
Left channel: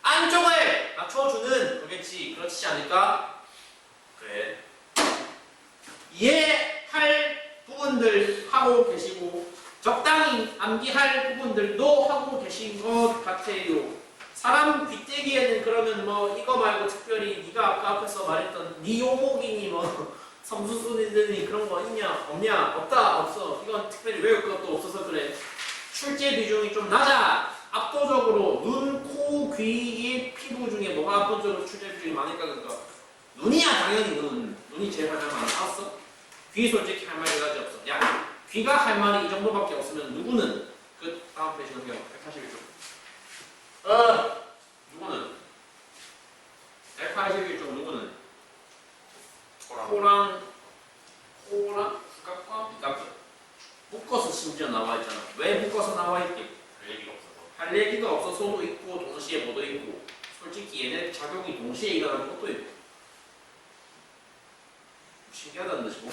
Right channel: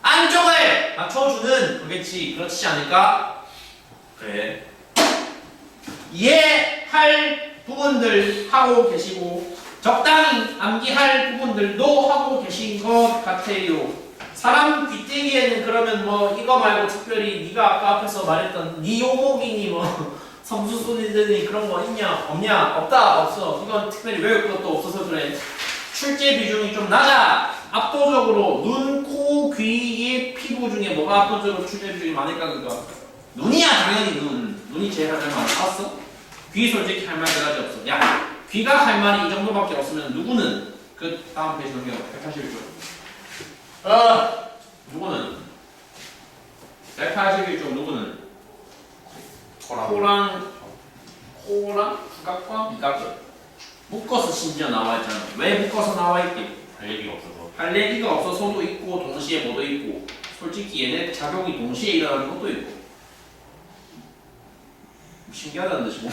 안쪽을 맞춰주는 거겠지. 그렇지 않을까? 그래. 이해할 부분들 하고 계시고 적당히 암기할 부분들도 하고 계신 것 같아요. 사람 귀때기에는 그러면 뭐 이거 말고 특별히 네가 아까 앞에서 말했던 네 요목이니 뭐 섬수순이니 그런 거 있냐 없냐 없다 없어. 이건 특별히 외울 것도 없어서 그래. 출제 비중이 좀 낮아. 압도적으로 눈, 코, 귀의 피부 중에 뭐가 압도적으로 출제 비중이 많을까 그거. 눈이야 당연히 눈이 제일 할 말이 많았어. 귀 솔직히 할 말이 가지 없어. 야 귀가 할 말이 이 정도밖에 없으면 누구는 그 다음 페이지 넘겨 181쪽. 누구는 181쪽 누구는 코랑 후각과 미각을 묶어서 심지어 나와 있잖아. 왜 묶어서 나와 있게? 할 얘기가 없어서. 할 얘기가 없어서도 있고 동시에 뭐도 있고 솔직히 얘네 작용이 동시에 일어나는 것도 있고 신기하다는 듯이 뭐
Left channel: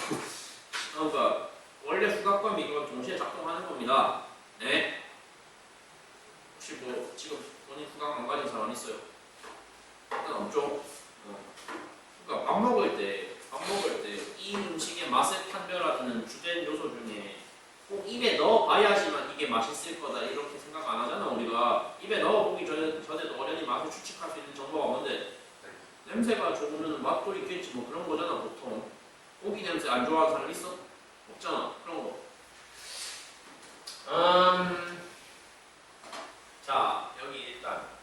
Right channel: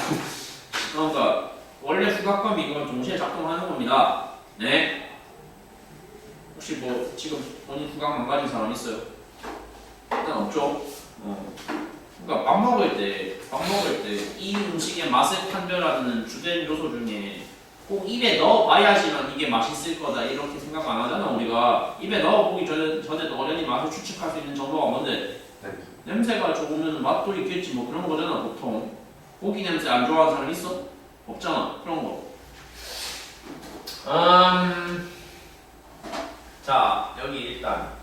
그러니까 원래 후각과 미각은 동시에 작동하는 겁니다. 네. 혹시 뭐 지금 본인 후각 망가진 사람 있어요? 일단 없죠. 그러니까 밥 먹을 때 이 음식의 맛을 판별하는 주된 요소 중에 꼭 입에 넣어봐야지만 이게 맛있을 거다 이렇게 생각 안 하잖아. 우리가 입에 넣어보기 전에도 어련히 맛을 추측할 수 있는 정보가 뭔데? 냄새가 좋으면 맛도 있겠지 뭐 그런 거잖아 보통. 고기 냄새 안 좋아하는 사람 있어? 없잖아 그런 거. 자 여기 일단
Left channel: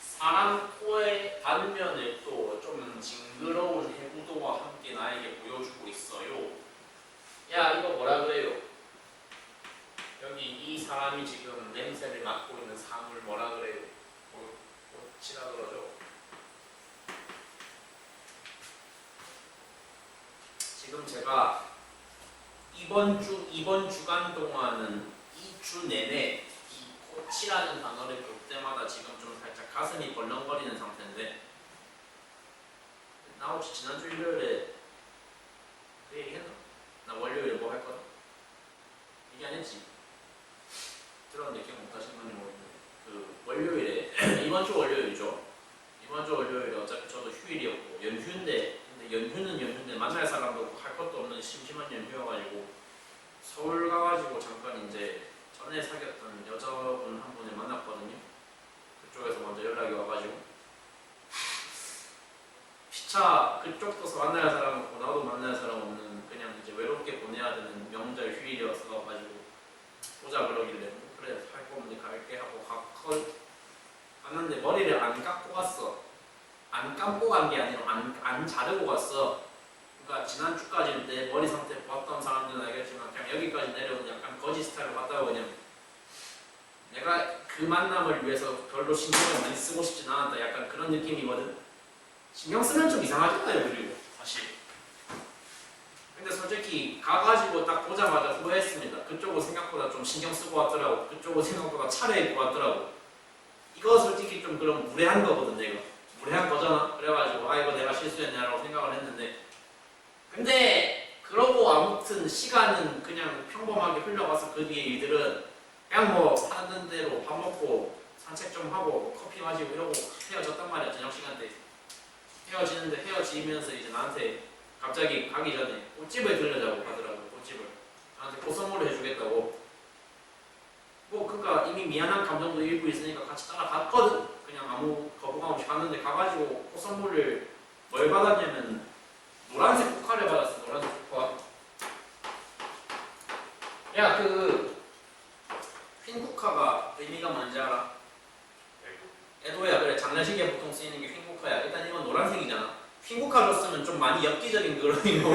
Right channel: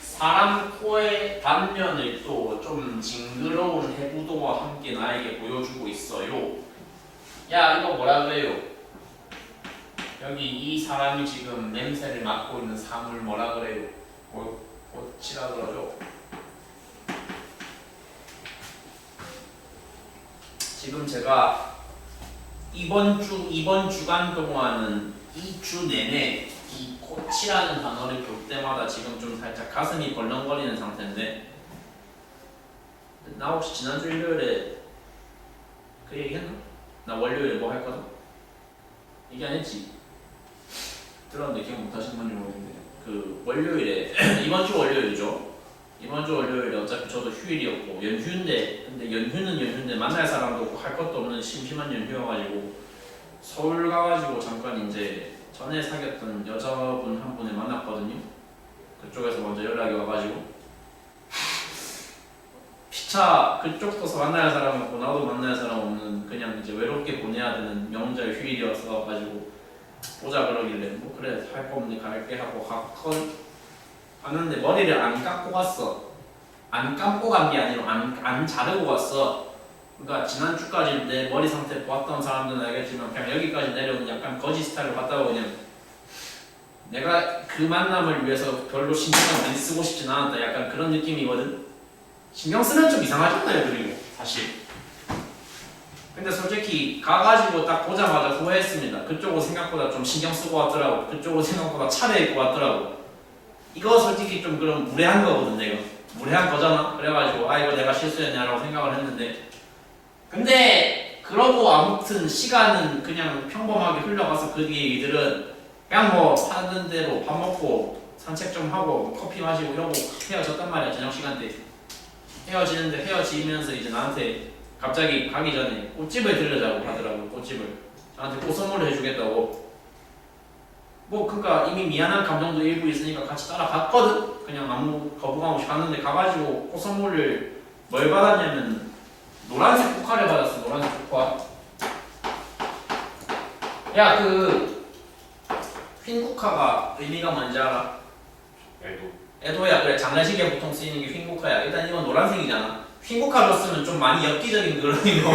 사람 코의 단면을 또 좀 징그러운 해부도와 함께 나에게 보여주고 있어요. 야 이거 뭐라 그래요? 여기 이 사람이 지금 냄새를 맡고 있는 사물 뭐라 그래요? 꽃이라 그러죠. 지금 제가 이번 주간 동안은 이 주 내내 이 꽃이라는 단어를 볼 때마다 지금 좀 살짝 가슴이 벌렁거리는 상태인데 나 혹시 지난주 일요일에 그 얘기 했나? 나 월요일에 뭐 할 거다? 얘기 안 했지? 들었는데 기억 못 하신 건지 모르겠는데 그 월요일에 이번 주 월요일이죠. 이번 주 월요일에 어차피 저도 휴일이었고 연휴인데 근데 연휴는 연휴인데 만날 사람도 없고 할 것도 없는 심심한 연휴여가지고 서울 가가지고 잠깐 이제 전에 사귀었던 여자분 한 분을 만났거든요. 그쪽에서 먼저 연락이 와가지고 피차 그쪽 도서 만날 사람 없고 나도 만날 사람 없는 그냥 이제 외롭게 보내야 되는 명절 휴일이어서 가지고 보자 그러길래 뭐 그래 할 거 없는데 갈게 하고 갔는데 머리를 안 감고 갔어. 안 감고 간 게 아니라 안 자르고 갔어. 그러니까 지난주까지 내 머리 상태 보았던 사람들은 알겠지만 그냥 여기까지 내려오는 약간 거지 스타일로 갔다고 그냥 내가 그 만남을 위해서 별로 신경을 많이 쓰고 싶진 않았다 약간 그런 느낌이거든. 신경 쓰면 좀 이상하잖아요 그리고 사실. 근데 솔직히 가가지고 딱 보자마자 후회했습니다. 그쪽은 생각보다 좀 신경 쓰고 왔더라고. 그쪽은 생각보다 차려입고 왔더라고. 이거 솔직히 좀 그럼 무례한 거거든 내가. 무례한 거잖아. 그래가지고 아 이거 내가 실수했냐라고 생각을 했는데 근데 그러고 아무튼 시간은 그냥 평범하게 흘러가서 그 뒤에 이들은 그냥 뭐 하는 대로 밥 먹고 산책 좀 하고 커피 마시고 이러고 헤어졌단 말이야. 저녁 시간 때 헤어지는데 헤어지면서 이제 나한테 갑자기 가기 전에 꽃집을 들려자고 하더라고. 꽃집을 저한테 꽃 선물을 해주겠다고. 뭐 그러니까 이미 미안한 감정도 일부 있으니까 같이 따라갔거든. 그냥 아무 거부감 없이 갔는데 가가지고 꽃 선물을 뭘 받았냐면 노란색 포카를 받았어. 노란색 포카. 야 그 휜쿠카가 의미가 뭔지 알아? 애도야. 그래 장례식에 보통 쓰이는 게 휜쿠카야. 일단 이건 노란색이잖아. 휜쿠카 줬으면 좀 많이 엽기적인 그런 의미고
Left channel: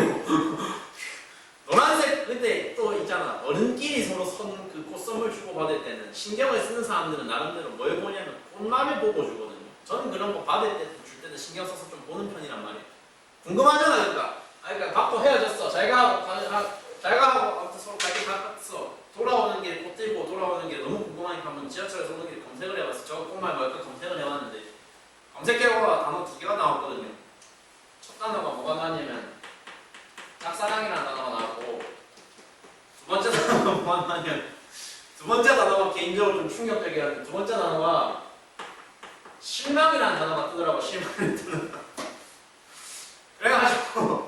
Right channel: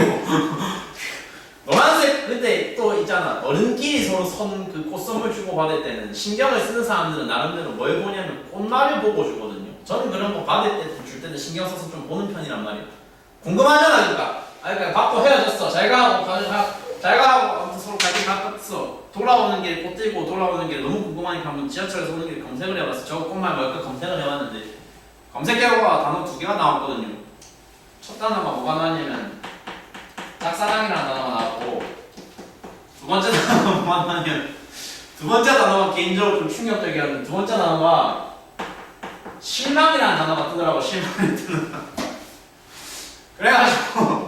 노란색. 근데 또 있잖아 어른끼리 서로 선 그 꽃 선물 주고 받을 때는 신경을 쓰는 사람들은 나름대로 뭘 보냐면 꽃말을 보고 주거든요. 저는 그런 거 받을 때 줄 때는 신경 써서 좀 보는 편이란 말이야. 궁금하잖아. 그러니까 그러니까 받고 헤어졌어. 잘가 하고 아무튼 서로 갈 길 갔어. 돌아오는 길 꽃 들고 돌아오는 길 너무 궁금하니까 한번 지하철에서 오는 길 검색을 해봤어. 저 꽃말 뭘까 검색을 해봤는데 검색 결과가 단어 2개가 나왔거든요. 첫 단어가 뭐가 나왔냐면 짝사랑이라는 단어가 나왔고 두 번째 단어가 뭐가 나왔냐면 두 번째 단어가 개인적으로 좀 충격적이었는데 두 번째 단어가 실망이라는 단어가 뜨더라고. 실망이 뜨는 그래가지고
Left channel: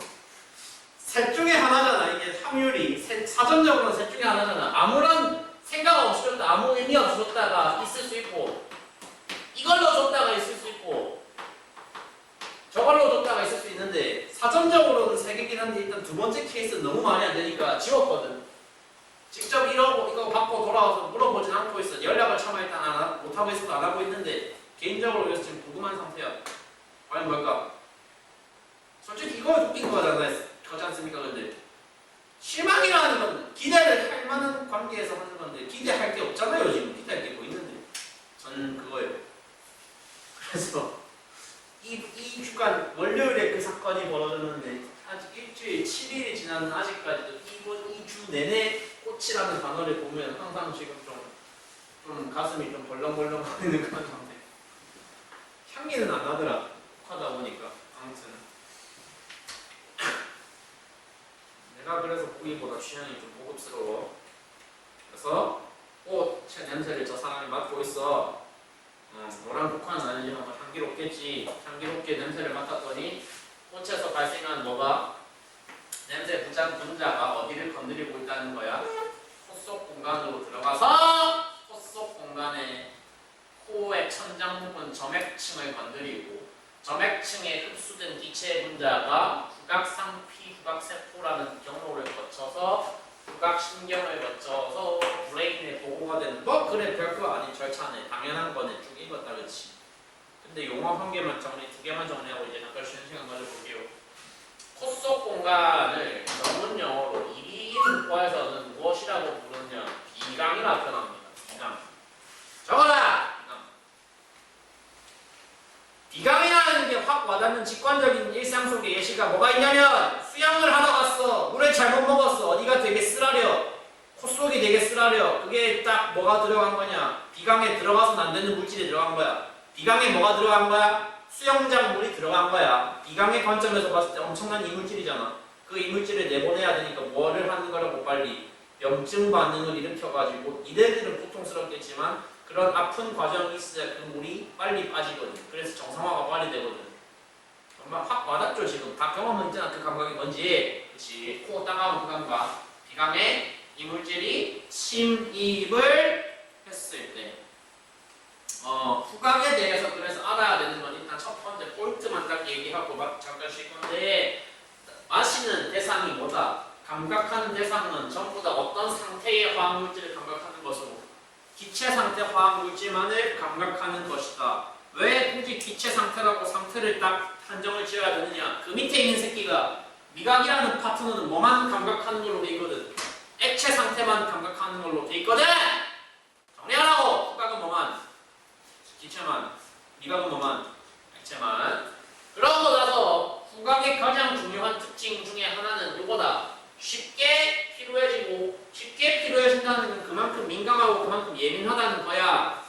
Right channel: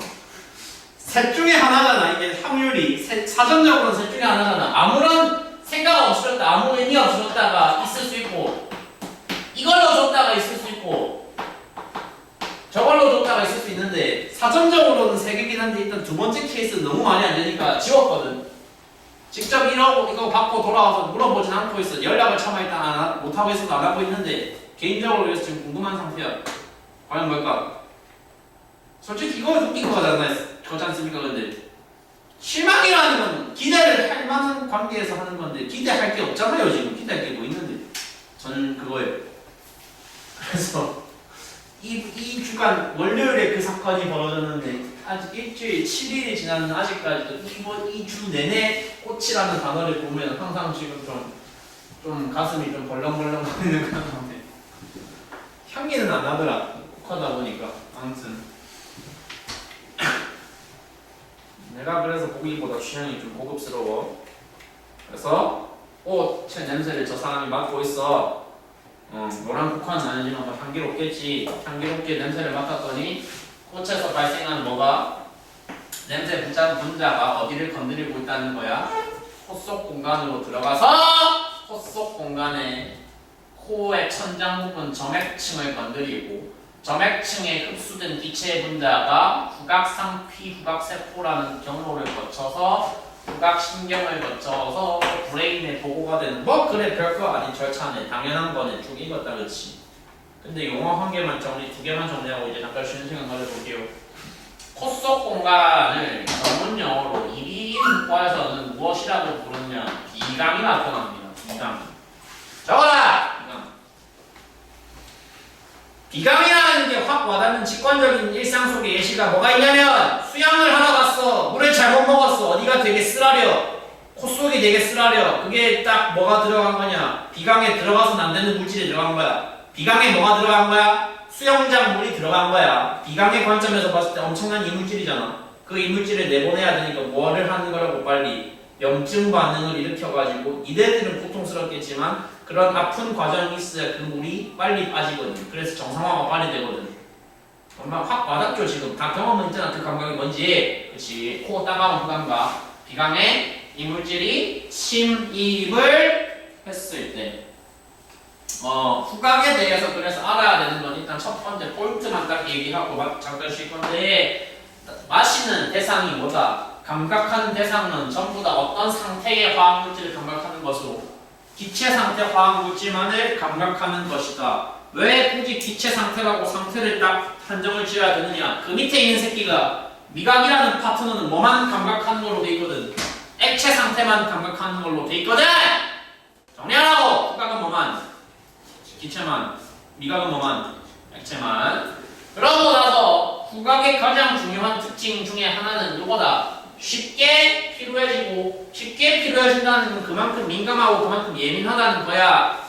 세 셋 중에 하나잖아. 이게 확률이 사전적으로는 셋 중에 하나잖아. 아무런 생각 없이 줬다, 아무 의미 없이 줬다가 있을 수 있고, 이걸로 줬다가 있을 수 있고, 저걸로 줬다가 있을 수 있는데 사전적으로는 세 개긴 한데 일단 두 번째 케이스는 너무 말이 안 되니까 지웠거든. 직접 이거 받고 돌아와서 물어보진 않고 있어. 연락을 차마 일단 못하고 있어서 안 하고 있는데 개인적으로 그래서 지금 궁금한 상태야. 과연 뭘까? 솔직히 이거 웃긴 거지 않습니까? 근데 실망이라는 건 기대를 할 만한 관계에서 하는 건데 기대할 게 없잖아요. 지금 기대할 게 뭐 있는데 저는 그거예요. 그래서 이 주간 월요일에 그 사건이 벌어졌는데 아직 일주일 7일이 지나는 아직까지도 이 주 내내 꽃이라는 단어를 보면 항상 지금 좀 가슴이 좀 벌렁벌렁 거리는 그런 상태. 향기는 안 나더라. 하다 보니까 아무튼 내가 그래서 보기보다 취향이 좀 고급스러워. 그래서 꽃의 냄새를 저 사람이 맡고 있어. 노란 국화는 아니지만 뭐 향기롭겠지. 향기롭게 냄새를 맡았더니 꽃에서 발생한 뭐가 냄새 분자가 어디를 건드리고 있다는 거야. 코 속 공간으로 들어가서 코 속 공간에 코의 천장 부분 점액층을 건드리고 점액층에 흡수된 기체 분자가 후각상피 후각세포라는 경로를 거쳐서 후각신경을 거쳐서 브레인에 보고가 되는 뭐 그래 별거 아닌 절차네. 당연한 거네. 쭉 읽었다 그렇지. 근데 용어 한 개만 두 개만 정리하고 이제 잠깐 쉬는 시간 가져볼게요. 코 속 공간을 전문 영어로 이비인후과에서는 무엇이라고 부르냐? 비강이라 표현합니다. 비강. 적어라! 비강이라는 게 확 와닿는 직관적인 일상 속의 예시가 뭐가 있냐면 수영을 하러 갔어. 물을 잘못 먹었어. 어디가 되게 쓰라려. 콧속이 되게 쓰라려. 그게 딱 뭐가 들어간 거냐? 비강에 들어가서는 안 되는 물질이 들어간 거야. 비강에 뭐가 들어간 거야? 수영장 물이 들어간 거야. 비강의 관점에서 봤을 때 엄청난 이물질이잖아. 그 이물질을 내보내야 되니까 뭐를 하는 거라고 빨리 염증 반응을 일으켜가지고 이들은 고통스럽겠지만 그런 아픈 과정이 있어야 그 물이 빨리 빠지거든. 그래서 정상화가 빨리 되거든. 엄마 확 와닿죠 지금. 다 경험은 있잖아. 그 감각이 뭔지. 그렇지. 코 따가운 그 감각. 비강에 이물질이 침입을 했을 때 후각에 대해서 그래서 알아야 되는 건 일단 첫 번째 포인트만 딱 얘기하고 잠깐 쉴 건데 마시는 대상이 뭐다? 감각하는 대상은 전부 다 어떤 상태의 화학물질을 감각하는 것으로 기체 상태 화학물질만을 감각하는 것이다. 왜 굳이 기체 상태라고 상태를 딱 한정을 지어야 되느냐? 그 밑에 있는 새끼가 미각이라는 파트너는 뭐만 감각하는 걸로 돼 있거든. 액체 상태만 감각하는 걸로 돼 있거든. 정리하라고. 후각은 뭐만? 기체만. 미각은 뭐만? 액체만. 그러고 나서 후각의 가장 중요한 특징 중에 하나는 이거다. 쉽게 피로해지고 쉽게 피로해진다는 건 그만큼 민감하고 그만큼 예민하다는 거야.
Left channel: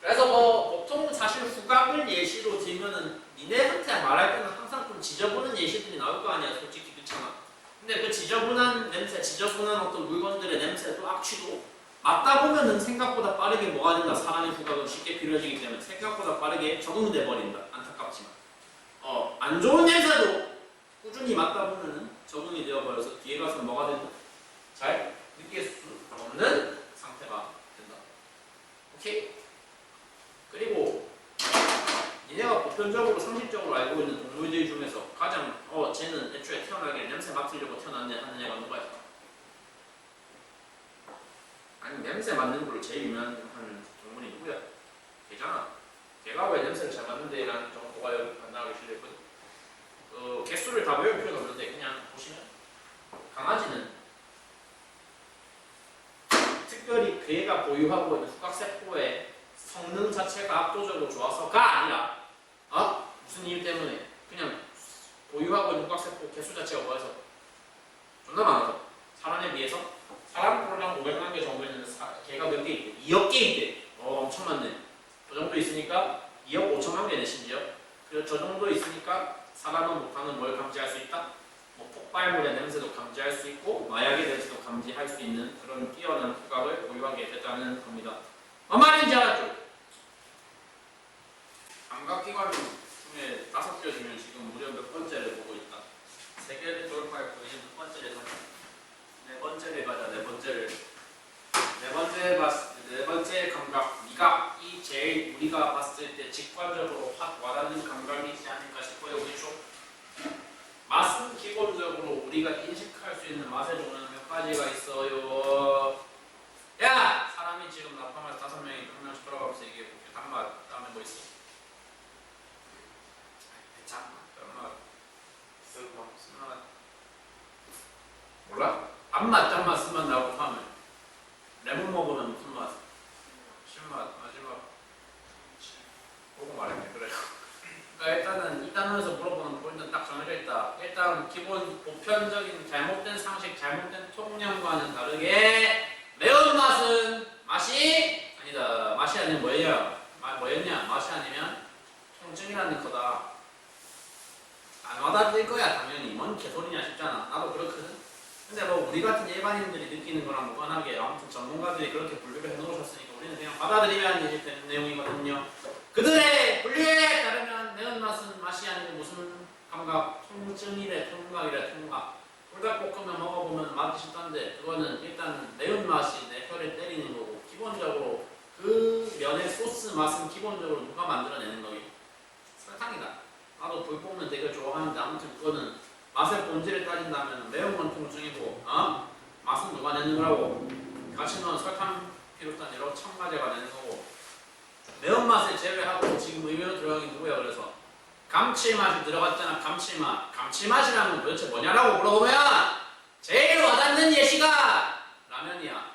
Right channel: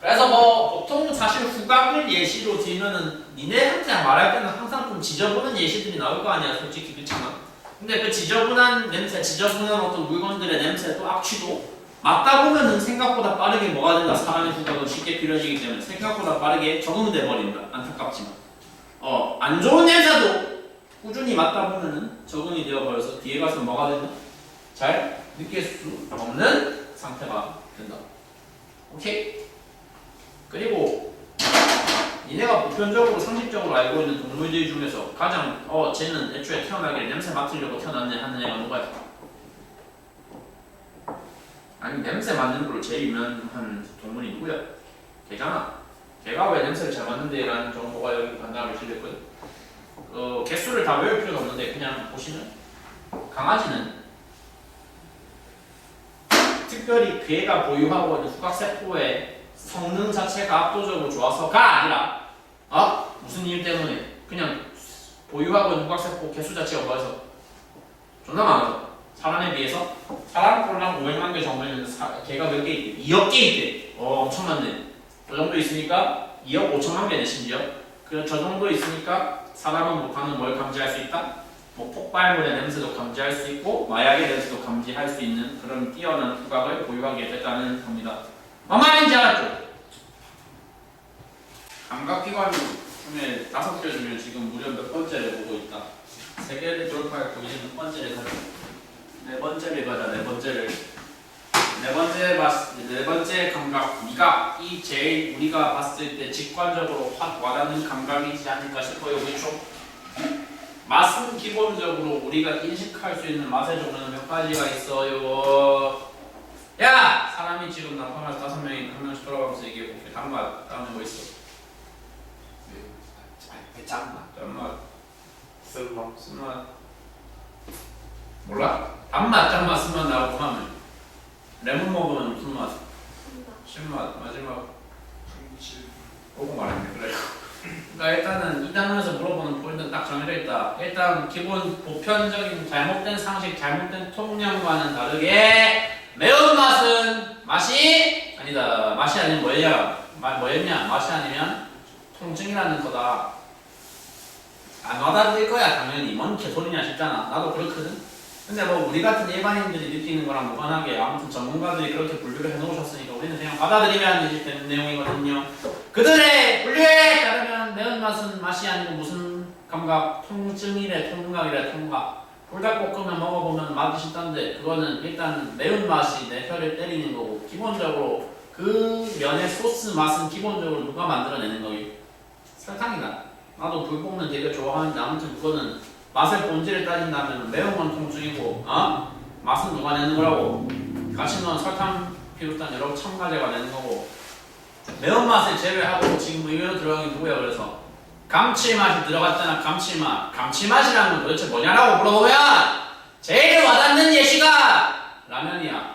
그래서 뭐 보통 사실 후각을 예시로 들면은 니네한테 말할 때는 항상 좀 지저분한 예시들이 나올 거 아니야. 솔직히 그렇잖아. 근데 그 지저분한 냄새, 지저분한 어떤 물건들의 냄새도 악취도 맡다 보면은 생각보다 빠르게 뭐가 된다. 사람의 후각은 쉽게 피로해지기 때문에 생각보다 빠르게 적응돼 버린다. 안타깝지만 안 좋은 냄새도 꾸준히 맡다 보면은 적응이 되어 버려서 뒤에 가서 뭐가 된다. 잘 느낄 수 없는 상태가 된다. 오케이? 그리고 니네가 보편적으로 상식적으로 알고 있는 동물들 중에서 가장 쟤는 애초에 태어나길 냄새 맡으려고 태어났네 하는 애가 누가 있을까? 아니 냄새 맡는 걸로 제일 유명한 동물이 누구야? 걔잖아. 걔가 왜 냄새를 잘 맡는데 라는 정보가 여기 간단하게 실렸거든. 개수를 다 외울 필요는 없는데 그냥 보시면 강아지는 특별히 걔가 보유하고 있는 후각세포의 성능 자체가 압도적으로 좋아서가 아니라 무슨 이유 때문에 그냥 보유하고 있는 후각세포 개수 자체가 뭐해서 존나 많아서 사람에 비해서 사람 꼴랑 500만 개 정도 있는 개가 몇 개 있대? 2억 개 있대. 엄청 많네. 그 정도 있으니까 2억 5천만 개네 심지어. 그 저 정도 있으니까 사람은 못하는 뭘 감지할 수 있다? 뭐 폭발물의 냄새도 감지할 수 있고 마약의 냄새도 감지할 수 있는 그런 뛰어난 후각을 보유하게 됐다는 겁니다. 뭔 말인지 알았죠? 감각기관이 중에 5개 중에 지금 무려 몇 번째를 보고 있다. 3개를 돌파했고 이제 몇 번째를 가자. 네 번째 감각, 미각. 이 제일 우리가 봤을 때 직관적으로 확 와닿는 감각이지 않을까 싶어요. 그렇죠? 맛은 기본적으로 우리가 인식할 수 있는 맛의 종류는 몇 가지가 있어요. 야! 사람이 지금 나타나서 5명이 한 명씩 돌아가면서 얘기해볼게. 단맛, 다음에 뭐 있어? 짠맛, 쓴맛. 쓴맛. 몰라? 단맛, 짠맛, 쓴맛 나오고 하면 레몬 먹으면 무슨 맛? 신맛. 마지막 그거 말했네. 그래. 그러니까 일단은 이 단어에서 물어보는 포인트는 딱 정해져 있다. 일단 기본 보편적인 잘못된 상식, 잘못된 통념과는 다르게 매운맛은 맛이 아니다. 맛이 아니면 뭐였냐? 맛이 아니면 통증이라는 거다. 안 와닿을 거야 당연히. 뭔 개소리냐 싶잖아. 나도 그렇거든. 근데 뭐 우리 같은 일반인들이 느끼는 거랑 무관하게 아무튼 전문가들이 그렇게 분류를 해놓으셨으니까 우리는 그냥 받아들이면 되는 내용이거든요. 그들의 분류에 따르면 매운맛은 맛이 아니고 무슨 감각? 통증이래, 통각이래, 통각. 불닭볶음면 먹어보면 맛이 있다는데 그거는 일단 매운맛이 내 혀를 때리는 거고 기본적으로 그 면의 소스 맛은 기본적으로 누가 만들어내는 거예요? 설탕이다. 나도 불볶음면 되게 좋아하는데 아무튼 그거는 맛의 본질을 따진다면 매운 건 통증이고 맛은 누가 내는 거라고? 같이 넣은 설탕 비롯한 여러 첨가제가 내는 거고 매운맛을 제외하고 지금 의외로 들어간 게 누구야? 그래서 감칠맛이 들어갔잖아. 감칠맛이라는 건 도대체 뭐냐라고 물어보면 제일 와닿는 예시가 라면이야.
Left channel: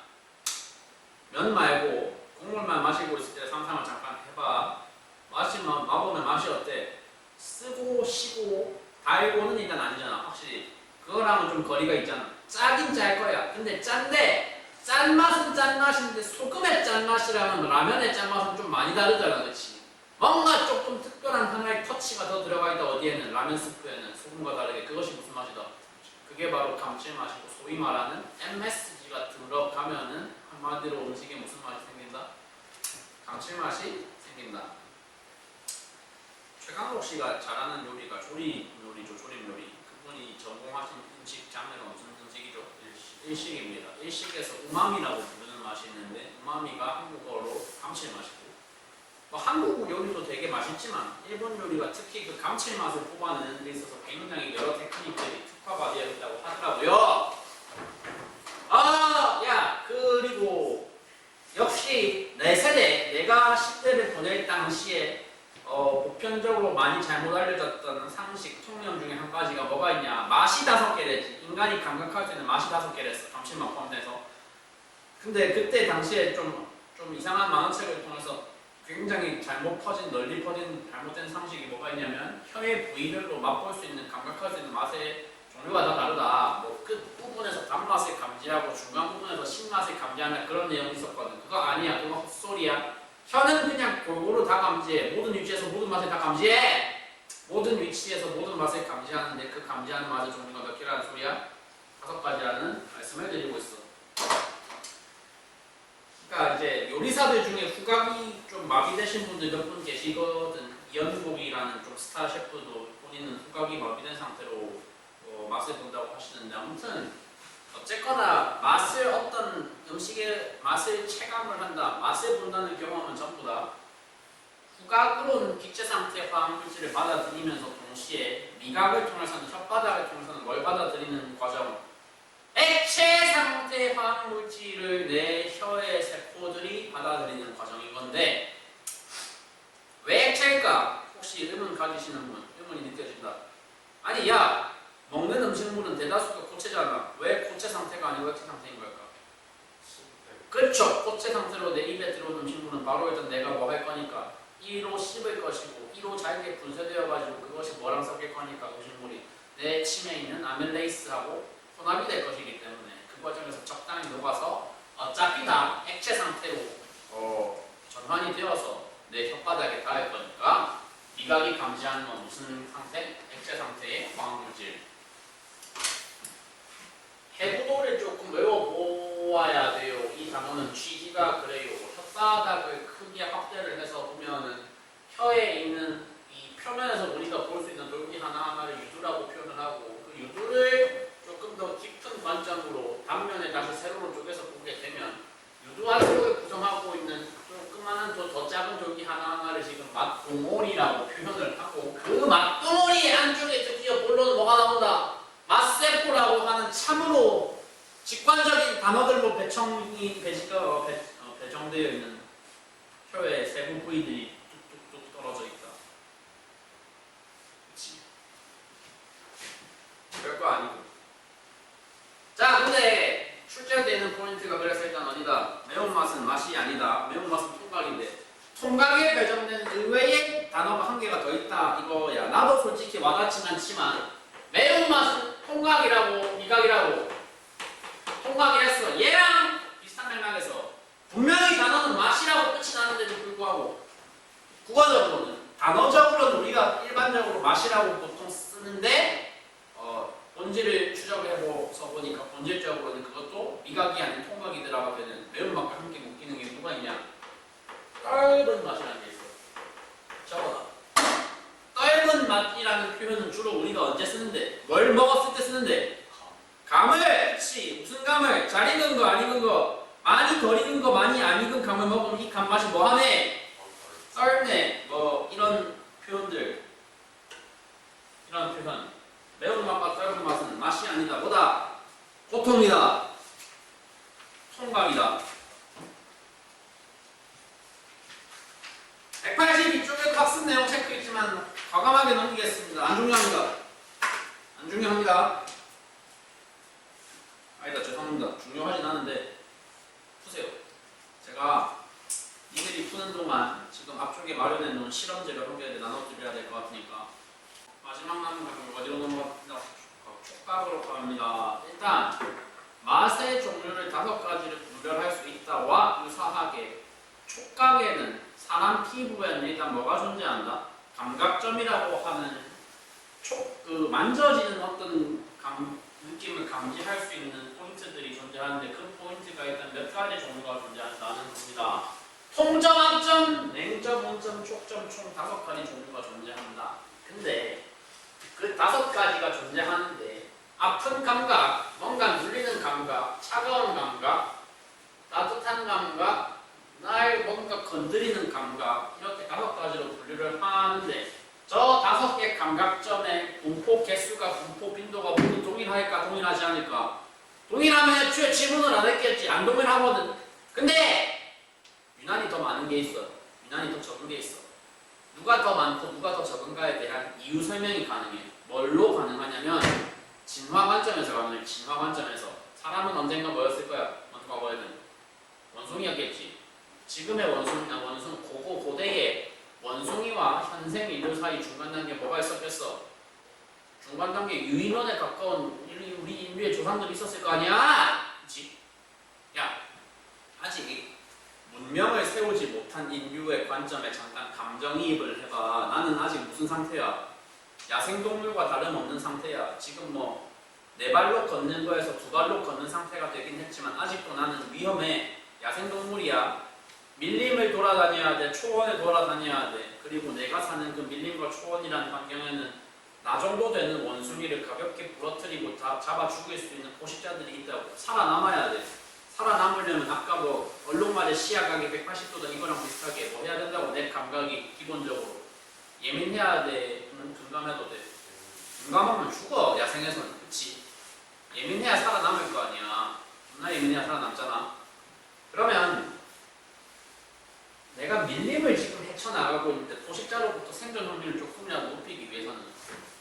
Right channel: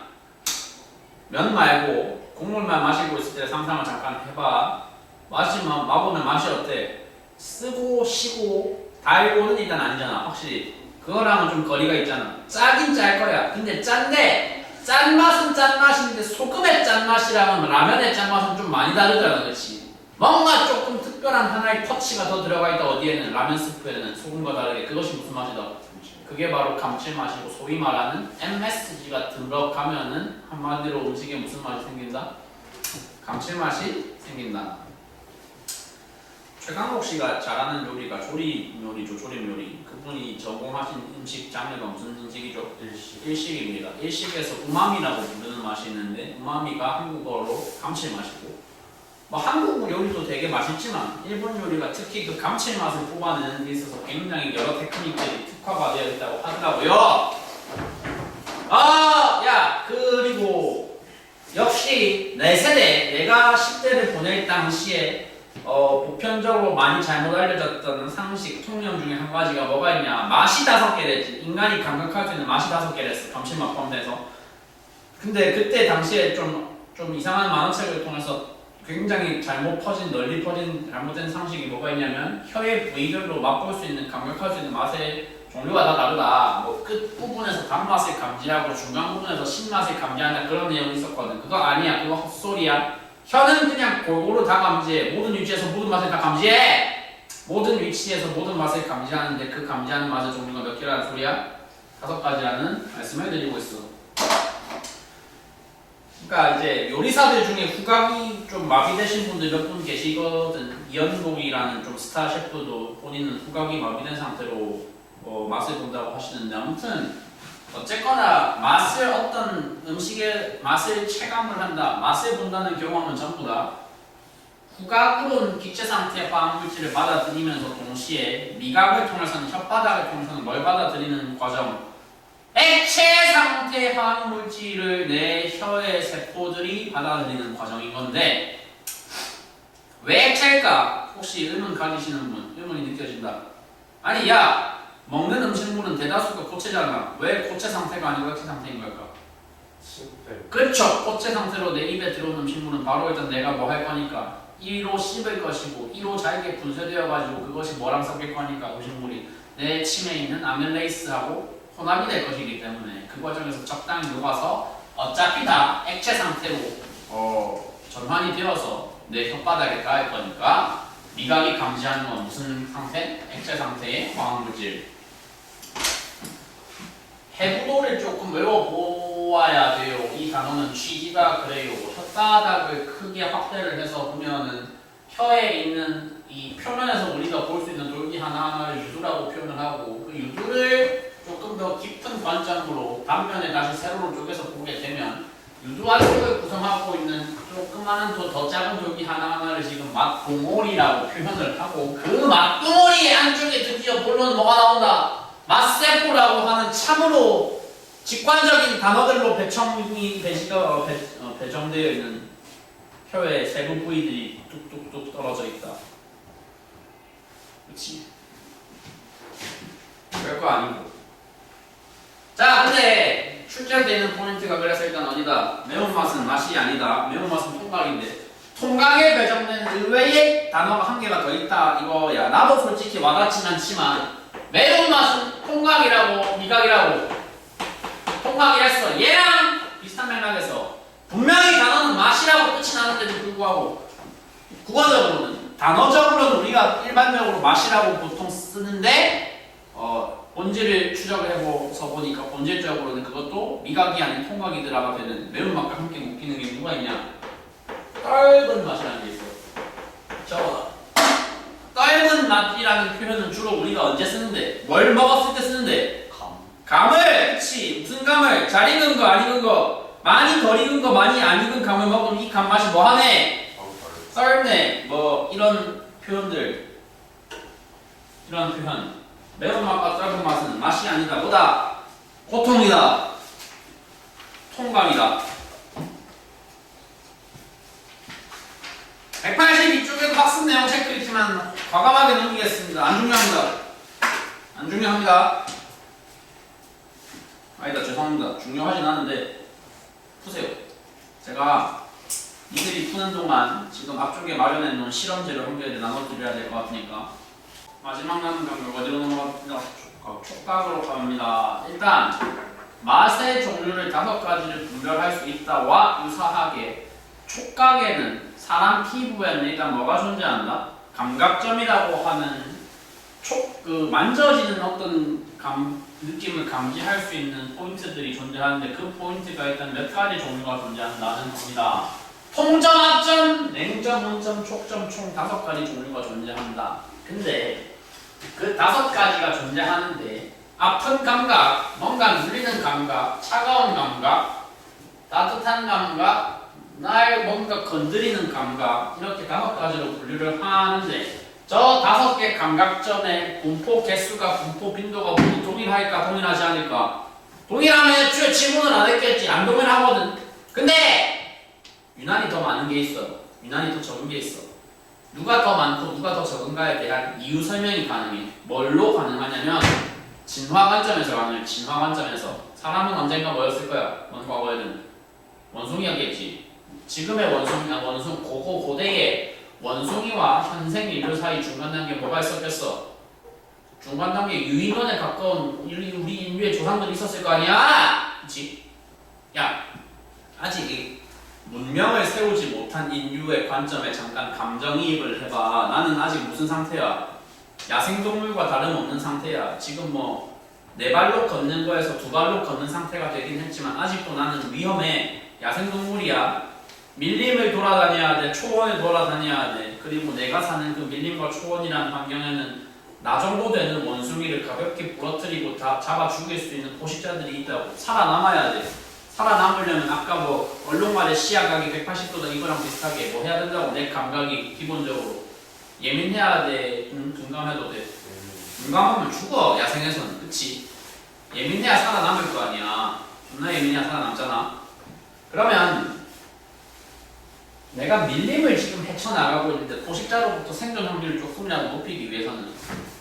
면 말고 국물만 마시고 있을 때 상상을 잠깐 해봐. 맛보면 맛이 어때? 쓰고 시고 달고는 일단 아니잖아. 확실히 그거랑은 좀 거리가 있잖아. 짜긴 짤 거야. 근데 짠데 짠맛은 짠맛인데 소금의 짠맛이랑은 라면의 짠맛은 좀 많이 다르잖아. 그렇지? 뭔가 조금 특별한 하나의 터치가 더 들어가 있다. 어디에는? 라면 스프에는 소금과 다르게. 그것이 무슨 맛이다? 그게 바로 감칠맛이고 소위 말하는 MSG가 들어가면은 한마디로 음식에 무슨 맛이 생긴다? 감칠맛이 생긴다. 최강록 씨가 잘하는 요리가 조림 요리죠. 조림 요리. 그분이 전공하신 음식 장르가 무슨 음식이죠? 일식입니다. 일식에서 우마미라고 부르는 맛이 있는데 우마미가 한국어로 감칠맛이고 뭐 한국 요리도 되게 맛있지만 일본 요리가 특히 그 감칠맛을 뽑아내는 데 있어서 굉장히 여러 테크닉들이 특화가 되어 있다고 하더라고요. 그리고 역시 내 세대, 내가 10대를 보낼 당시에 보편적으로 많이 잘못 알려졌던 상식, 통념 중에 한 가지가 뭐가 있냐? 맛이 5개랬지. 인간이 감각할 수 있는 맛이 5개랬어. 감칠맛 포함돼서. 근데 그때 당시에 좀 이상한 만화책을 통해서 굉장히 널리 퍼진 잘못된 상식이 뭐가 있냐면 혀의 부위별로 맛볼 수 있는, 감각할 수 있는 맛의 종류가 다 다르다. 뭐 끝 부분에서 단맛을 감지하고 중간 부분에서 신맛을 감지한다. 그런 내용이 있었거든. 그거 아니야. 그거 헛소리야. 혀는 그냥 골고루 다 감지해. 모든 위치에서 모든 맛을 다 감지해. 모든 위치에서 모든 맛을 감지하는데 그 감지하는 맛의 종류가 몇 개라는 소리야? 5가지라는 말씀을 드리고 있어. 그러니까 이제 요리사들 중에 후각이 좀 마비되신 분들 몇 분 계시거든. 이현복이라는 좀 스타 셰프도 본인은 후각이 마비된 상태로 맛을 본다고 하시는데 아무튼 어쨌거나 어떤 음식의 맛을 체감을 한다, 맛을 본다는 경험은 전부 다 후각으로는 기체 상태의 화학물질을 받아들이면서 동시에 미각을 통해서는 혓바닥을 통해서는 뭘 받아들이는 과정? 액체 상태의 화학물질을 내 혀의 세포들이 받아들이는 과정인 건데 왜 액체일까? 혹시 의문 가지시는 분, 의문이 느껴진다. 아니 먹는 음식물은 대다수가 고체잖아. 왜 고체 상태가 아니고 액체 상태인 걸까? 그렇죠. 고체 상태로 내 입에 들어온 음식물은 바로 일단 내가 뭐 할 거니까 1로 씹을 것이고 1로 잘게 분쇄되어가지고 그것이 뭐랑 섞일 거니까 음식물이 내 침에 있는 아밀레이스하고 혼합이 될 것이기 때문에 그 과정에서 적당히 녹아서 어차피 다 액체 상태로 전환이 되어서 내 혓바닥에 닿을 거니까 미각이 감지하는 건 무슨 상태? 액체 상태의 화학물질. 해부도를 조금 외워보아야 돼요. 이 단어는 취지가 그래요. 혓바닥을 크게 확대를 해서 보면은 혀에 있는 이 표면에서 우리가 볼 수 있는 돌기 하나하나를 유두라고 표현을 하고 그 유두를 조금 더 깊은 관점으로 단면에 다시 세로로 쪼개서 보게 되면 유두 안쪽을 구성하고 있는 조그마한 더 작은 돌기 하나하나를 지금 맛봉오리라고 표현을 하고 그 맛봉오리 안쪽에 드디어 본론 뭐가 나온다? 맛세포라고 하는 참으로 직관적인 단어들로 배정되어 있는 혀의 세부 부위들이 뚝뚝뚝 떨어져 있다. 그렇지? 별거 아니고. 자, 근데 출제되는 포인트가 그래서 일단 어디다? 매운맛은 맛이 아니다. 매운맛은 통각인데 통각에 배정된 의외의 단어가 한 개가 더 있다 이거야. 나도 솔직히 와닿진 않지만 매운맛은 통각이라고 미각이라고 통각이랬어. 얘랑 비슷한 맥락에서 분명히 단어는 맛이라고 끝이 나는데도 불구하고 국어적으로는 단어적으로는 우리가 일반적으로 맛이라고 보통 쓰는데 본질을 추적을 해서 보니까 본질적으로는 그것도 미각이 아닌 통각이더라가 되는 매운맛과 함께 묶이는 게 누가 있냐? 떫은 맛이라는 게 있어. 적어라. 떫은 맛이라는 표현은 주로 우리가 언제 쓰는데? 뭘 먹었을 때 쓰는데? 감을! 그치. 무슨 감을? 잘 익은 거, 안 익은 거, 많이 덜 익은 거, 많이 안 익은 감을 먹으면 이 감 맛이 뭐 하네? 썰네. 뭐 이런 표현들. 이런 표현. 매운맛과 떫은 맛은 맛이 아니다. 뭐다? 고통이다. 통감이다. 182쪽에도 학습 내용 체크 있지만 과감하게 넘기겠습니다. 안 중요합니다. 안 중요합니다. 아니다, 죄송합니다. 중요하진 않은데 푸세요. 제가 이들이 푸는 동안 지금 앞쪽에 마련해 놓은 실험지를 한 개를 나눠드려야 될 것 같으니까 마지막 남은 강력 어디로 넘어갑니다. 촉각으로 갑니다. 일단 맛의 종류를 5가지를 분별할 수 있다와 유사하게 촉각에는 사람 피부에는 일단 뭐가 존재한다? 감각점이라고 하는 만져지는 어떤 느낌을 감지할 수 있는 포인트들이 존재하는데 그 포인트가 일단 몇 가지 종류가 존재한다는 겁니다. 통점, 냉점, 온점, 촉점 총 5가지 종류가 존재한다. 근데 그 5가지가 존재하는데 아픈 감각, 뭔가 눌리는 감각, 차가운 감각, 따뜻한 감각, 날 뭔가 건드리는 감각 이렇게 5가지로 분류를 하는데 저 5개 감각점의 분포 개수가 분포 빈도가 모두 동일할까 동일하지 않을까? 동일하면 애초에 지문을 안 했겠지. 안 동일하거든. 근데 유난히 더 많은 게 있어요. 유난히 더 적은 게 있어. 누가 더 많고 누가 더 적은가에 대한 이유 설명이 가능해. 뭘로 가능하냐면 진화 관점에서 가능해. 진화 관점에서 사람은 언젠가 뭐였을 거야? 과거에는 원숭이였겠지. 지금의 고대의 원숭이와 현생 인류 사이 중간 단계 뭐가 있었겠어? 중간 단계 유인원에 가까운 우리 인류의 조상들이 있었을 거 아니야? 그치? 야, 아직 문명을 세우지 못한 인류의 관점에 잠깐 감정이입을 해봐. 나는 아직 무슨 상태야? 야생동물과 다름없는 상태야. 지금 뭐 4발로 걷는 거에서 2발로 걷는 상태가 되긴 했지만 아직도 나는 위험해. 야생동물이야. 밀림을 돌아다녀야 돼. 초원을 돌아다녀야 돼. 그리고 내가 사는 그 밀림과 초원이라는 환경에는 나 정도 되는 원숭이를 가볍게 부러뜨리고 다 잡아 죽일 수 있는 포식자들이 있다고. 살아남아야 돼. 살아남으려면 아까 뭐 얼룩말의 시야각이 180도다 이거랑 비슷하게 뭐 해야 된다고. 내 감각이 기본적으로 예민해야 돼. 둔감해도 돼. 둔감하면 죽어. 야생에서는. 그치? 예민해야 살아남을 거 아니야. 존나 예민해야 살아남잖아. 그러면 내가 밀림을 지금 헤쳐나가고 있는데 포식자로부터 생존 확률을 조금이라도 높이기 위해서는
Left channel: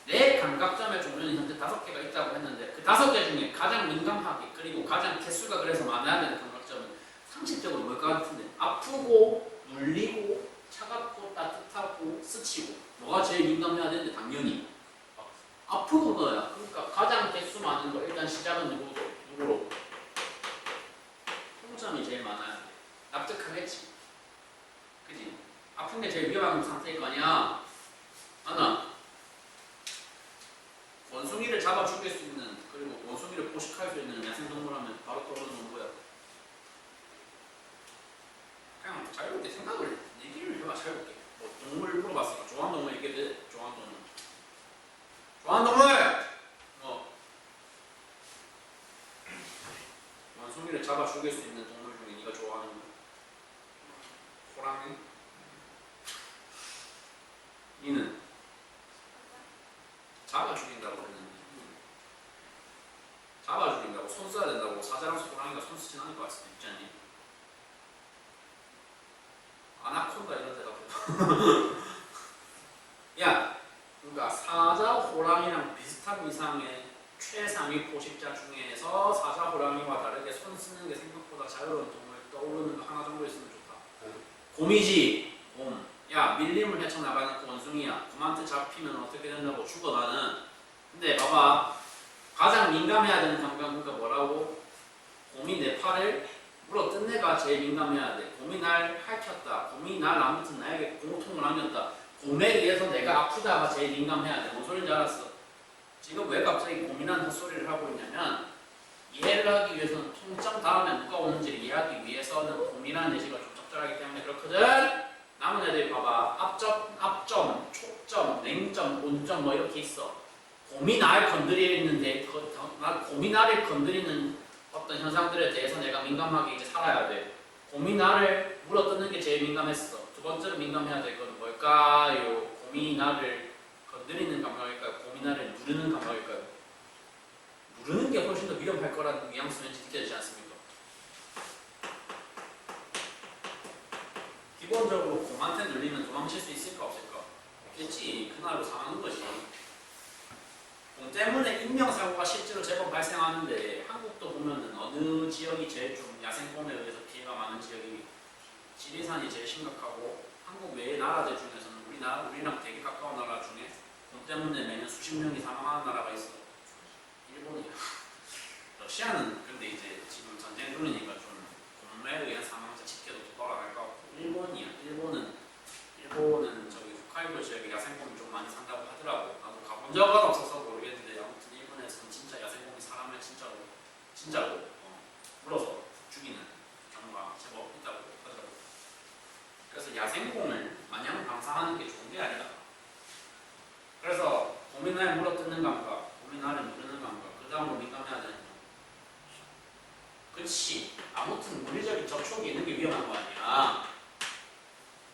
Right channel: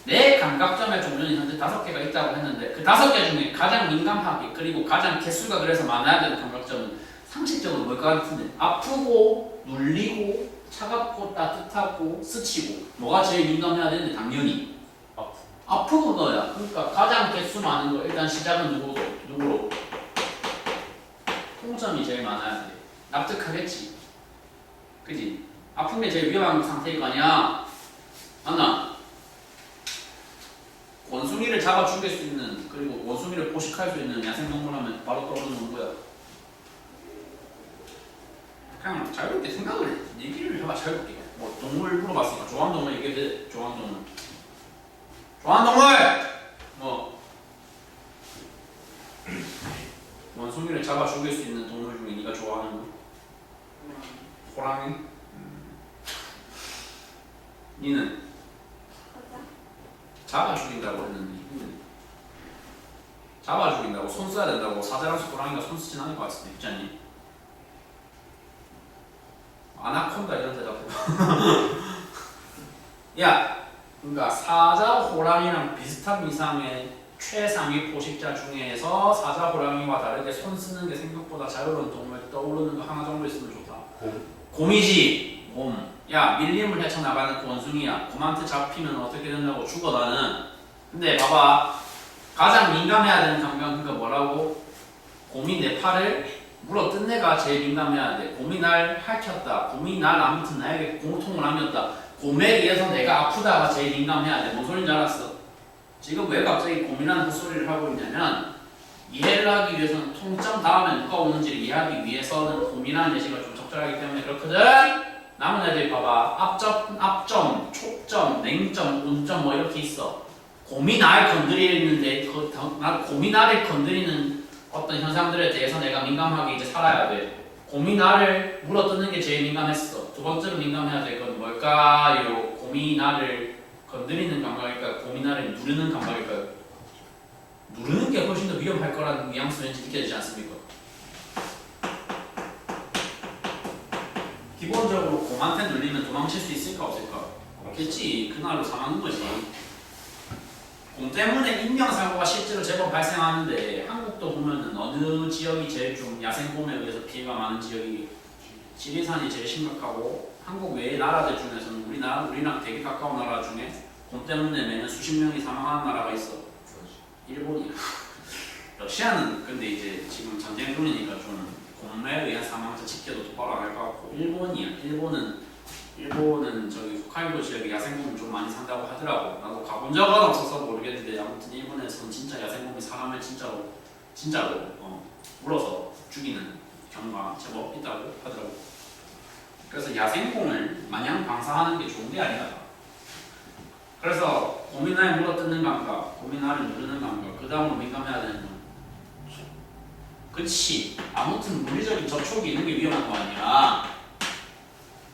내 감각점의 종류는 현재 5개가 있다고 했는데 그 5개 중에 가장 민감하게 그리고 가장 개수가 그래서 많아야 되는 감각점은 상식적으로 뭘까 같은데 아프고 눌리고 차갑고 따뜻하고 스치고 뭐가 제일 민감해야 되는데 당연히 아프고 너야. 그러니까 가장 개수 많은 거 일단 시작은 누구로? 통점이 제일 많아야 돼. 납득하겠지? 그지? 아픈 게 제일 위험한 상태일 거 아니야? 맞나? 원숭이를 잡아 죽일 수 있는 그리고 원숭이를 포식할 수 있는 야생동물 하면 바로 떠오르는 건 뭐야? 그냥 자유롭게 생각을 얘기를 해봐. 자유롭게 뭐 동물 물어봤으니까 좋아하는 동물 얘기해도 돼. 좋아하는 동물. 좋아하는 동물! 뭐 원숭이를 잡아 죽일 수 있는 동물 중에 네가 좋아하는 거? 호랑이? 니는? 잡아 죽인다고 했는데 니는? 잡아 죽인다고 손 써야 된다고 사자랑 호랑이가 손 쓰진 않을 것 같은데 있지 않니? 아나콘다 이런 대답해. 야, 그러니까 사자, 호랑이랑 비슷한 이상의 최상위 포식자 중에서 사자, 호랑이와 다르게 손 쓰는 게 생각보다 자유로운 동물 떠오르는 거 하나 정도 있으면 좋다. 곰이지. 곰. 야, 밀림을 헤쳐나가는 그 원숭이야. 곰한테 잡히면 어떻게 된다고 죽어 나는. 근데 봐봐. 가장 민감해야 되는 감각은 그니까 뭐라고? 곰이 내 팔을 물어뜯는 애가 제일 민감해야 돼. 곰이 날 핥혔다. 곰이 날 아무튼 나에게 고통을 안겼다. 곰에 의해서 내가 아프다가 제일 민감해야 돼. 뭔 소린지 알았어? 지금 왜 갑자기 곰이라는 헛소리를 하고 있냐면 이해를 하기 위해서는 통점 다음에 누가 오는지를 이해하기 위해서는 곰이라는 예시가 좀 적절하기 때문에 그렇거든. 남은 애들 봐봐. 앞점, 촉점, 냉점, 온점 뭐 이렇게 있어. 곰이 날 건드리는데 곰이 나를 건드리는 어떤 현상들에 대해서 내가 민감하게 이제 살아야 돼. 곰이 나를 물어뜯는 게 제일 민감했어. 두 번째로 민감해야 될 건 뭘까요? 곰이 나를 건드리는 감각일까요? 곰이 나를 누르는 감각일까요? 누르는 게 훨씬 더 위험할 거라는 뉘앙스 왠지 느껴지지 않습니까? 기본적으로 곰한테 눌리면 도망칠 수 있을까 없을까? 없겠지. 그날로 상하는 거지. 곰 때문에 인명사고가 실제로 제법 발생하는데 한국도 보면은 어느 지역이 제일 좀 야생곰에 의해서 피해가 많은 지역이 지리산이 제일 심각하고 한국 외의 나라들 중에서는 우리랑 되게 가까운 나라 중에 곰 때문에 매년 수십 명이 사망하는 나라가 있어. 일본이야. 러시아는 근데 이제 지금 전쟁 중이니까 좀 곰에 의한 사망자 집계도 똑바로 안 할 것 같고 일본이야. 일본은 저기 홋카이도 지역에 야생곰을 좀 많이 산다고 하더라고. 나도 가본 적은 없어서 모르겠는데 아무튼 일본에서는 진짜 야생곰이 사람을 진짜로 물어서 죽이는 경우가 제법 있다고 하더라고. 그래서 야생곰을 마냥 방사하는 게 좋은 게 아니다. 그래서 곰이 나를 물어뜯는 감각, 곰이 나를 누르는 감각, 그 다음으로 민감해야 되는 거. 그치. 아무튼 물리적인 접촉이 있는 게 위험한 거 아니야.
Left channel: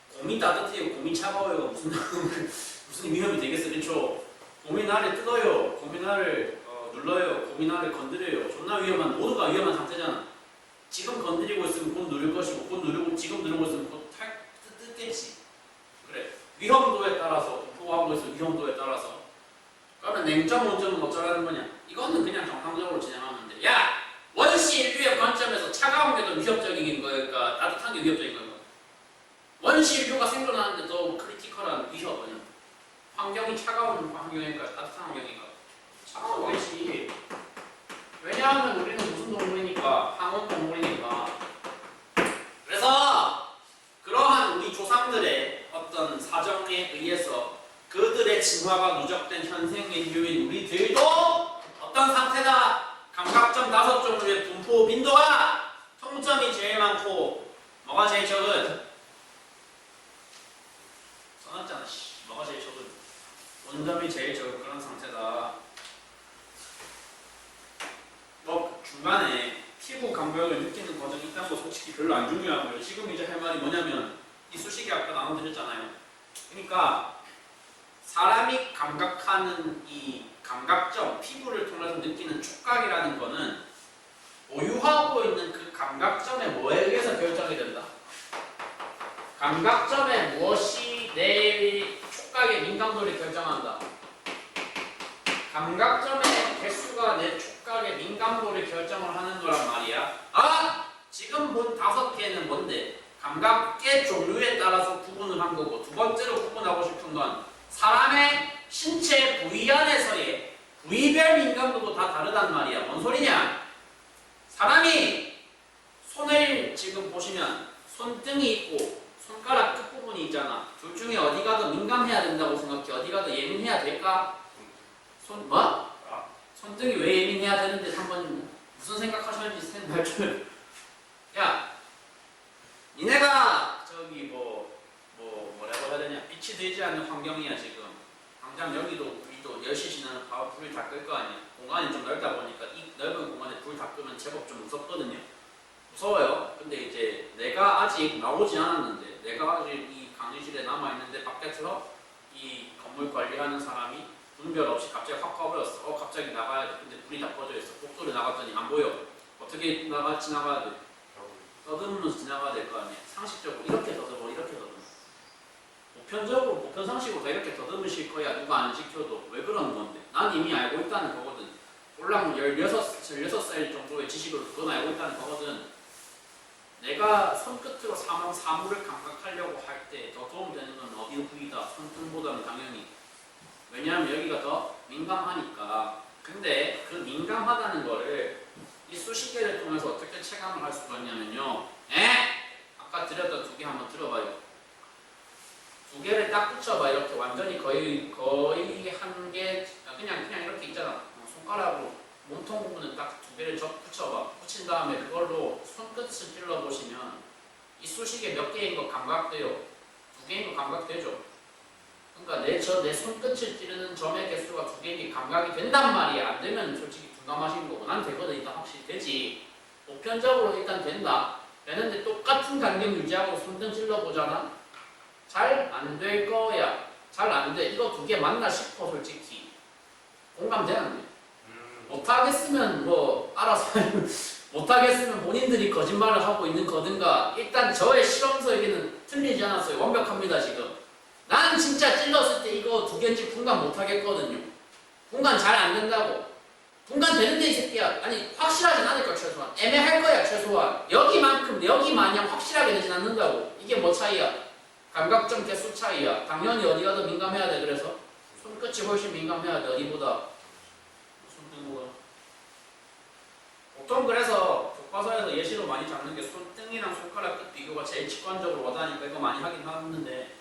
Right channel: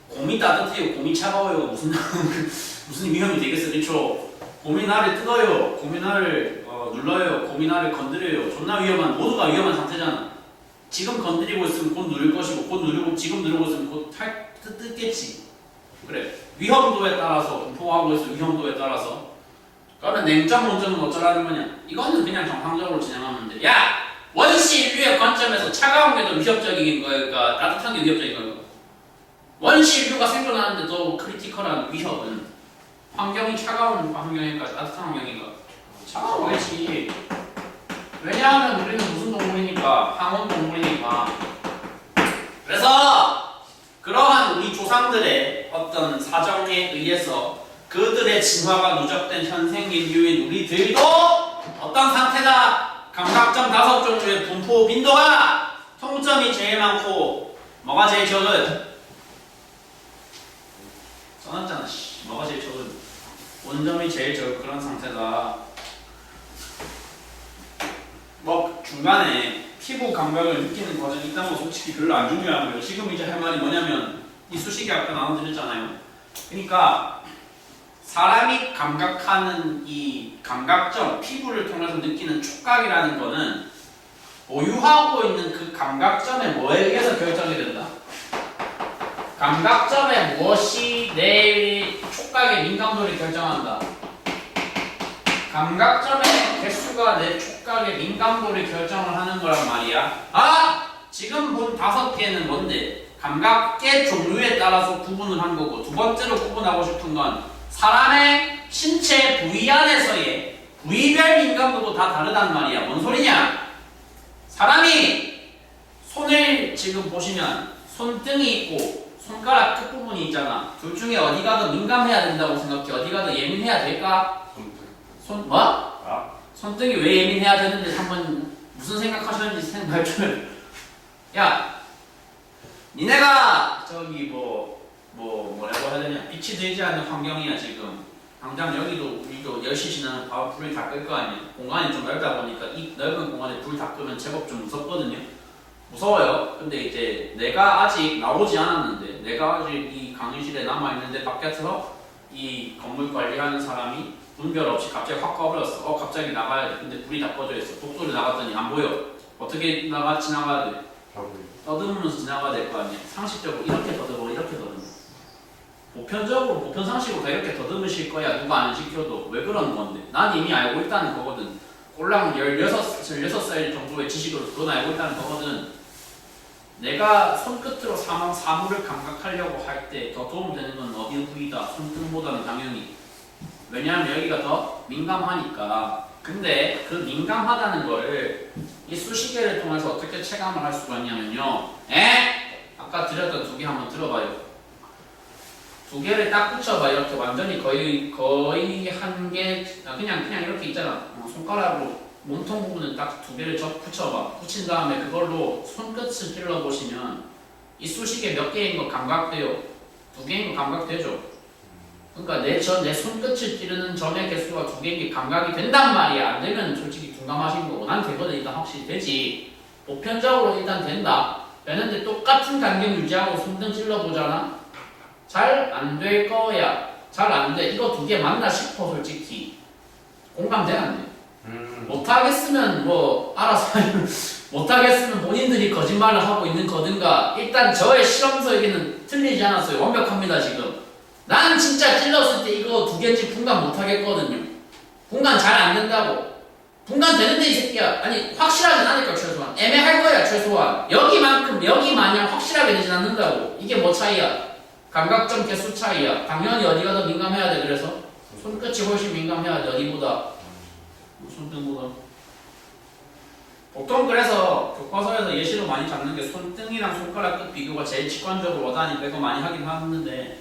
곰이 따뜻해요, 곰이 차가워요. 무슨 위험이 되겠어, 그렇죠? 곰이 나를 뜯어요, 곰이 나를 눌러요, 곰이 나를 건드려요. 존나 위험한, 모두가 위험한 상태잖아. 지금 건드리고 있으면 곧 누를 것이고, 곧 누르고 지금 누르고 있으면 곧 뜯겠지. 그래. 위험도에 따라서 분포하고 있어. 위험도에 따라서. 그러면 냉점, 온점은 어쩌라는 거냐? 이거는 그냥 정상적으로 진행하면 돼. 야, 원시 인류의 관점에서 차가운 게 더 위협적인 거일까? 따뜻한 게 위협적인 거일까? 원시 인류가 생존하는데 더 크리티컬한 위협은 환경이 차가운 환경일까? 따뜻한 환경인가? 차가워야지. 왜냐하면 우리는 무슨 동물이니까? 항온 동물이니까. 그래서 그러한 우리 조상들의 어떤 사정에 의해서 그들의 진화가 누적된 현생 인류인 우리들도 어떤 상태다? 감각점 5종류의 분포 빈도가 통점이 제일 많고 뭐가 제일 적은? 써놨잖아. 뭐가 제일 적은? 원점이 제일 적은 그런 상태다. 뭐 중간에 피부 감각을 느끼는 과정이 있다는 거 솔직히 별로 안 중요하고요. 지금 이제 할 말이 뭐냐면 이쑤시개 아까 나눠드렸잖아요. 그러니까 사람이 감각하는 이 감각점, 피부를 통해서 느끼는 촉각이라는 거는 보유하고 있는 그 감각점에 뭐에 의해서 결정이 된다? 감각점에 무엇이 내 촉각의 민감도를 결정한다? 감각점의 개수가 내 촉각의 민감도를 결정을 하는 거란 말이야. 지금 본 5개는 뭔데? 감각의 종류에 따라서 구분을 한 거고, 두 번째로 구분하고 싶은 건 사람의 신체 부위 안에서의 부위별 민감도도 다 다르단 말이야. 뭔 소리냐? 사람이 손을 지금 보시면 손등이 있고 손가락 끝부분이 있잖아. 둘 중에 어디가 더 민감해야 된다고 생각해? 어디가 더 예민해야 될까? 손등이 왜 예민해야 되는지 한번 무슨 생각하셨는지 발표를. 야, 니네가 저기 뭐라고 해야 되냐? 아니야. 빛이 되지 않는 환경이야 지금. 당장 여기도 우리도 10시 지나면 바로 불을 다 끌 거 아니야. 공간이 좀 넓다 보니까 이 넓은 공간에 불 다 끄면 제법 좀 무섭거든요. 무서워요. 근데 이제 내가 아직 나오지 않았는데, 내가 아직 이 강의실에 남아 있는데 바깥에서 이 건물 관리하는 사람이 분별 없이 갑자기 확 꺼버렸어. 갑자기 나가야 돼. 근데 불이 다 꺼져 있어. 복도를 나갔더니 안 보여. 어떻게 지나가야 돼? 떠듬으면서 지나가야 될 거 아니야. 상식적으로 이렇게 더듬어, 이렇게 더듬어. 보편적으로, 보편상식으로 다 이렇게 더듬으실 거야. 누가 안 시켜도. 왜 그러는 건데? 난 이미 알고 있다는 거거든. 꼴랑 16살 정도의 지식으로 그건 알고 있다는 거거든. 내가 손끝으로 사물을 감각하려고 할 때 더 도움되는 건 어디 부위다. 손등보다는 당연히. 왜냐하면 여기가 더 민감하니까. 근데 그 민감하다는 거를 이 수식계를 통해서 어떻게 체감을 할 수가 있냐면요. 아까 드렸던 두 개 한번 들어봐요. 두 개를 딱 붙여봐. 이렇게 완전히 거의 한 개, 그냥 이렇게 있잖아. 손가락으로 몸통 부분은 딱 두 개를 붙여봐. 붙인 다음에 그걸로 손끝을 찔러 보시면 이 수식에 몇 개인 거 감각돼요. 두 개인 거 감각되죠. 그러니까 내 손끝을 찌르는 점의 개수가 두 개인 게 감각이 된단 말이야. 안 되면 솔직히 둔감하신 거고. 난 되거든. 일단 확실히 되지. 보편적으로 일단 된다. 되는데 똑같은 간격 유지하고 손등 찔러보잖아. 잘 안 될 거야. 잘 안 돼. 이거 두 개 맞나 싶어 솔직히. 공감돼 안 돼? 못하겠으면 뭐 알아서 못하겠으면 본인들이 거짓말을 하고 있는 거든가. 일단 저의 실험서에게는 틀리지 않았어요. 완벽합니다 지금. 나는 진짜 찔렀을 때 이거 두 개인지 분간 못하겠거든요. 분간 잘 안 된다고. 분간 되는데 이 새끼야. 아니 확실하진 않을까 최소한. 애매할 거야 최소한. 여기 마냥 확실하게 되진 않는다고. 이게 뭐 차이야? 감각점 개수 차이야. 당연히 어디가 더 민감해야 돼. 그래서 손끝이 훨씬 민감해야 돼. 어디보다? 손등보다. 보통 그래서 교과서에서 예시로 많이 잡는 게 손등이랑 손가락 끝 비교가 제일 직관적으로 와닿으니까 이거 많이 하긴 하는데,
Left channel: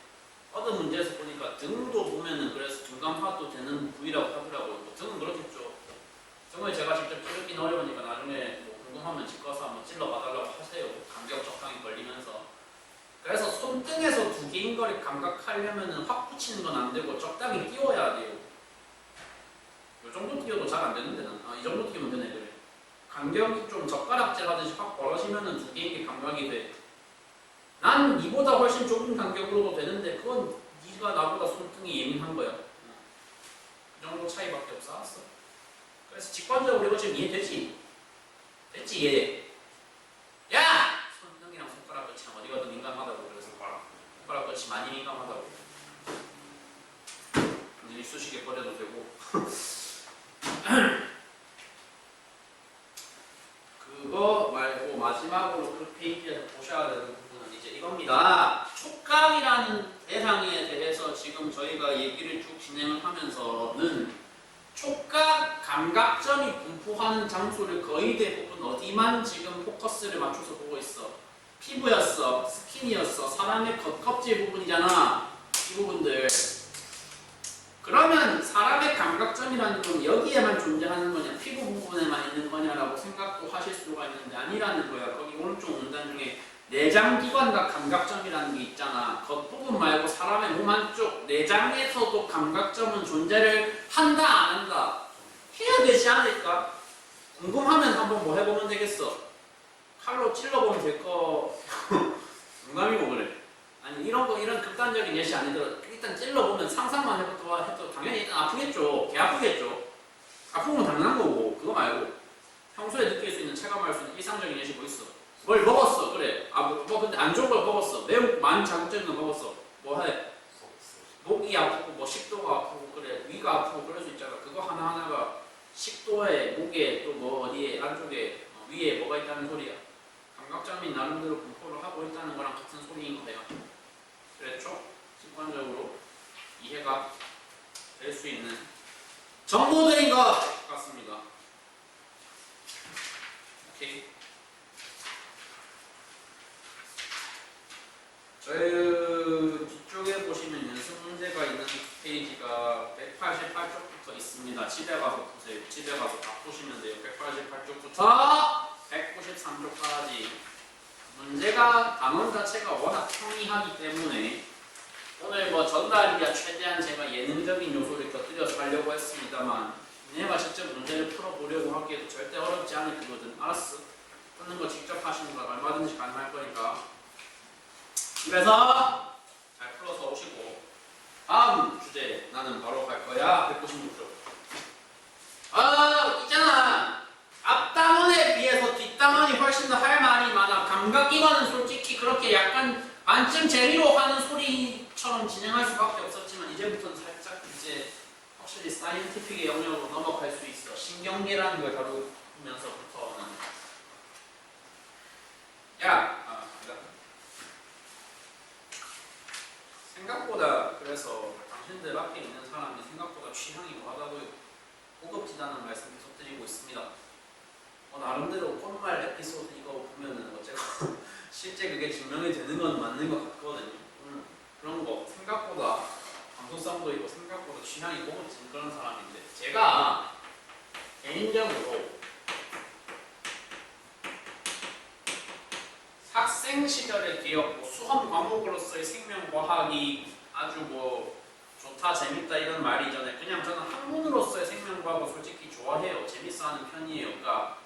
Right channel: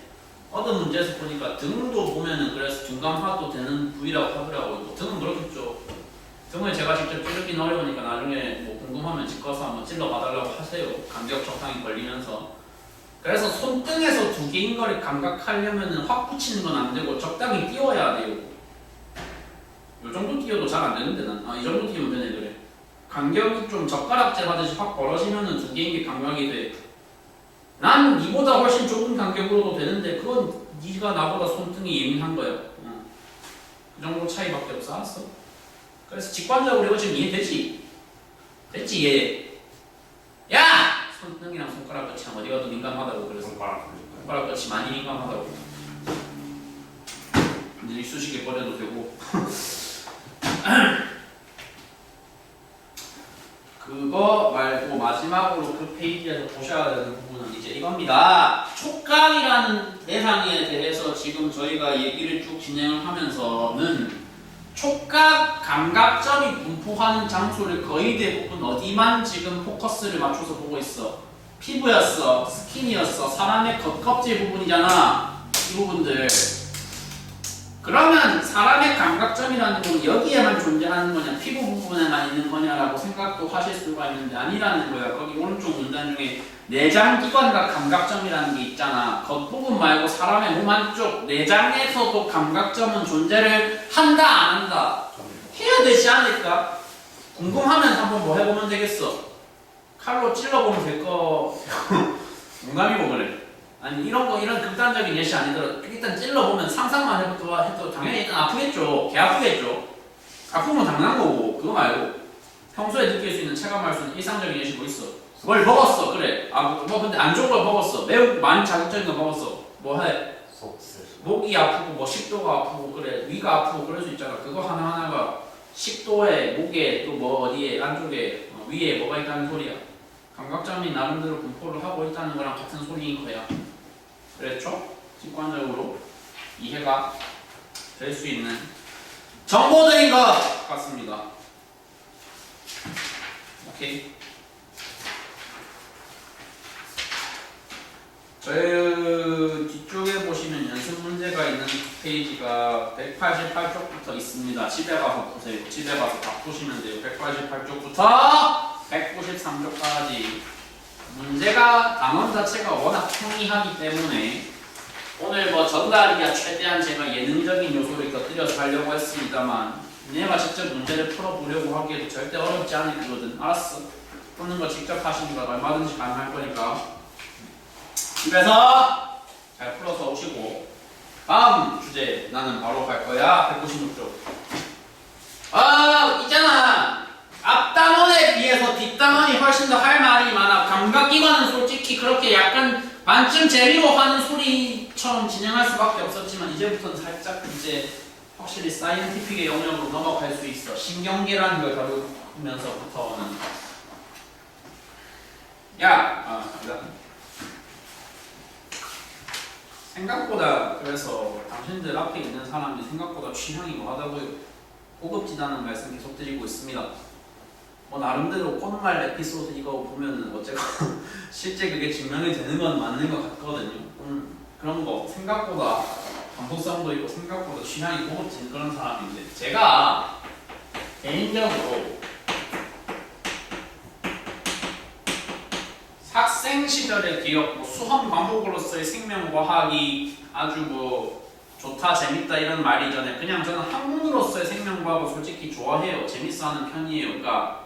어떤 문제에서 보니까 등도 보면은 그래서 둔감화도 되는 부위라고 하더라고요. 등은 그렇겠죠. 등을 제가 직접 찌르긴 어려우니까 나중에 뭐 궁금하면 집 가서 한번 찔러 봐달라고 하세요. 간격 적당히 걸리면서. 그래서 손등에서 두 개인 거를 감각하려면은 확 붙이는 건 안 되고 적당히 띄워야 돼요. 요 정도 띄워도 잘 안 되는데 난 이 정도 띄우면 되네. 그래. 간격이 좀 젓가락질 하듯이 확 벌어지면은 두 개인 게 감각이 돼. 난 이보다 훨씬 좁은 간격으로도 되는데 그건 네가 나보다 손등이 예민한 거야. 그 정도 차이밖에 없어. 알았어? 그래서 직관적으로 이거 지금 이해되지? 됐지 이해? 야! 손등이랑 손가락 끝이 어디가 더 민감하다고. 그래서 손가락 끝이 많이 민감하다고. 이제 수식에 버려도 되고. 그거 말고 마지막으로 그 페이지에서 보셔야 되는 부분은 이제 이겁니다. 촉각이라는 대상에 대해서 지금 저희가 얘기를 쭉 진행을 하면서는 촉각 감각점이 분포하는 장소를 거의 대부분 어디만 지금 포커스를 맞춰서 보고 있어. 피부였어, 스킨이었어, 사람의 겉껍질 부분이잖아. 이 부분들. 그러면 사람의 감각점이라는 건 여기에만 존재하는 거냐, 피부 부분에만 있는 거냐라고 생각도 하실 수가 있는데 아니라는 거야. 거기 오른쪽 문단 중에 내장기관과 감각점이라는 게 있잖아. 겉부분 말고 사람의 몸 한쪽 내장에서도 감각점은 존재를 한다 안 한다? 해야 되지 않을까? 궁금하면 한번 뭐 해보면 되겠어. 칼로 찔러보면 될 거. 농담이고 그래. 아니 이런 극단적인 예시 아니더라도 일단 찔러보면 상상만 해도 당연히 일단 아프겠죠. 개 아프겠죠. 아프면 당연한 거고. 그거 말고 평소에 느낄 수 있는, 체감할 수 있는 일상적인 예시 뭐 있어? 뭘 먹었어. 그래. 뭐 근데 안 좋은 걸 먹었어. 매우 많이 자극적인 걸 먹었어. 뭐 해? 목이 아프고 뭐 식도가 아프고 그래. 위가 아프고 그럴 수 있잖아. 그거 하나하나가 식도에, 목에, 또 뭐 어디에, 안쪽에, 위에 뭐가 있다는 소리야. 감각점이 나름대로 분포를 하고 있다는 거랑 같은 소리인 거야. 그랬죠? 직관적으로 이해가 될 수 있는 정보들인 것 같습니다. 오케이. 저희 뒤쪽에 보시면 연습 문제가 있는 페이지가 188쪽부터 있습니다. 집에 가서 보세요. 집에 가서 다 푸시면 돼요. 188쪽부터 193쪽까지. 문제가 단원 자체가 워낙 평이하기 때문에 오늘 뭐 전달이야 최대한 제가 예능적인 요소를 곁들여서 하려고 했습니다만 니네가 직접 문제를 풀어보려고 하기에도 절대 어렵지 않을 거거든. 알았어? 푸는 거 직접 하시는 건 얼마든지 가능할 거니까 집에서 잘 풀어서 오시고 다음 주제 나는 바로 갈 거야. 196쪽. 있잖아. 앞단원에 비해서 뒷단원이 훨씬 더 할 말이 많아. 감각기관은 솔직히 그렇게 약간 반쯤 재미로 하는 소리처럼 진행할 수밖에 없었지만 이제부터는 살짝 이제 확실히 사이언티픽의 영역으로 넘어갈 수 있어. 신경계라는 걸 다루면서부터는 생각보다 그래서 당신들 앞에 있는 사람이 생각보다 취향이 뭐하다고요. 고급지다는 말씀 계속 드리고 있습니다. 뭐 나름대로 콧말 에피소드 이거 보면은 어쨌건 실제 그게 증명이 되는 건 맞는 것 같거든요. 그런 거 생각보다 감수성도 있고 생각보다 취향이 고급진 그런 사람인데 제가 개인적으로 학생 시절의 기억, 뭐 수험 과목으로서의 생명과학이 아주 뭐 좋다, 재밌다 이런 말이 전에 그냥 저는 학문으로서의 생명과학을 솔직히 좋아해요. 재밌어하는 편이에요. 그러니까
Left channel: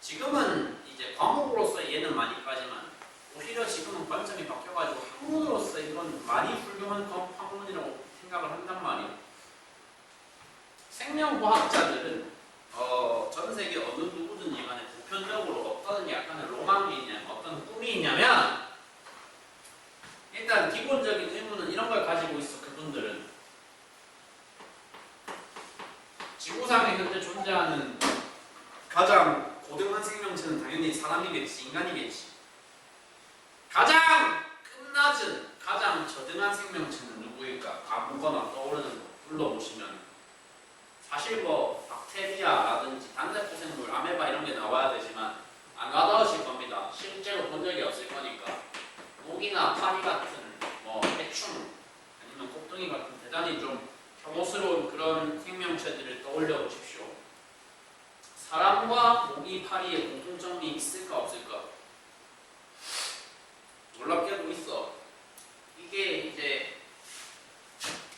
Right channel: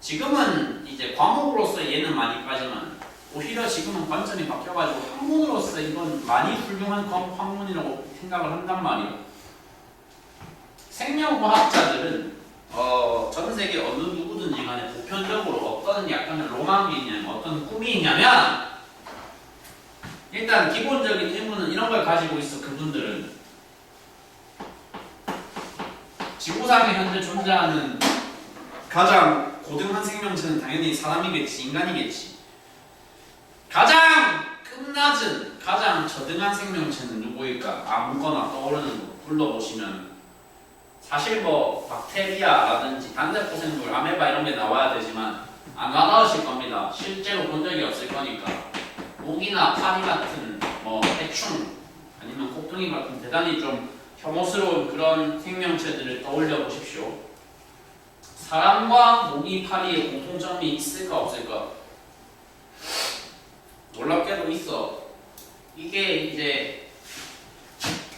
지금은 이제 과목으로서 얘는 많이 빠지만 오히려 지금은 관점이 바뀌어가지고 학문으로서 이건 많이 훌륭한 학문이라고 생각을 한단 말이에요. 생명과학자들은 전 세계 어느 누구든지 간에 보편적으로 어떤 약간의 로망이 있냐면 어떤 꿈이 있냐면 일단 기본적인 의무는 이런 걸 가지고 있어. 그분들은 지구상에 현재 존재하는 가장 고등한 생명체는 당연히 사람이겠지, 인간이겠지. 가장 끝낮은 가장 저등한 생명체는 누구일까? 아무거나 떠오르는 거 불러보시면 사실 뭐 박테리아라든지 단세포생물, 아메바 이런 게 나와야 되지만 안 나오실 겁니다. 실제로 본 적이 없을 거니까. 모기나 파리 같은 뭐 해충 아니면 곱둥이 같은 대단히 좀 혐오스러운 그런 생명체들을 떠올려 보십시오. 사람과 모기, 파리의 공통점이 있을까 없을까? 놀랍게도 있어. 이게 이제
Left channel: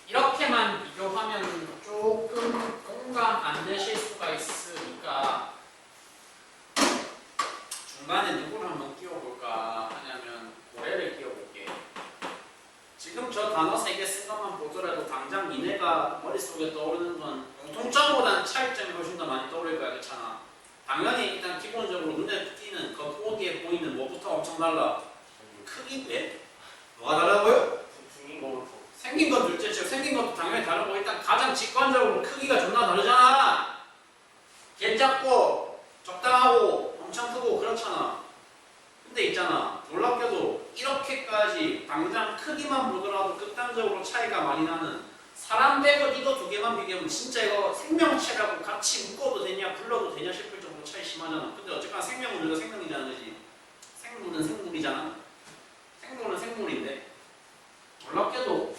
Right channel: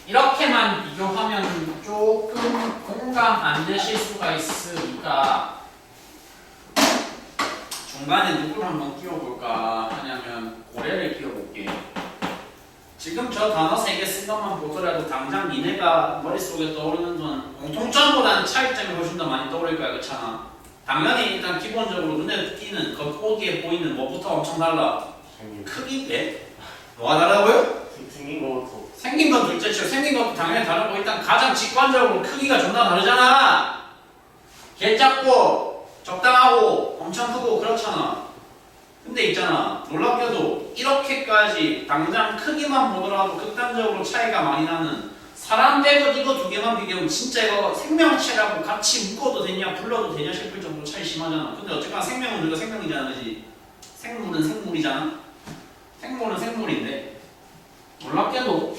이렇게만 비교하면 조금 공감 안 되실 수가 있으니까 중간에 누구를 한번 끼워볼까 하냐면 고래를 끼워볼게. 지금 저 단어 3개 쓴 것만 보더라도 당장 니네가 머릿속에 떠오르는 건 공통점보다는 차이점이 훨씬 더 많이 떠오를 거야. 그렇잖아. 당연히 일단 기본적으로 눈에 띄는 겉보기에 보이는 뭐부터 엄청 달라. 크기? 예? 뭐가 다르다고요? 생긴 것도 생긴 건 둘째치고 생긴 것도 당연히 다르고 일단 가장 직관적으로 크기가 존나 다르잖아. 개 작고 적당하고 엄청 크고 그렇잖아. 근데 있잖아, 놀랍게도 이렇게까지 당장 크기만 보더라도 극단적으로 차이가 많이 나는 사람 빼고 이거 두 개만 비교하면 진짜 이거 생명체라고 같이 묶어도 되냐 불러도 되냐 싶을 정도로 차이 심하잖아. 근데 어쨌거나 생명은 우리가 생명이잖아, 그지? 생물은 생물이잖아. 생물은 생물인데 놀랍게도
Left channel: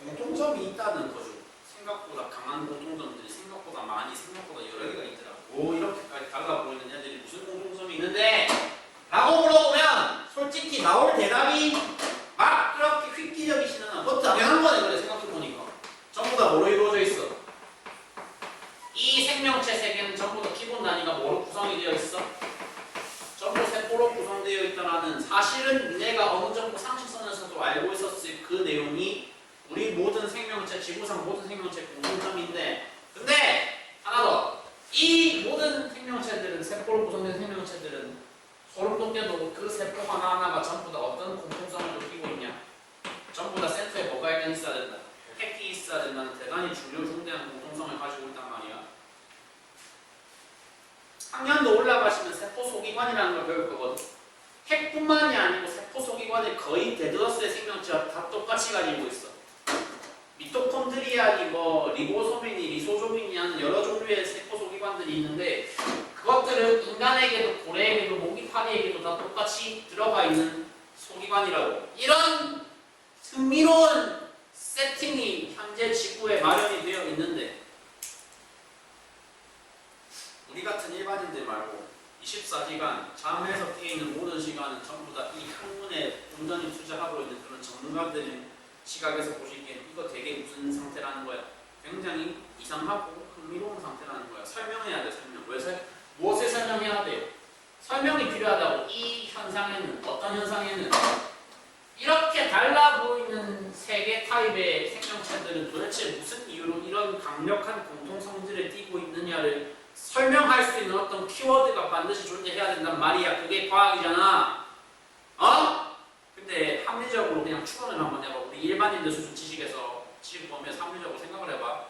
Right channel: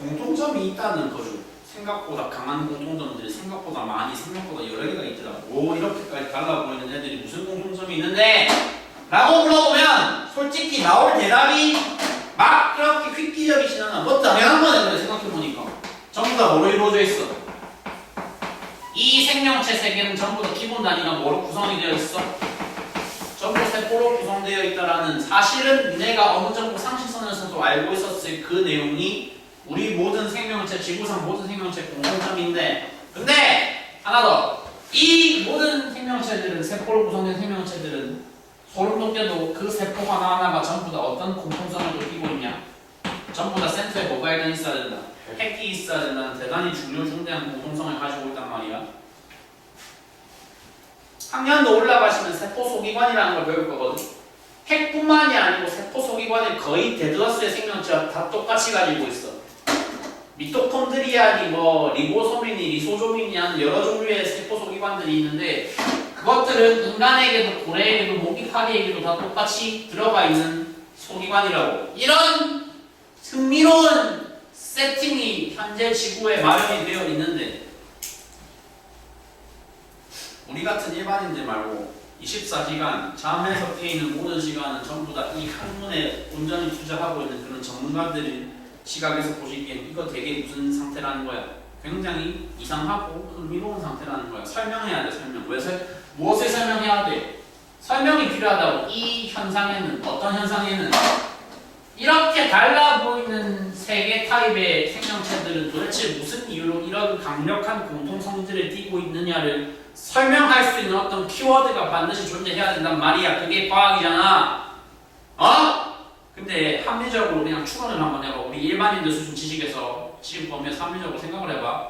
공통점이 있다는 거죠. 생각보다 강한 공통점들이 생각보다 많이 생각보다 여러 개가 있더라고. 오, 이렇게까지 달라 보이는 애들이 무슨 공통점이 있는데? 라고 물어보면 솔직히 나올 대답이 막 이렇게 획기적이진 않아. 뭐 당연한 거네. 그래 생각해보니까 전부 다 뭐로 이루어져 있어? 이 생명체 세계는 전부 다 기본 단위가 뭐로 구성이 되어 있어? 전부 세포로 구성되어 있다라는 사실은 니네가 어느 정도 상식선에서도 알고 있었을 그 내용이 우리 모든 생명체, 지구상 모든 생명체 공통점인데, 근데 하나 더, 이 모든 생명체들은, 세포로 구성된 생명체들은 소름 돋게도 그 세포 하나하나가 전부 다 어떤 공통성을 띠고 있냐? 전부 다 센터에 뭐가 일단 있어야 된다. 핵이 있어야 된다는 대단히 중요중대한 공통성을 가지고 있단 말이야. 학년도 올라가시면 세포 소기관이라는 걸 배울 거거든. 핵뿐만이 아니고 세포 소기관의 거의 대다수의 생명체가 다 똑같이 가지고 있어. 미토콘드리아니 뭐 리보소민이 리소조민이 하는 여러 종류의 세포 소기관들이 있는데 그것들은 인간에게도 고래에게도 모기파리에게도 다 똑같이 들어가 있는 소기관이라고. 이런 흥미로운 세팅이 현재 지구에 마련이 되어 있는데 우리 같은 일반인들 말고 24시간 잠에서 깨 있는 모든 시간은 전부 다 이 학문에 온전히 투자하고 있는 그런 전문가들의 시각에서 보시기엔 이거 되게 무슨 상태라는 거야. 굉장히 이상하고 흥미로운 상태라는 거야. 설명해야 돼. 설명. 무엇을 설명해야 돼? 설명이 필요하다고. 이 현상에는 어떤 현상에는 이렇게 달라 보이는 세 개 타입의 생명체들은 도대체 무슨 이유로 이런 강력한 공통성질을 띠고 있느냐를 설명할 수 있는 어떤 키워드가 반드시 존재해야 된단 말이야. 그게 과학이잖아. 어? 근데 합리적으로 그냥 추론을 한번 해봐. 우리 일반인들 수준 지식에서 지금 보면 합리적으로 생각을 해봐.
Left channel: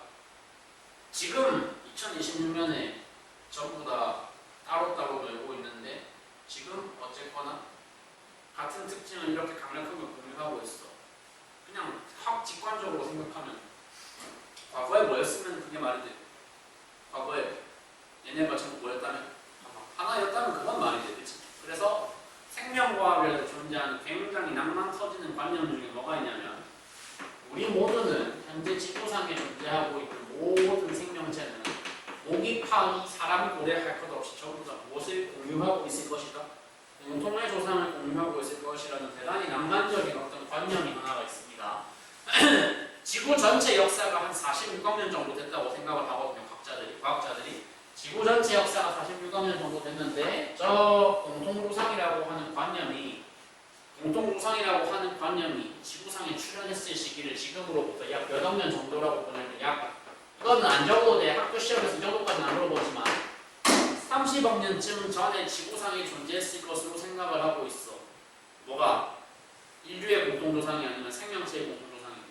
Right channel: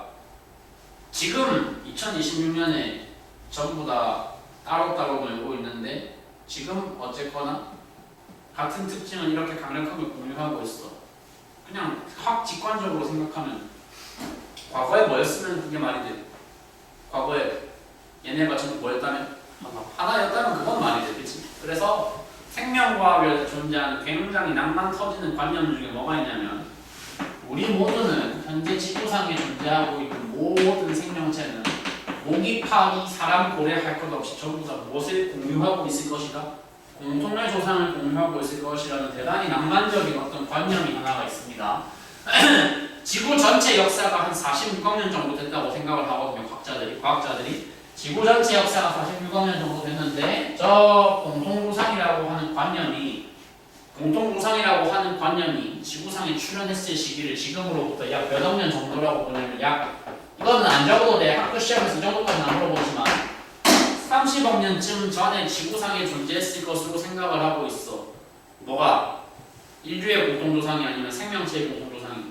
지금 2026년에 전부 다 따로따로 놀고 있는데 지금 어쨌거나 같은 특징은 이렇게 강력하게 공유하고 있어. 그냥 확 직관적으로 생각하면 과거에 뭐였으면 그게 말이 돼. 과거에 얘네가 전부 뭐였다면? 하나였다면 그건 말이 돼. 그치? 그래서 생명과학에 존재하는 굉장히 낭만 터지는 관념 중에 뭐가 있냐면 우리 모두는 현재 지구상에 존재하고 있는 모든 생명체는 모기, 파기, 사람, 고래 할 것 없이 전부 다 무엇을 공유하고 있을 것이다. 공통의 조상을 공유하고 있을 것이라는 대단히 낭만적인 어떤 관념이 하나가 있습니다. 지구 전체 역사가 한 46억 년 정도 됐다고 생각을 하거든요. 과학자들이 지구 전체 역사가 46억 년 정도 됐는데 저 공통조상이라고 하는 관념이 지구상에 출현했을 시기를 지금으로부터 약 몇 억 년 정도라고 보냐면 이거는 안 적어도 돼. 학교 시험에서 이 정도까지는 안 물어보지만 30억 년쯤 전에 지구상에 존재했을 것으로 생각을 하고 있어. 뭐가? 인류의 공통조상이 아니면 생명체의 공통조상이?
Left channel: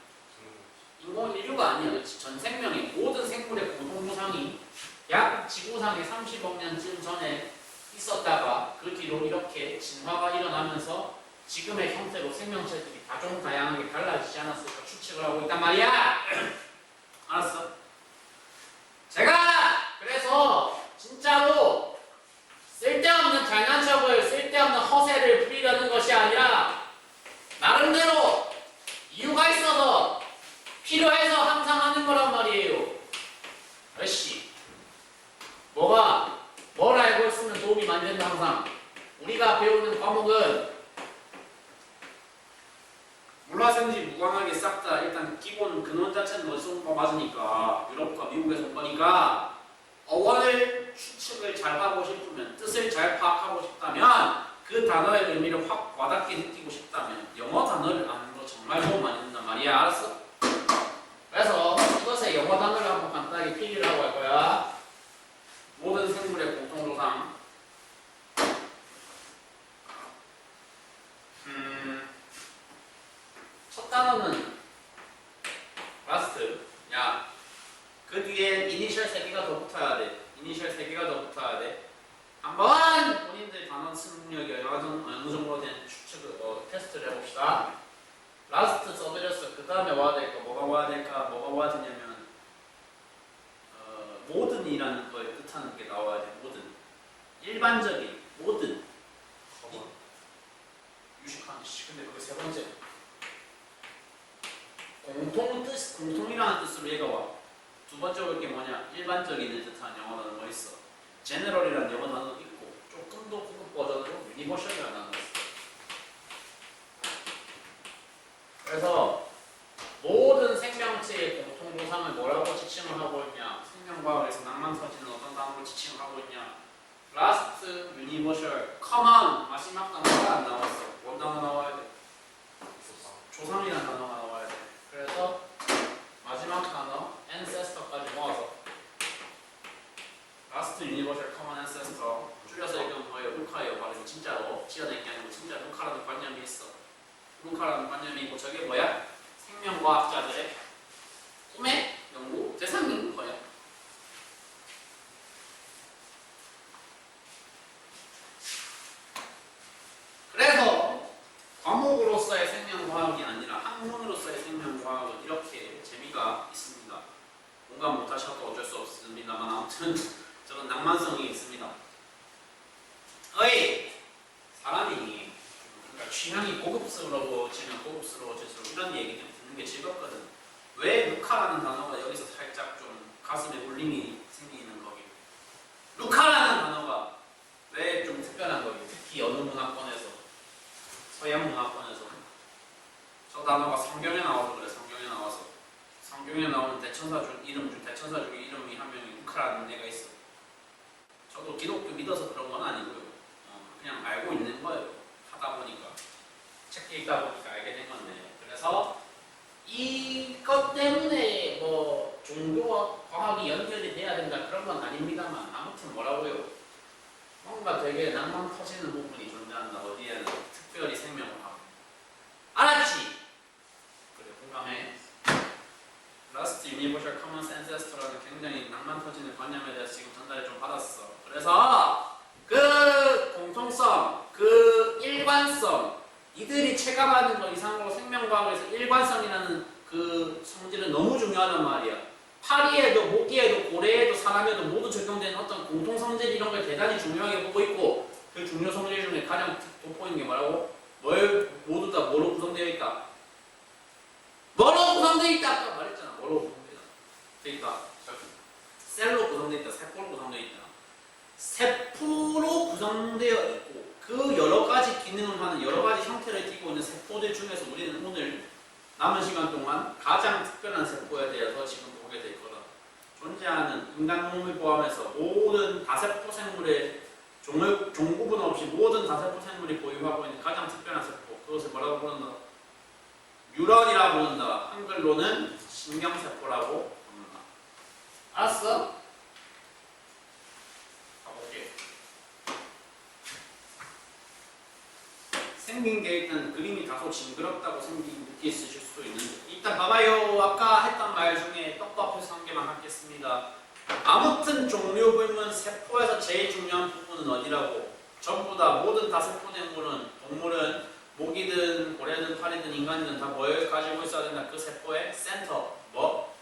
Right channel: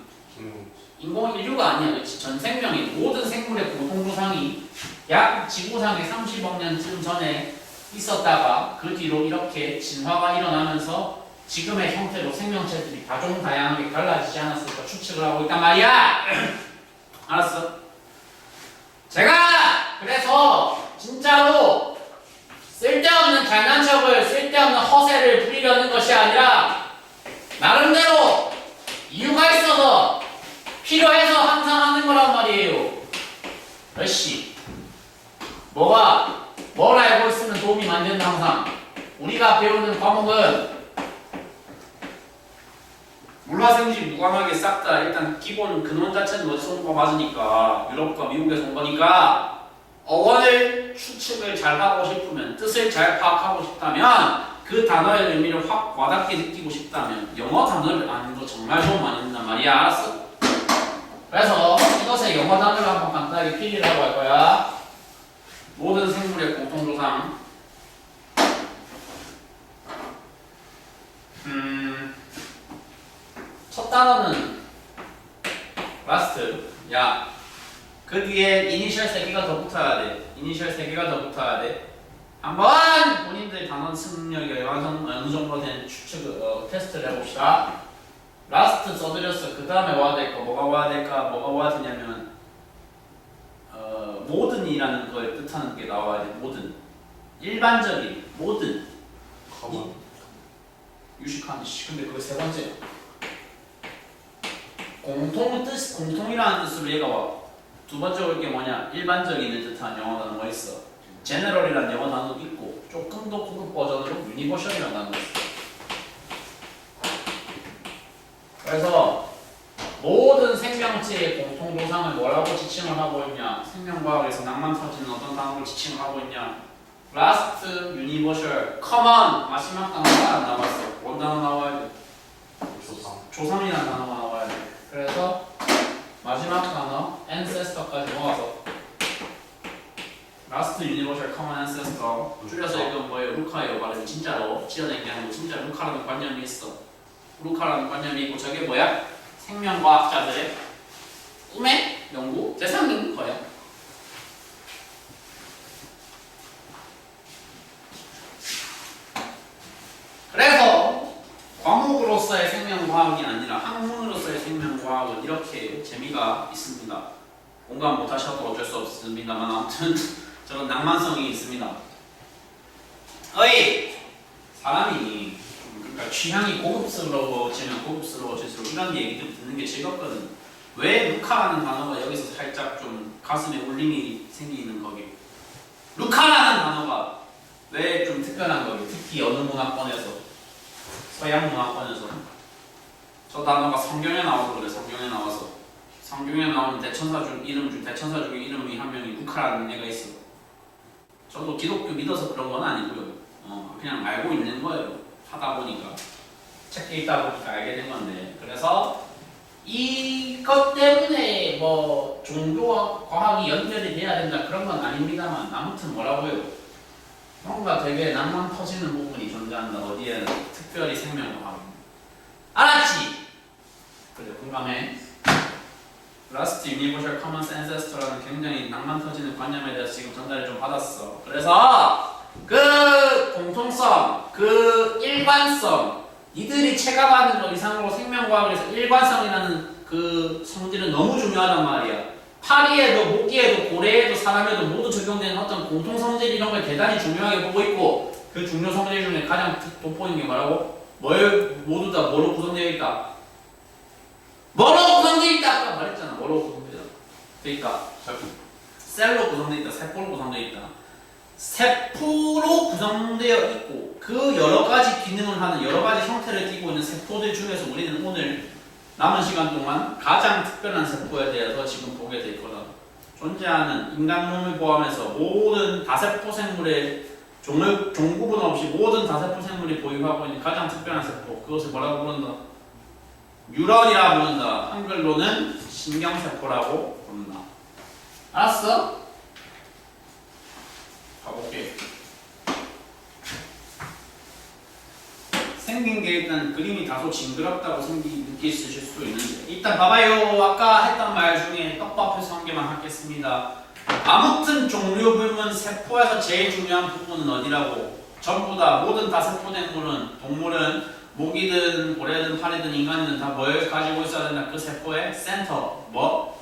인류가 아니야. 그렇지? 전 생명의 모든 생물의 공통조상이 약 지구상에 30억 년쯤 전에 있었다가 그 뒤로 이렇게 진화가 일어나면서 지금의 형태로 생명체들이 다종다양하게 갈라지지 않았을까 추측을 하고 있단 말이야. 알았어? 제가 그래서 진짜로 쓸데없는 잘난 척을 쓸데없는 허세를 부리려는 것이 아니라 나름대로 이유가 있어서 필요해서 항상 하는 거란 말이에요. 몇시 뭘 알고 있으면 도움이 많이 된다. 항상 우리가 배우는 과목은 물화생지 무관하게 싹 다 일단 기본 근원 자체는 어디서 온 거 맞으니까 유럽과 미국에서 온 거니까 어원을 추측을 잘 하고 싶으면 뜻을 잘 파악하고 싶다면 그 단어의 의미를 확 와닿게 느끼고 싶다면 영어 단어를 아는 거 정말 도움 많이 된단 말이야. 알았어? 그래서 이것의 영어 단어를 한번 간단하게 필기라고 할 거야. 모든 생물의 공통조상. 첫 단어는 라스트. 야, 그 뒤에 이니셜 3개가 더 붙어야 돼. 한번 본인들 단어 승력이 어느 정도 된 추측 테스트를 해봅시다. 라스트 써드렸어. 그 다음에 와야 될까? 뭐가 와야 되냐면 모든이라는 걸 뜻하는 게 나와야 돼. 모든. 일반적인 모든. 유식한 근데 그게 세 번째. 공통이라는 뜻으로 얘가 와. 두 번째 올 게 뭐냐? 일반적인을 뜻하는 영어 단어가 있어. general이라는 영어 단어도 있고 조금 더 고급 버전으로 universal이라는 단어가 있어. 그래서 모든 생명체의 공통조상을 뭐라고 지칭을 하고 있냐? 생명과학에서 낭만 터지는 어떤 단어로 지칭을 하고 있냐? last, universal, common 마지막 단어가 안 나왔어. 뭔 단어 나와야 돼? 조상이라는 단어가 나와야 돼. 그래서 마지막 단어 ancestor까지 모아서 last, universal, common ancestor 줄여서 읽으면 뭐예요? 루카예요. 발음이 진짜로 지어낸 게 아니고 진짜 루카라는 관념이 있어. 루카라는 관념이 있고 저게 뭐야? 생명과학자들의 꿈의 연구 대상인 거야. 그래서 과목으로서의 생명과학이 아니라 학문으로서의 생명과학은 이렇게 재미가 있습니다. 공감 못하셔도 어쩔 수 없습니다만 아무튼 저런 낭만성이 있습니다. 사람이 그러니까 취향이 고급스러워지면 고급스러워질수록 이런 얘기들 듣는 게 즐겁거든. 왜 루카라는 단어가 여기서 살짝 좀 가슴에 울림이 생기는 거기? 루카라는 단어가 왜 특히 어느 문화권에서 서양 문화권에서 저 단어가 성경에 나와서 그래. 성경에 나오는 대천사 중 대천사 중에 이름이 한 명이 루카라는 애가 있어. 저도 기독교 믿어서 그런 건 아니고요. 그냥 알고 있는 거예요. 하다 보니까 책 읽다 보니까 알게 된 건데, 그래서 이것 때문에 뭐 종교와 과학이 연결이 돼야 된다 그런 건 아닙니다만, 아무튼 뭐라고요? 뭔가 되게 낭만 터지는 부분이 존재한다. 어디에는 특별히 생명과학. 알았지? 그래, 공감해. Last Universal Common Ancestor라는 굉장히 낭만 터지는 관념에 대해서 지금 전달을 좀 받았어. 그래서 그 공통성, 그 일관성, 이들이 체감하는 것 이상으로 생명과학에서 일관성이라는 그 성질은 너무 중요하단 말이야. 파리에도 모기에도 고래에도 사람에도 모두 적용되는 어떤 공통성질 이런 걸 대단히 중요하게 보고 있고, 그 중요 성질 중에 가장 돋보이는 게 뭐라고? 모두 다 뭐로 구성되어 있다? 뭐로 구성되어 있다? 아까 말했잖아. 뭐로 구성되어 있다? 셀로 구성되어 있다. 세포로 구성되어 있다. 세포로 구성되어 있고 그 여러 가지 기능을 하는 여러 가지 형태를 띠고 있는 세포들 중에서 우리는 오늘 남은 시간 동안 가장 특별한 세포에 대해서 지금 보게 될 거다. 존재하는 인간 몸을 포함해서 모든 다세포 생물의 종구분 없이 모든 다세포 생물이 보유하고 있는 가장 특별한 세포, 그것을 뭐라고 부른다? 뉴런이라고 부른다. 한글로는 신경세포라고 부른다. 알았어? 가볼게. 생긴 게 일단 그림이 다소 징그럽다고 느끼실 수 있는데, 일단 봐봐요. 아까 했던 말 중에 떡밥해서 한 개만 하겠습니다. 아무튼 종류불문 세포에서 제일 중요한 부분은 어디라고? 전부 다 모든 다세포 동물은 모기든 고래든 파리든 인간이든 다 뭘 가지고 있어야 된다? 그 세포의 센터, 뭐?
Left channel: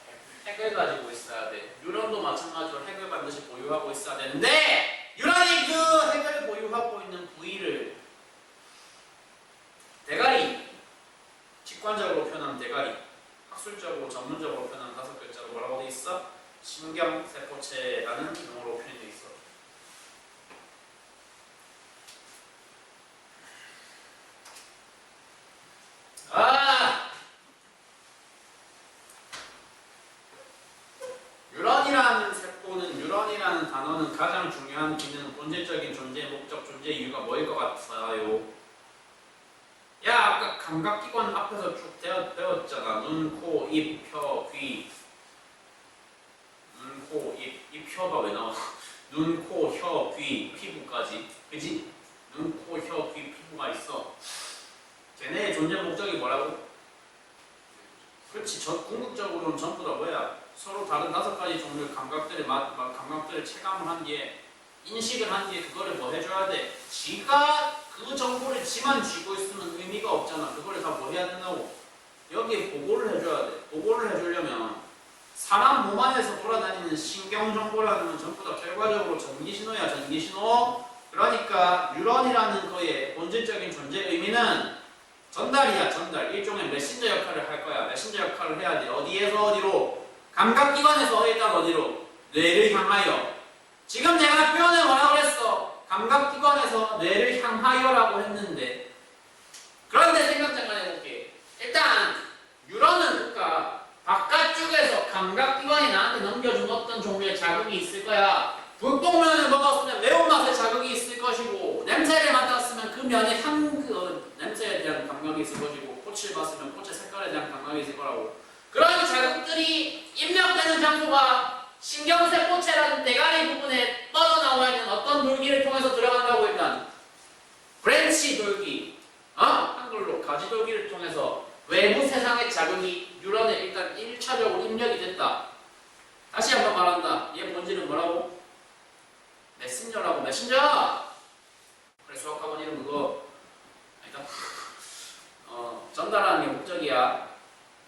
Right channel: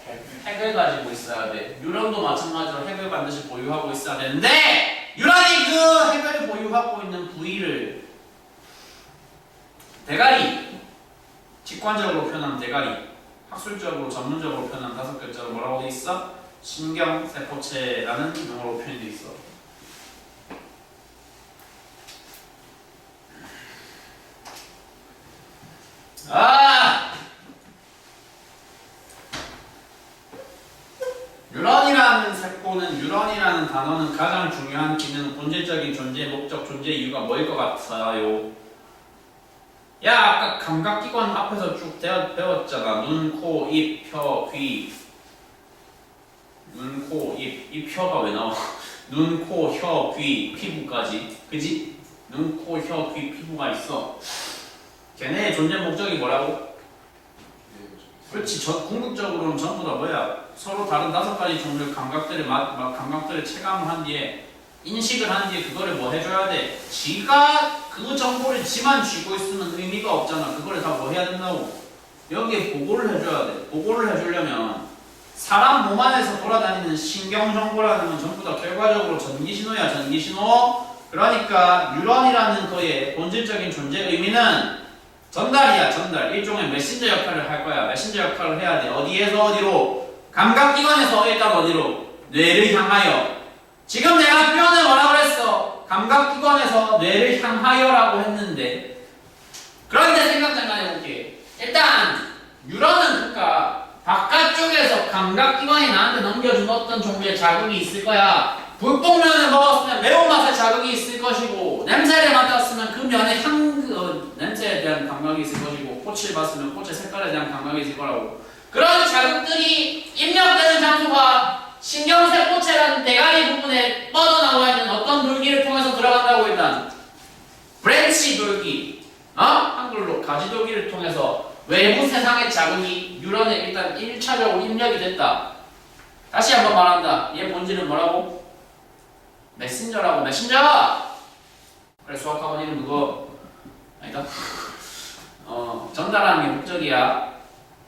핵을 가지고 있어야 돼. 뉴런도 마찬가지로 핵을 반드시 보유하고 있어야 되는데, 뉴런이 그 핵을 보유하고 있는 부위를 대가리, 직관적으로 표현하면 대가리, 학술적으로 전문적으로 표현하면 5글자로 뭐라고 돼 있어? 신경세포체라는 용어로 표현돼 있어. 뉴런이라는 세포는, 뉴런이라는 단어는 가장 중요한 기능, 본질적인 존재, 목적, 존재 이유가 뭐일 것 같아요? 야, 아까 감각기관 앞에서 쭉 배웠잖아. 눈, 코, 입, 혀, 귀. 눈, 코, 입. 이 혀가 왜 나와? 눈, 코, 혀, 귀, 피부까지. 그지? 눈, 코, 혀, 귀, 피부가 있어. 걔네의 존재 목적이 뭐라고? 그렇지. 궁극적으로는 전부 다 뭐야? 서로 다른 5가지 종류의 감각들을 체감을 한 뒤에, 인식을 한 뒤에 그거를 뭐 해줘야 돼? 지가 그 정보를 지만 쥐고 있으면 의미가 없잖아. 그거를 다 뭐 해야 된다고? 여기에 보고를 해줘야 돼. 보고를 해주려면 사람 몸 안에서 돌아다니는 신경 정보라는 건 전부 다 결과적으로 전기신호야. 전기신호. 그러니까 뉴런이라는 거의 본질적인 존재 의미는 전달이야. 전달. 일종의 메신저 역할을 할 거야. 메신저 역할을 해야 돼. 어디에서 어디로? 감각기관에서 일단 어디로? 뇌를 향하여. 지금 내가 표현을 뭐라고 했어? 감각기관에서 뇌를 향하여라고 했는데, 그런데 생각 잠깐 해볼게. 일단 뉴런은 그러니까 바깥쪽에서 감각기관이 나한테 넘겨준 어떤 종류의 자극이 있을 거야. 불복면을 먹었으면 매운맛의 자극이 있을 것이고, 냄새를 맡았으면 그 면의 냄새에 대한 감각이 있을 것이고, 꽃을 봤으면 꽃의 색깔에 대한 감각이 있을 거라고. 그런 자극들이 입력되는 장소가 신경세포체라는 대가리 부분에 뻗어나와 있는 어떤 돌기를 통해서 들어간다고. 일단 브랜치 돌기, 한글로 가지 돌기를 통해서 외부 세상의 자극이 뉴런에 일단 1차적으로 입력이 됐다. 다시 한번 말한다. 얘 본질은 뭐라고? 메신저라고. 메신저! 그래, 수학학원 이름 그거 아니다. 전달하는 게 목적이야.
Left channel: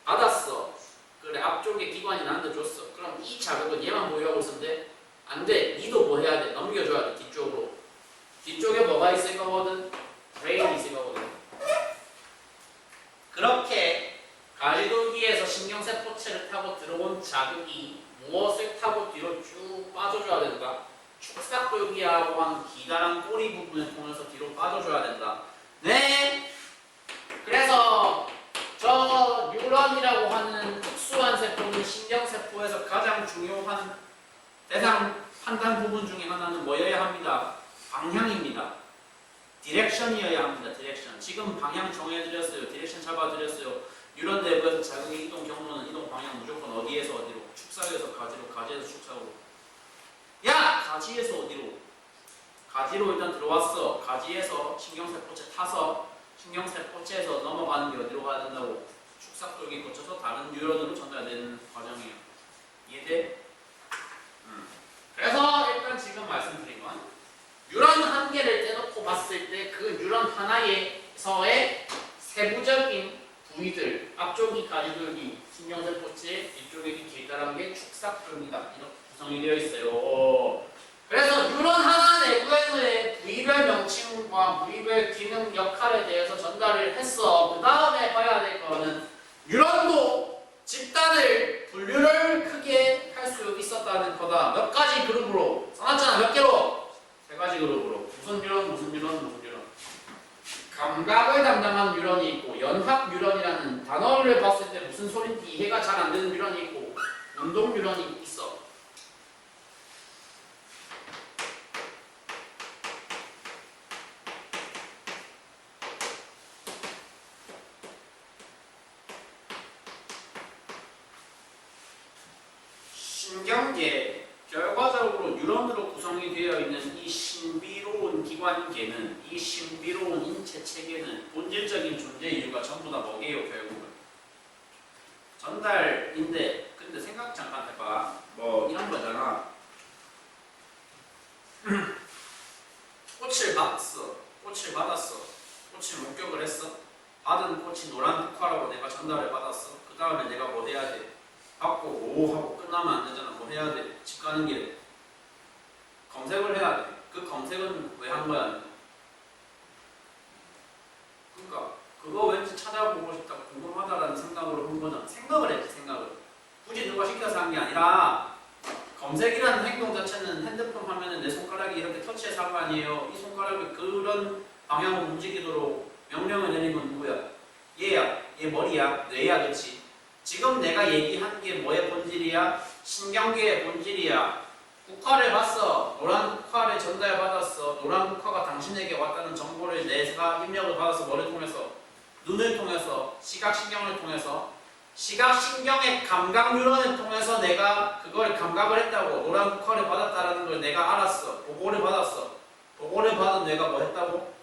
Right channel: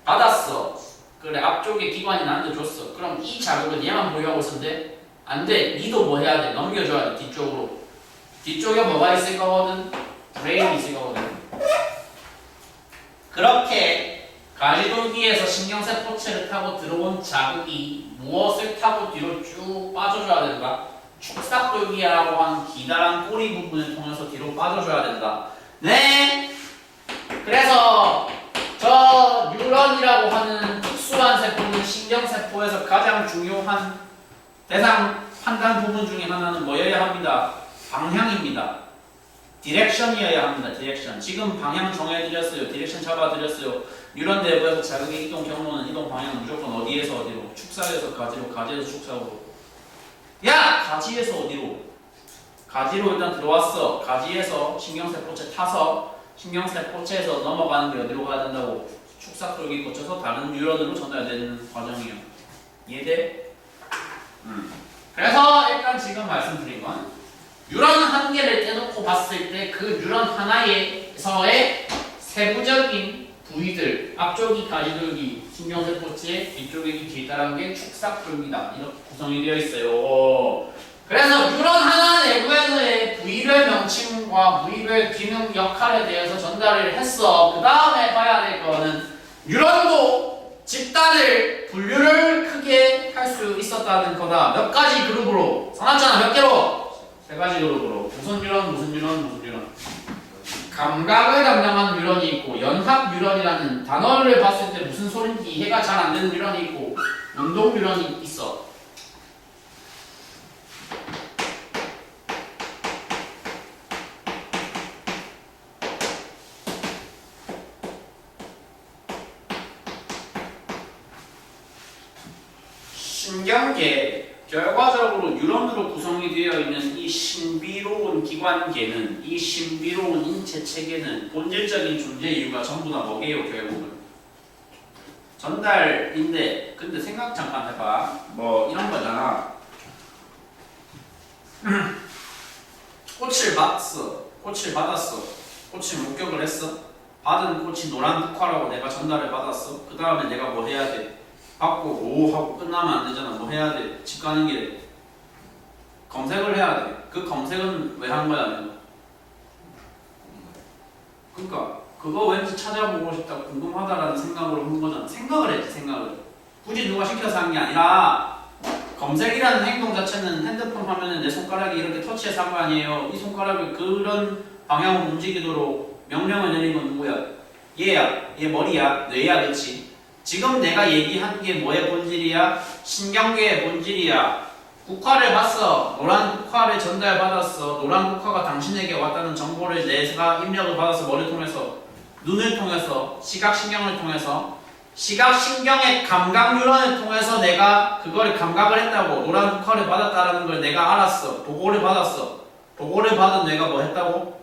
받았어. 그래, 앞쪽에 기관이 나한테 줬어. 그럼 이 자극은 얘만 보유하고 있었는데 안 돼. 니도 뭐 해야 돼? 넘겨줘야 돼. 뒤쪽으로. 뒤쪽에 뭐가 있을 거거든? 브레인이 있을 거거든. 그렇게 가지돌기에서 신경세포체를 타고 들어온 자극이 무엇을 타고 뒤로 쭉 빠져줘야 된다? 축삭돌기라고 하는 기다란 꼬리 부분을 통해서 뒤로 빠져줘야 된다. 네. 그래서 저 뉴런이라고 하는 특수한 세포는 신경세포에서 가장 중요한 대상 판단 부분 중에 하나는 뭐여야 합니다. 방향입니다. 디렉션이어야 합니다. 디렉션. 지금 방향 정해드렸어요. 디렉션 잡아드렸어요. 뉴런 내부에서 자극의 이동 경로는 이동 방향은 무조건 어디에서 어디로? 축삭에서 가지로, 가지에서 축삭으로. 야! 가지에서 어디로? 가지로 일단 들어왔어. 가지에서 신경세포체 타서 신경세포체에서 넘어가는 게 어디로 가야 된다고? 축삭돌기 거쳐서 다른 뉴런으로 전달되는 과정이에요. 이해돼? 그래서 일단 지금 말씀드린 건 뉴런 한 개를 떼놓고 봤을 때 그 뉴런 하나에서의 세부적인 부위들, 앞쪽이 가지돌기, 신경세포체, 뒤쪽이 길다란 게 축삭돌기다. 이렇게 구성이 되어 있어요. 그래서 뉴런 하나 내부에서의 부위별 명칭과 부위별 기능 역할에 대해서 전달을 했어. 그 다음에 봐야 될 거는 뉴런도 집단을 분류를 크게 할 수 있었다는 거다. 몇 가지 그룹으로 써놨잖아. 몇 개로? 세 가지 그룹으로. 무슨 뉴런, 무슨 뉴런, 무슨 뉴런. 감각을 담당하는 뉴런이 있고, 연합 뉴런이라는 단어를 봤을 때 무슨 소린지 이해가 잘 안 되는 뉴런이 있고, 운동 뉴런이 있어. 신경계, 결과적으로 뉴런으로 구성이 되어 있는 이 신비로운 기관계는, 이 신비로운 인체 체계는 본질적인 존재 이유가 전부 다 뭐게요? 결국은 전달인데, 근데 생각 잠깐 해봐. 뭐 이런 거잖아. 꽃을 봤어, 꽃을 받았어, 꽃을 목격을 했어. 받은 꽃이 노란 흑화라고 내가 전달을 받았어. 그 다음에 내가 뭐 해야 돼? 받고 오 하고 끝나면 안 되잖아. 뭐 해야 돼? 집 가는 길에 검색을 해야 돼. 그 검색은 왜 한 거야? 내가? 그러니까 그거 왠지 찾아보고 싶다, 궁금하다라는 생각으로 한 거잖아. 생각을 했지, 생각을. 굳이 누가 시켜서 한 게 아니라 검색이라는 행동 자체는 핸드폰 화면에 내 손가락이 이렇게 터치해서 한 거 아니에요. 이 손가락을 그런 방향으로 움직이도록 명령을 내린 건 누구야? 얘야. 얘 머리야. 뇌야. 그치? 지금 내가 얘기한 게 뭐의 본질이야? 신경계의 본질이야. 국화를 봤어. 노란 국화를 전달받았어. 노란 국화가 당신에게 왔다는 정보를 내가 입력을 받아서 머리를 통해서, 눈을 통해서, 시각신경을 통해서, 시각신경의 감각 뉴런을 통해서 내가 그걸 감각을 했다고. 노란 국화를 받았다는 걸 내가 알았어. 보고를 받았어. 보고를 받은 내가 뭐 했다고?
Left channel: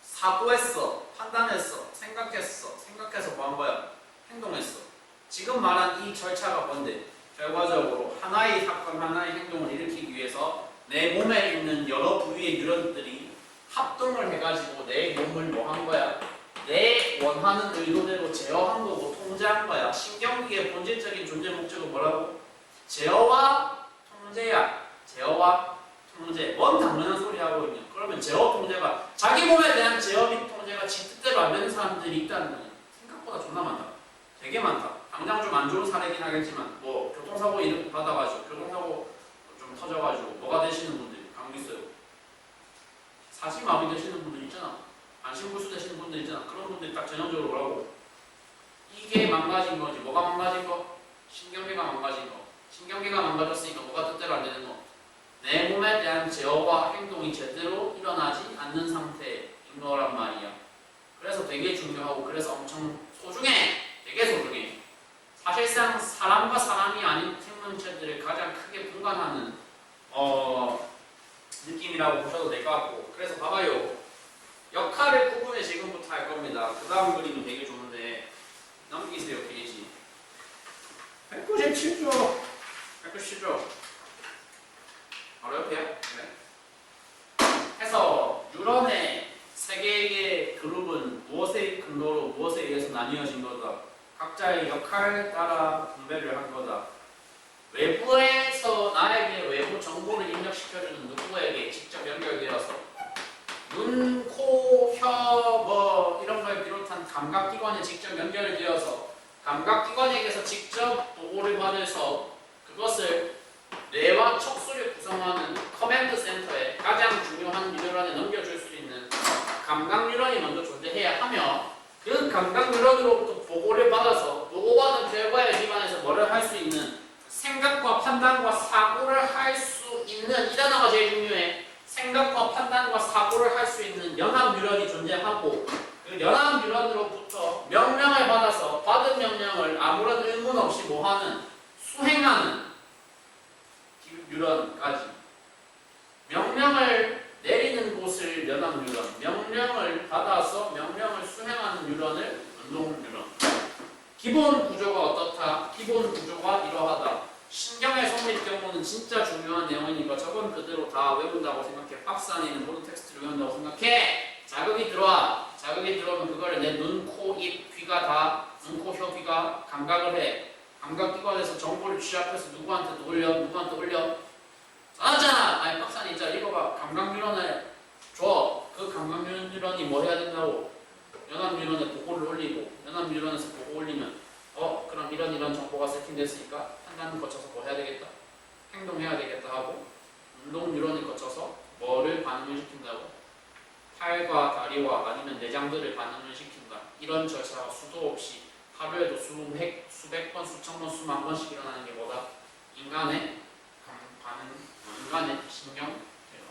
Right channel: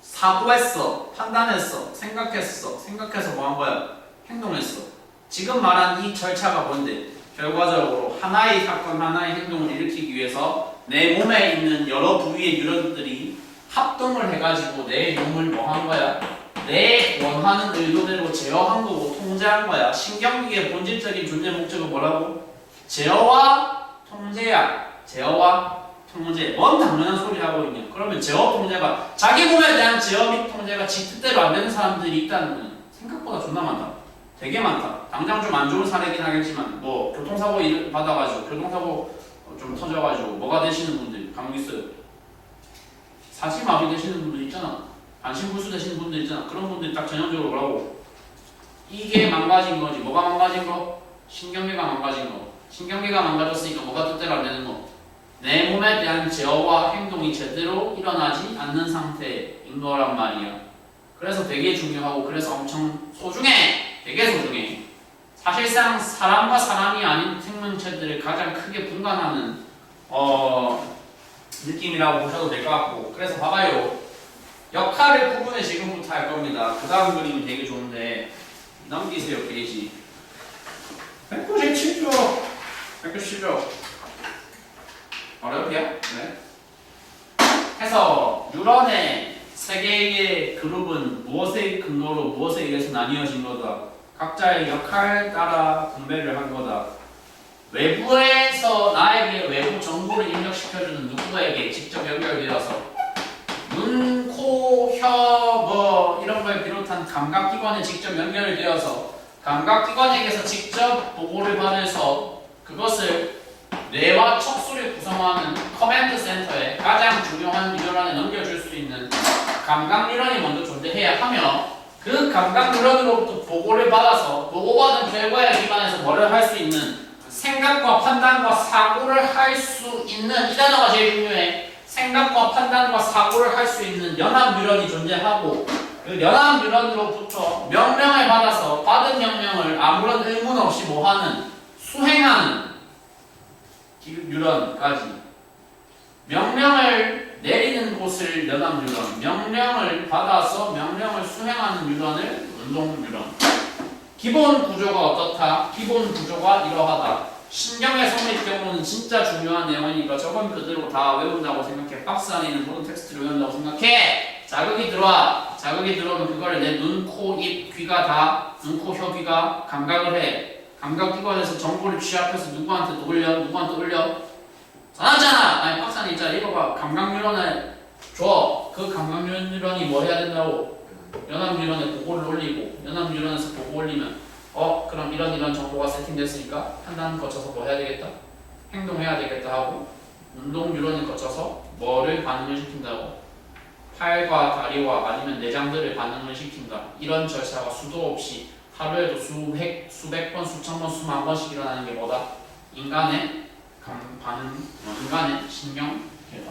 사고했어. 판단했어. 생각했어. 생각해서 뭐 한 거야? 행동했어. 지금 말한 이 절차가 뭔데? 결과적으로 하나의 사건, 하나의 행동을 일으키기 위해서 내 몸에 있는 여러 부위의 뉴런들이 합동을 해가지고 내 몸을 뭐 한 거야? 내 원하는 의도대로 제어한 거고 통제한 거야. 신경계의 본질적인 존재 목적은 뭐라고? 제어와 통제야. 제어와 통제. 뭔 당연한 소리 하고 있냐? 그러면 제어 통제가, 자기 몸에 대한 제어 및 통제가 지 뜻대로 안 되는 사람들이 있다는 거는 생각보다 존나 많다. 되게 많다. 당장 좀 안 좋은 사례긴 하겠지만, 뭐 교통사고 받아가지고 교통사고 좀 터져가지고 뭐가 되시는 분들 간혹 있어요. 사지마비 되시는 분들 있잖아. 반신불수 되시는 분들 있잖아. 그런 분들이 딱 전형적으로 뭐라고? 이게 망가진 거지. 뭐가 망가진 거? 신경계가 망가진 거. 신경계가 망가졌으니까 뭐가 뜻대로 안 되는 거? 내 몸에 대한 제어와 행동이 제대로 일어나지 않는 상태인 거란 말이야. 그래서 되게 중요하고, 그래서 엄청 소중해. 되게 소중해. 사실상 사람과 사람이 아닌 생명체들을 가장 크게 분간하는 느낌이라고 보셔도 될 것 같고, 그래서 봐봐요. 역할을 구분해 지금부터 할 겁니다. 그 다음 그림이 되게 좋은데 넘기세요. 페이지 197쪽 197쪽 어렵냐? 네. 해서 뉴런의 세 개의 그룹은 무엇의 근거로 무엇에 의해서 나뉘어진 거다. 각자의 역할 따라 분배를 한 거다. 외부에서 나에게 외부 정보를 입력시켜주는 누구에게 직접 연결되어서 눈, 코, 혀, 뭐 이런 걸 비롯한 감각기관에 직접 연결되어서 감각기관에게서 직접 보고를 받아서 그것을 뇌와 척수를 구성하는 커맨드 센터에 가장 중요한 뉴런에 넘겨줄 수 있는 감각 뉴런이 먼저 존재해야 하며 그 감각 뉴런으로부터 보고를 받아서 보고받은 결과에 기반해서 뭐를 할 수 있는 생각과 판단과 사고를 할 수 있는 이 단어가 제일 중요해. 생각과 판단과 사고를 할 수 있는 연합 뉴런이 존재하고 그 연합 뉴런으로부터 명령을 받아서 받은 명령을 아무런 의문 없이 뭐하는 수행하는 뉴런까지 명령을 내리는 곳을 연합 뉴런, 명령을 받아서 명령을 수행하는 뉴런을 운동 뉴런. 기본 구조가 어떻다? 기본 구조가 이러하다. 신경의 성립 경우는 진짜 중요한 내용이니까 저건 그대로 다 외운다고 생각해. 박스 안에 있는 모든 텍스트를 외운다고 생각해. 자극이 들어와. 자극이 들어오면 그거를 내 눈, 코, 입, 귀가 다 눈, 코, 혀, 귀가 감각을 해. 감각기관에서 정보를 취합해서 누구한테 올려? 누구한테 올려? 전하잖아. 아니 박스 안에 있잖아. 읽어봐. 감각 뉴런을 줘. 그 감각 뉴런이 뭐 해야 된다고? 연합 뉴런에 보고를 올리고 연합 뉴런에서 보고 올리면 그럼 이런 정보가 세팅됐으니까 판단 거쳐서 뭐 해야 되겠다? 행동해야 되겠다 하고 운동 뉴런을 거쳐서 뭐를 반응을 시킨다고? 팔과 다리와 아니면 내장들을 반응을 시킨다. 이런 절차가 수도 없이 하루에도 수백 번, 수천 번, 수만 번씩 일어나는 게 뭐다? 인간의 반응, 인간의 신경 결과.